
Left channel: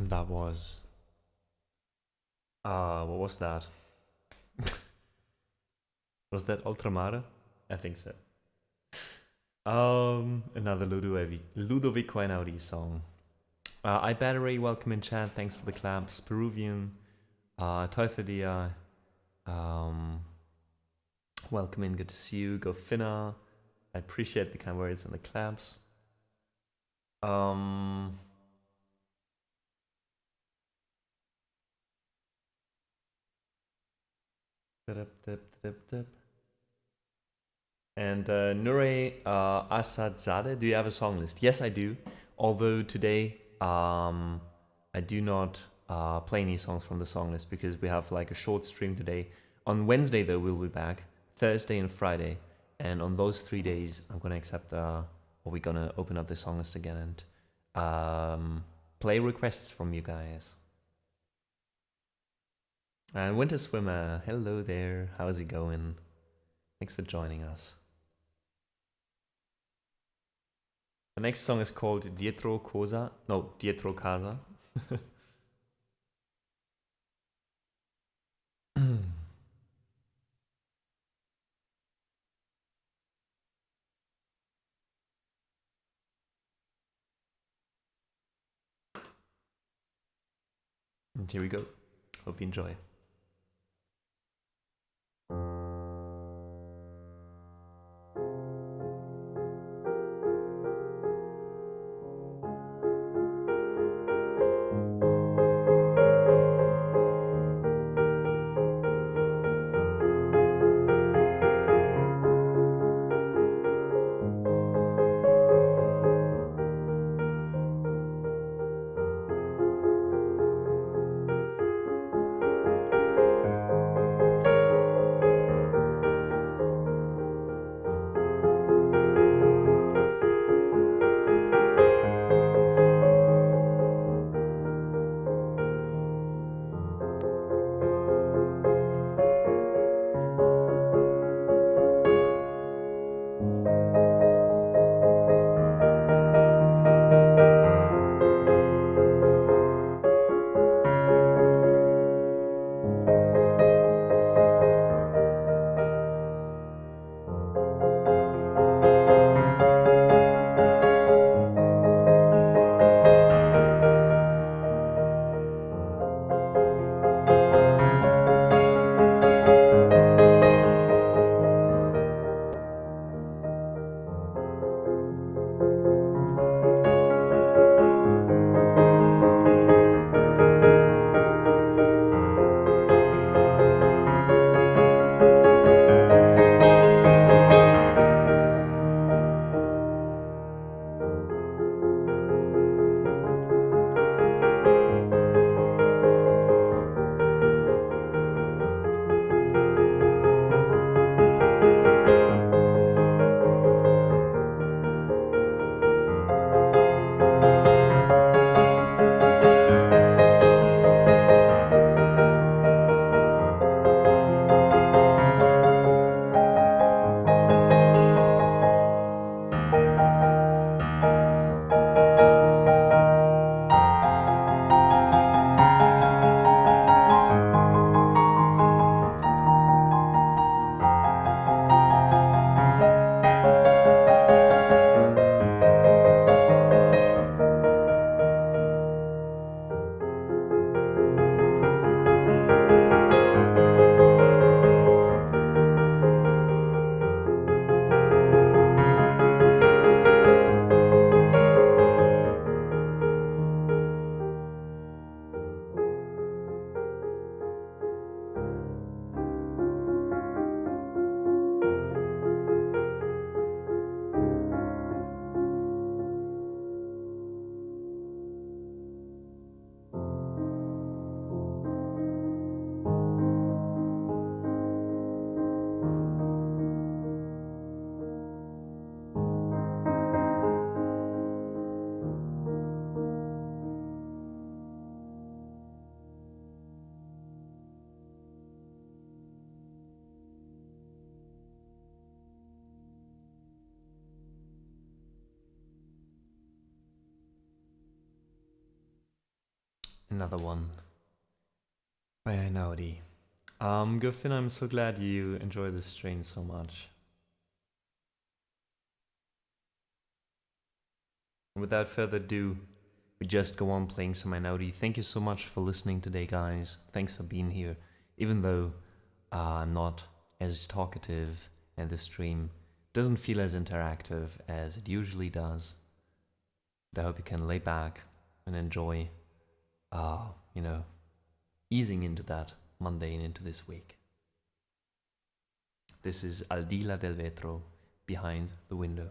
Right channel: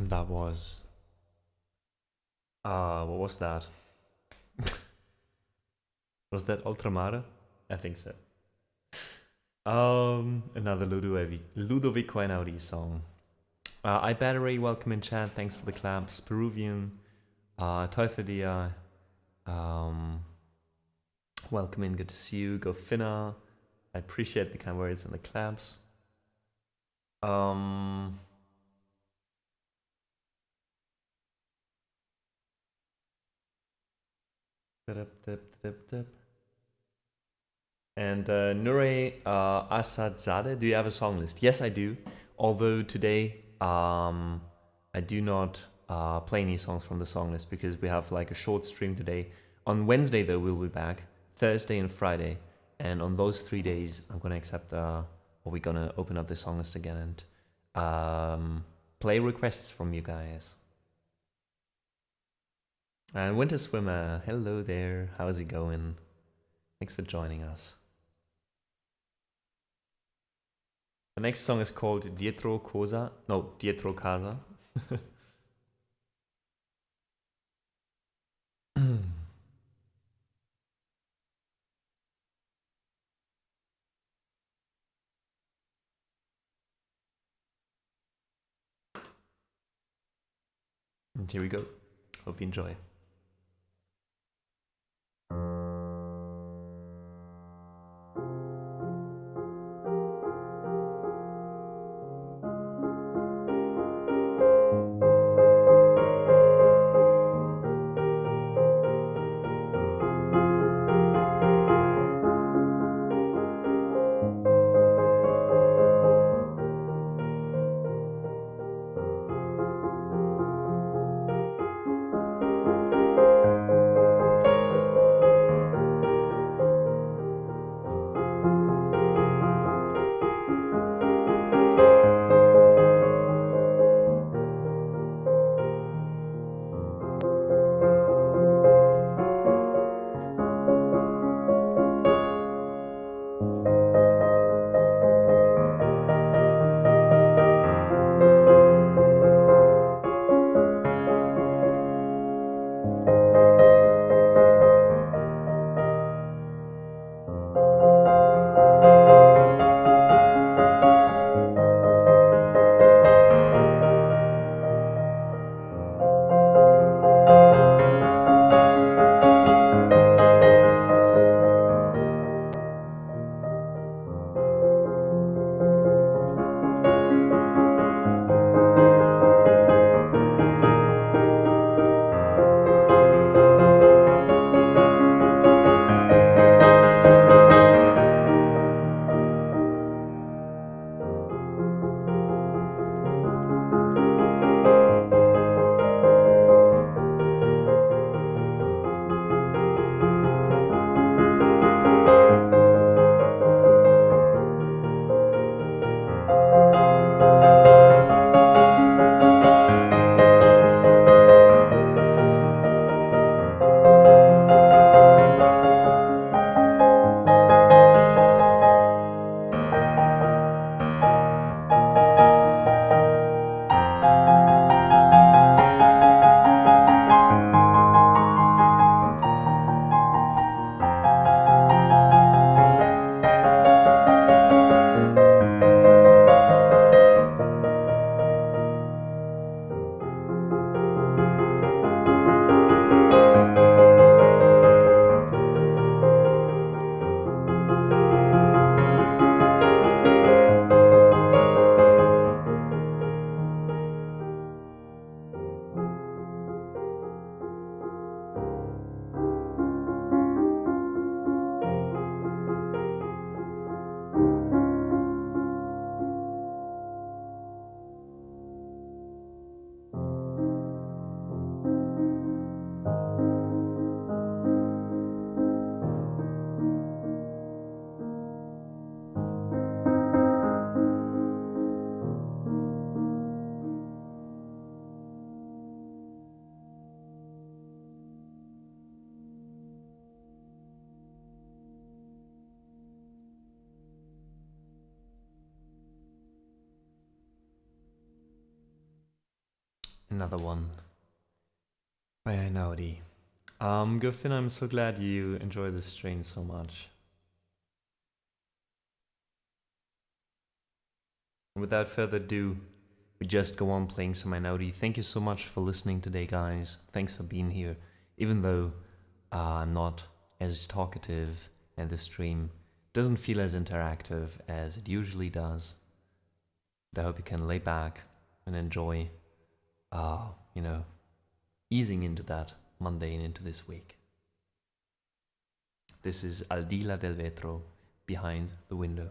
And that was... what was that? Was that Ultramare? I think so. Another Ludovico Einaudi song. I Battery, welcome in chat, thanks for the claps. Peruvian, Teuthodia, welcome in, good to see you. Go Finna, I appreciate the kind words and the claps. And Nure Asadzadeh, do you have a song list? Yes, I do. Although today I do not play any songs from the song list because we have like a short stream today. On Wednesday, though, we'll be back. Thursday and Friday. And on those 3 days, I'm going to accept, or we're going to open up the song list again and play requests from you guys. And Winter Swimmer, hello there. How's it going? Thanks for joining us. The next song is called Dietro Casa. No, Dietro Casa. And here we go. Hope you enjoy. Another one by Einaudi. Griffin, I'm so glad you enjoy this stream so much. And without further ado, we just go on playing some Einaudi. Thank you so much for listening today, guys. Thanks for being here. Even though I'm not as talkative and the stream doesn't feel as interactive as it usually does. But I hope you can lay back and enjoy, you know, easing into that Monday and into this week. This is Al di là del vetro, Behind the Window.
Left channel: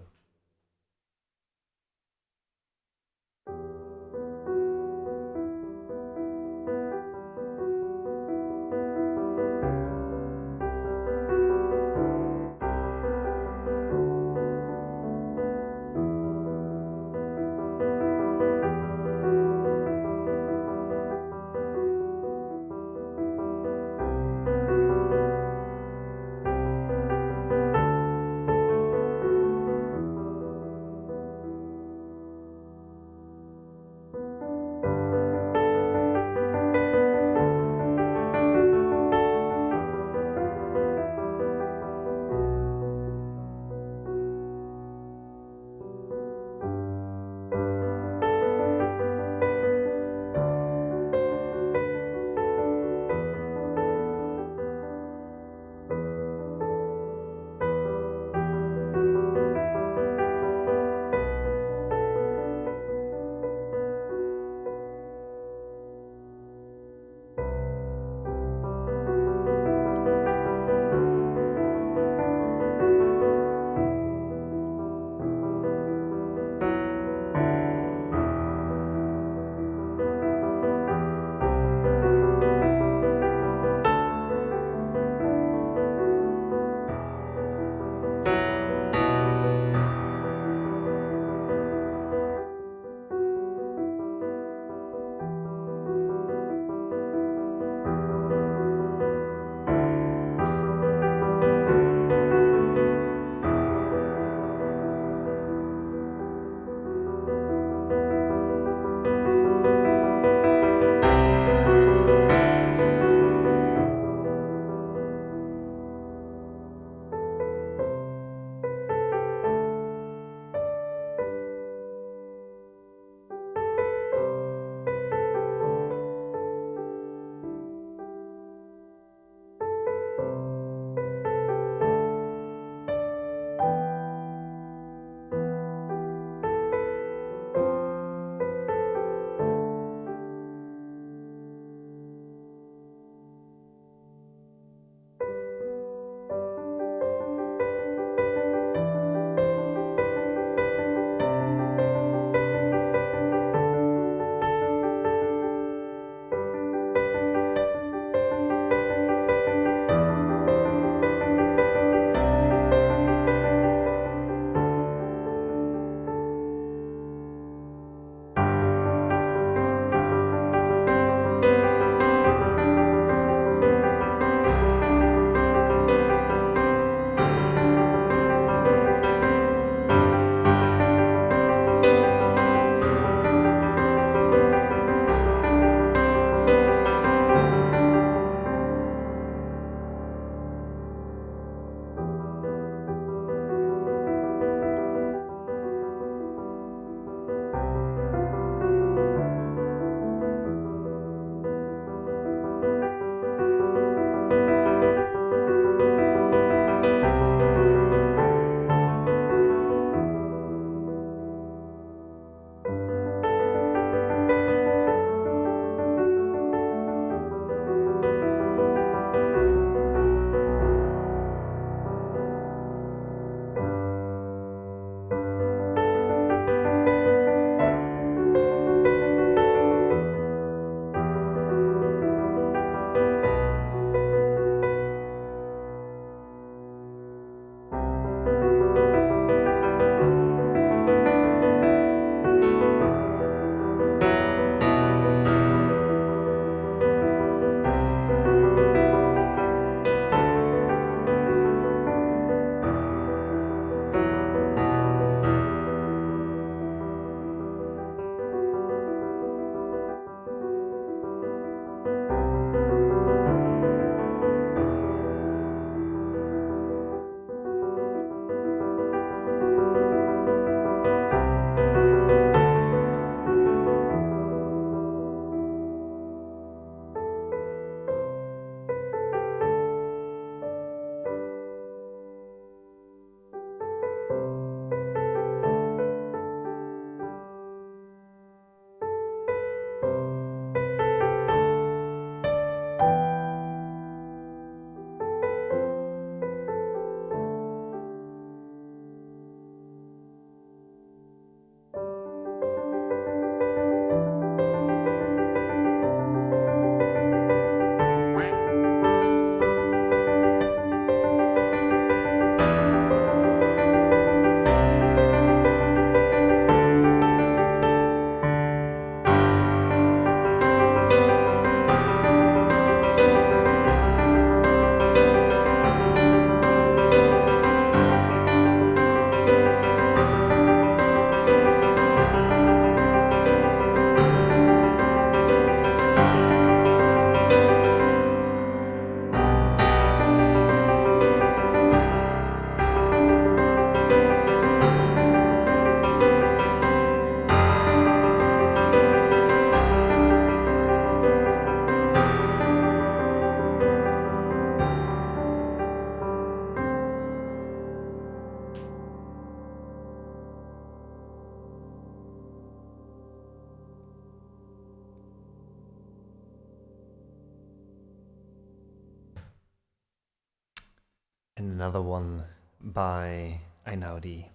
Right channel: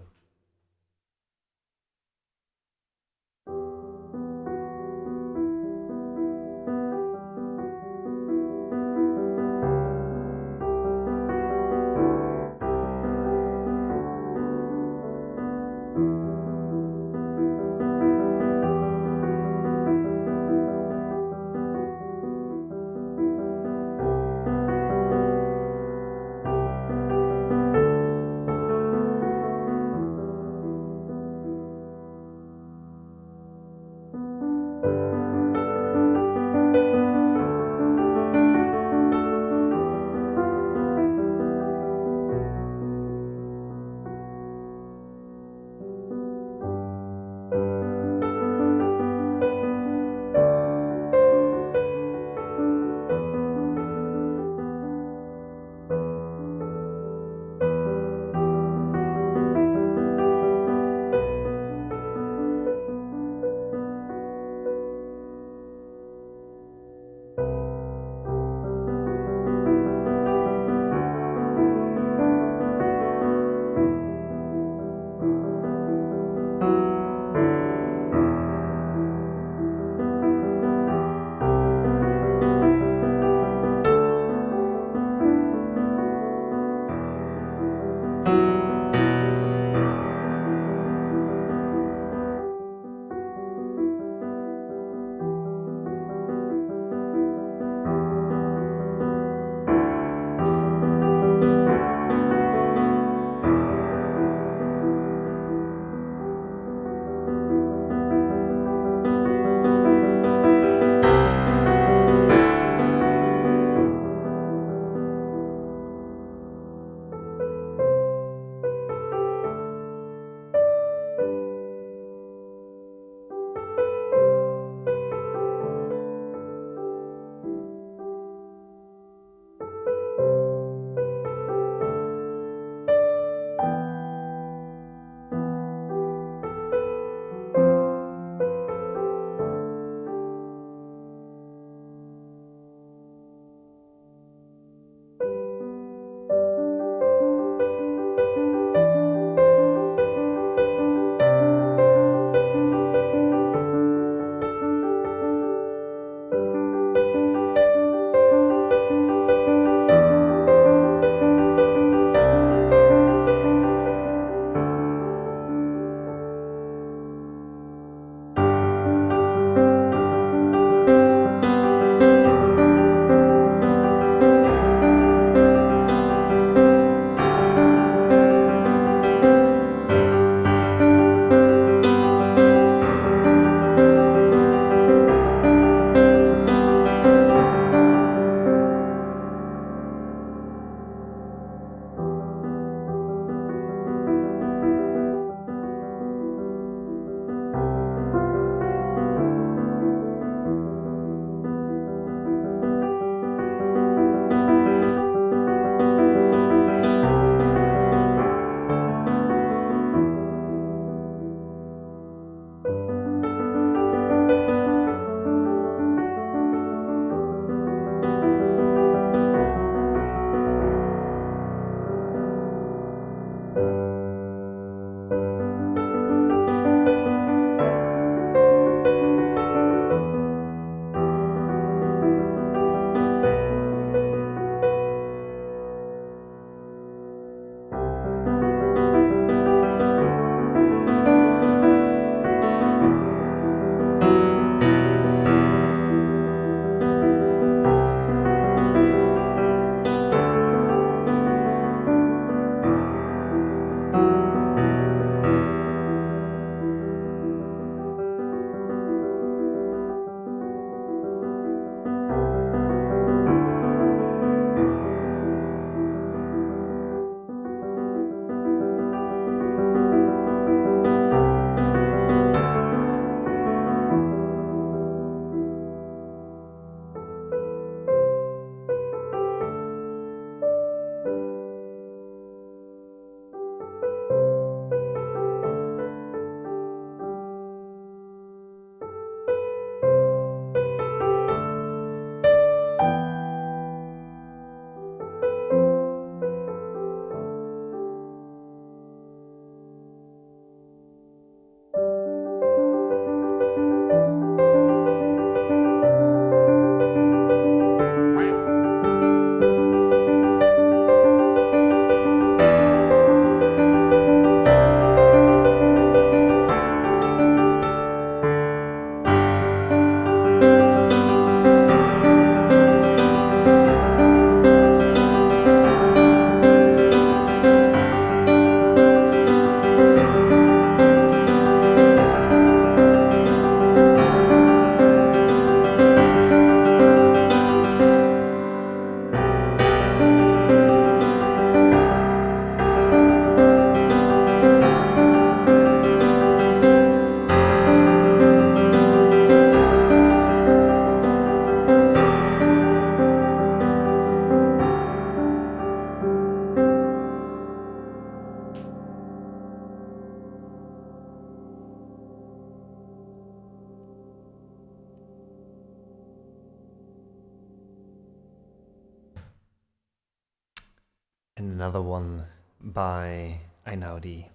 another one by Einaudi.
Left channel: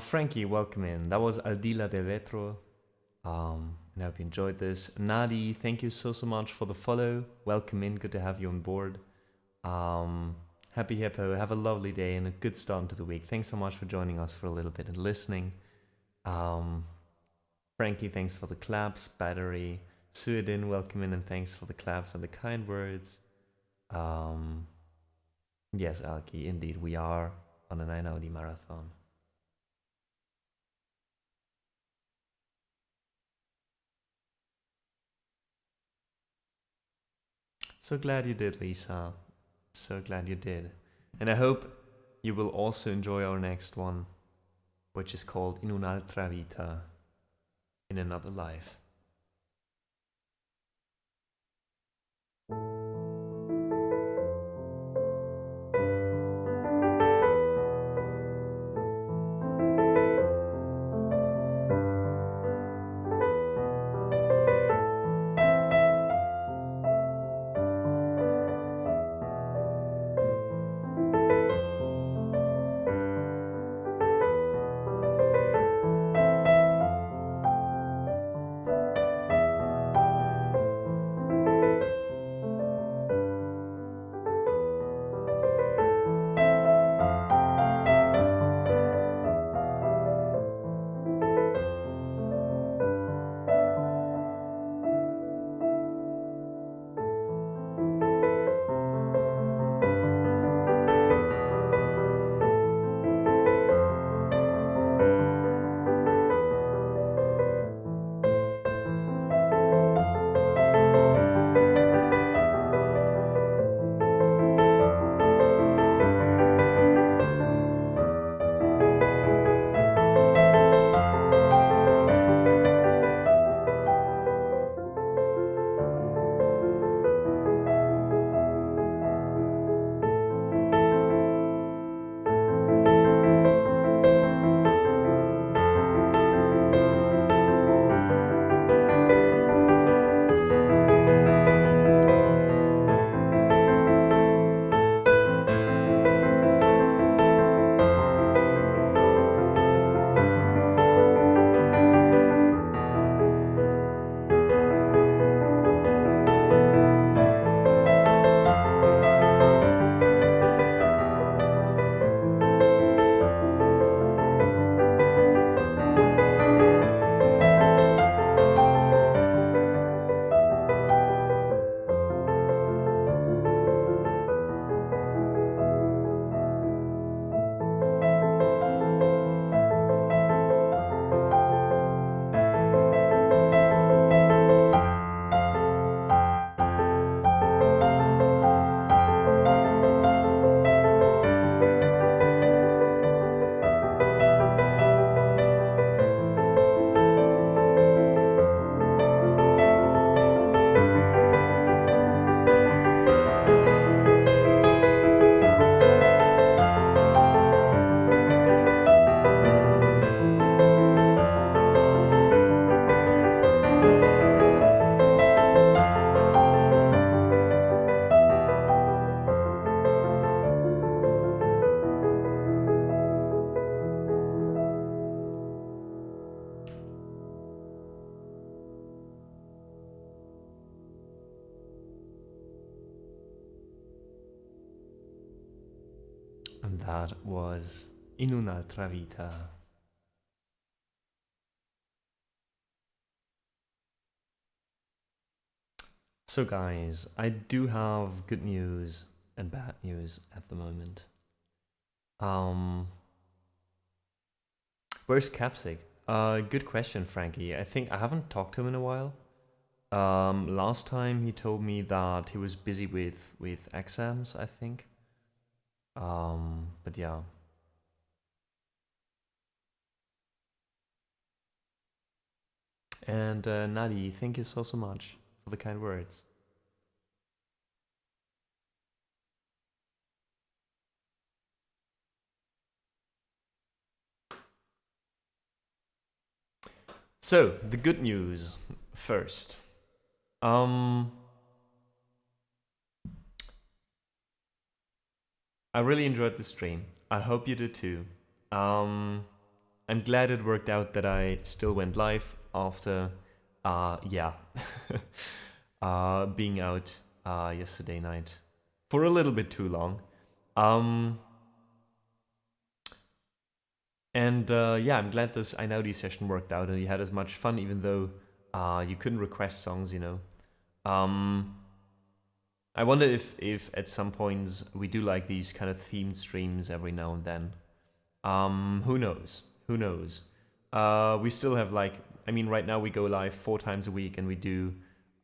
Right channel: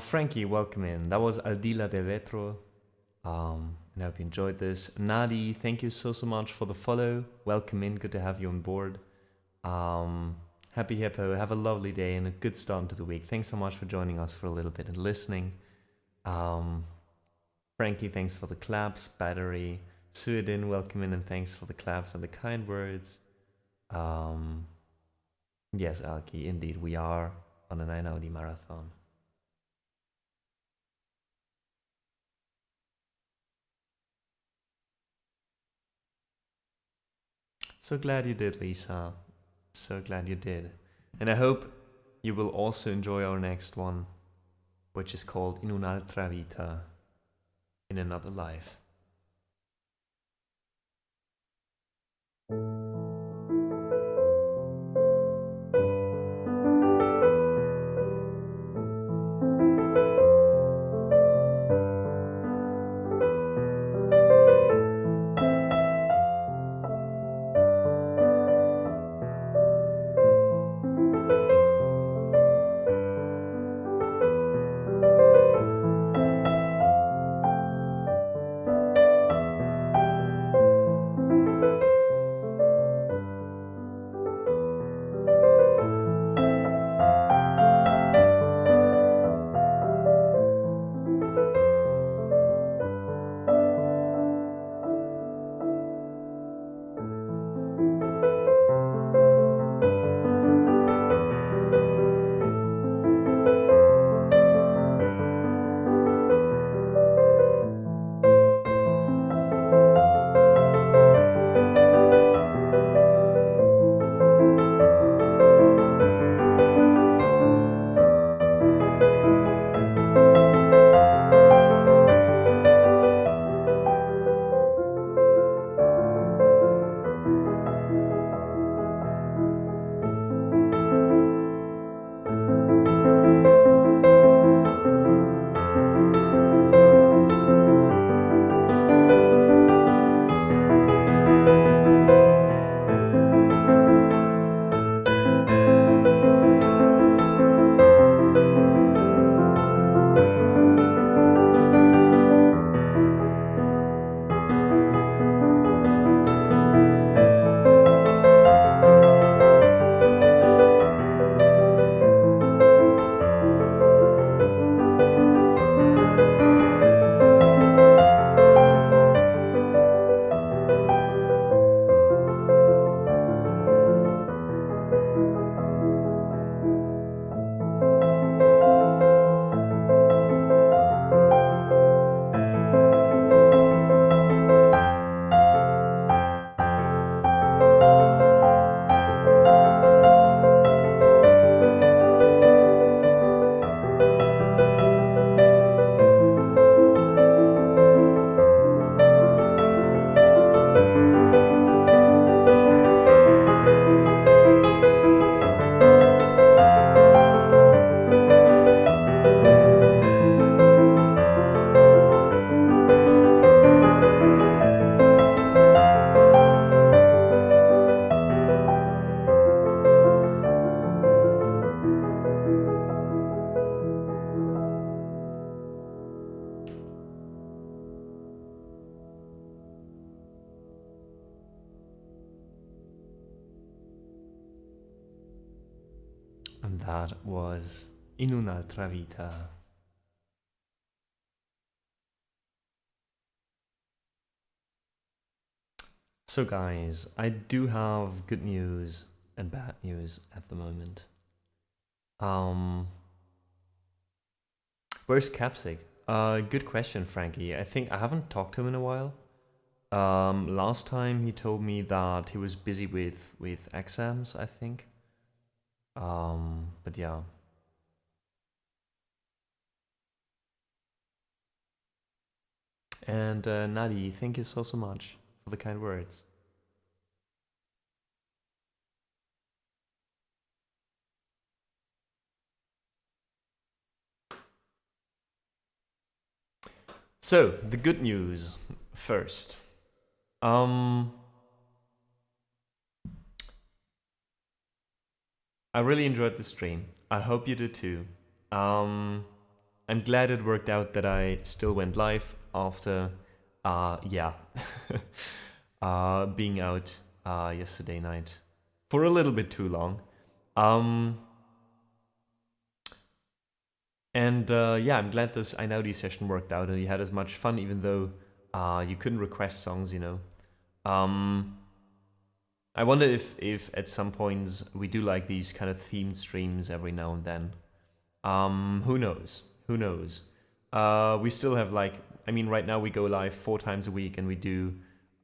Frankie, welcome in. That was Aldila de Vetro. And I hope you enjoyed this. Nadi, thank you so much for the follow. Welcome in, good to have you on board. Happy Hippo, have a lovely day and a good start into the week. Thanks so much for joining us for a little bit and listening. Frankie, thanks for the claps. Battery, Suedin, welcome in and thanks for the claps and the kind words. Yes, Alki, indeed, we are on an Einaudi marathon. So glad you did, Lisa. So glad you did. And I hope you will also enjoy our next one, which is called In un'altra vita, in another life. And that was In un'altra vita. So guys, I do have good news and bad news at the moment. Where's Capsic? Good question, Frankie. I think I haven't talked to him in a while. Last time he told me that he was busy with exams, I think. But yeah. And Nadi, thank you so much for the kind words. So, the good news first. I really enjoyed the stream. I hope you did too. I'm glad it worked out that I still went live after, yeah, being out yesterday night for a little bit too long. And yeah, I'm glad this I Know These session worked out and you had as much fun, even though you couldn't request songs, you know. I wonder if at some points we do like these kind of themed streams every now and then. Who knows? Who knows? We still have like, I mean, right now we go live 4 times a week and we do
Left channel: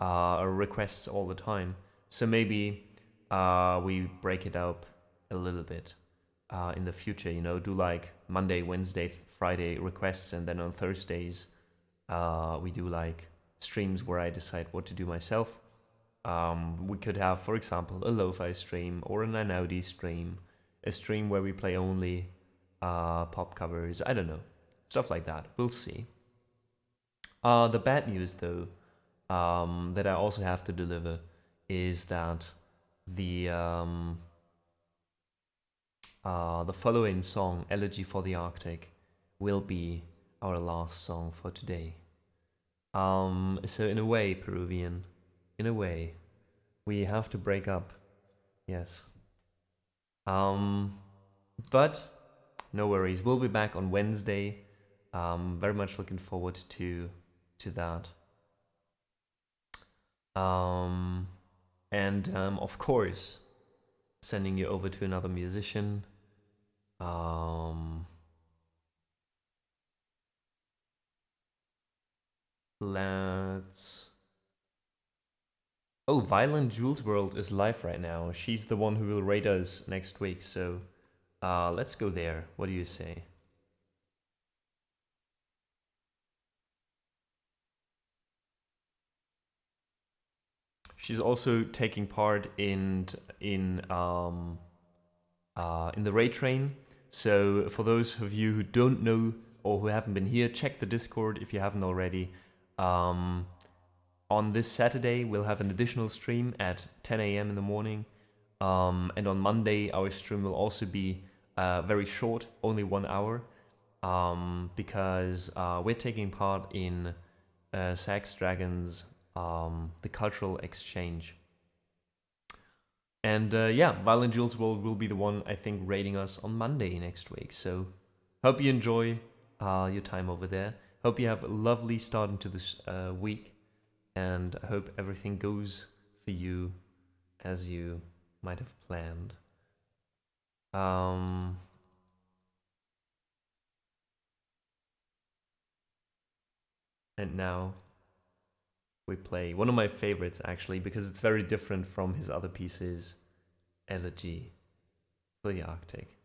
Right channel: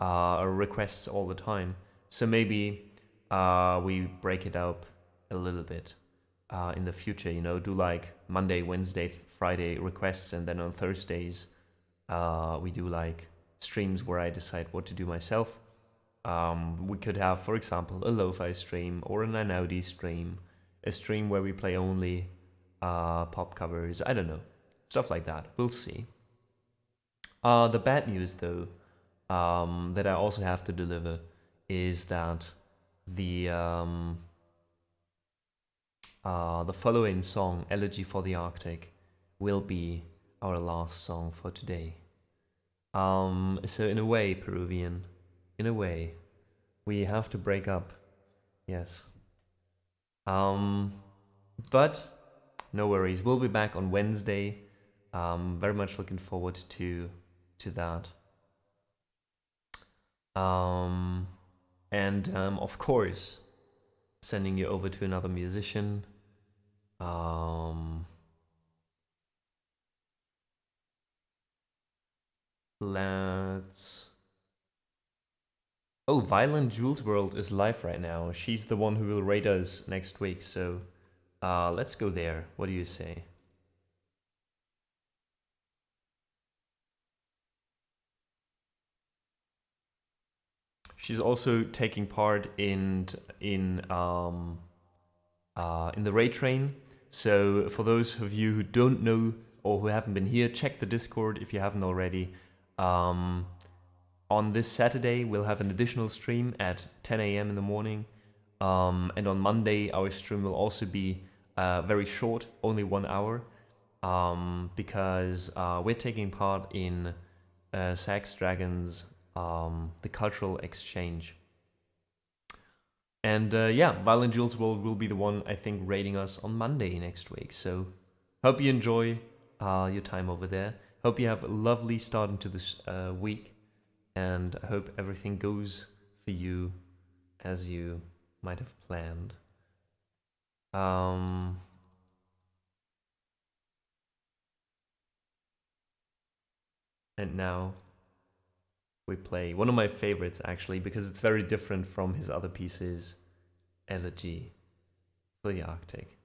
requests all the time. So maybe we break it up a little bit in the future, you know, do like Monday, Wednesday, Friday requests, and then on Thursdays we do like streams where I decide what to do myself. We could have, for example, a lo-fi stream or an Inaudi stream, a stream where we play only pop covers, I don't know, stuff like that. We'll see. The bad news, though, that I also have to deliver is that the following song, Elegy for the Arctic, will be our last song for today. So in a way, Peruvian, in a way, we have to break up. Yes. But no worries. We'll be back on Wednesday. Very much looking forward to that. And of course, sending you over to another musician. Let's. Oh, Violent Jules World is live right now. She's the one who will raid us next week, so let's go there. What do you say? She's also taking part in the raid train. So for those of you who don't know or who haven't been here, check the Discord if you haven't already. On this Saturday, we'll have an additional stream at 10 a.m. in the morning. And on Monday, our stream will also be very short, only 1 hour, because we're taking part in Sax Dragons, the cultural exchange. And yeah, Violent Jules will be the one, I think, raiding us on Monday next week. So hope you enjoy your time over there. Hope you have a lovely start into this week. And I hope everything goes for you as you might have planned. And now we play one of my favorites, actually, because it's very different from his other pieces, Elegy for the Arctic.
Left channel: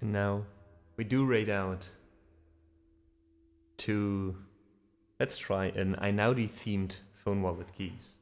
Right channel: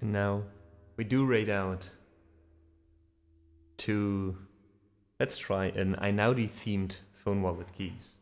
And now we do raid out to, let's try an Einaudi themed phone wallet keys.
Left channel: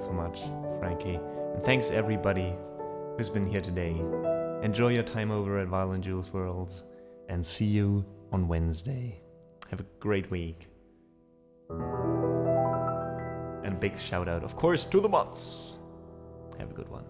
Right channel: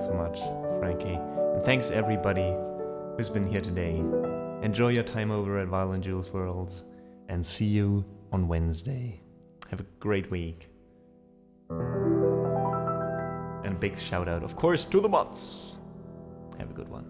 Thanks so much, Frankie. And thanks everybody who's been here today. Enjoy your time over at Violent Jules World and see you on Wednesday. Have a great week. And a big shout out, of course, to the mods. Have a good one.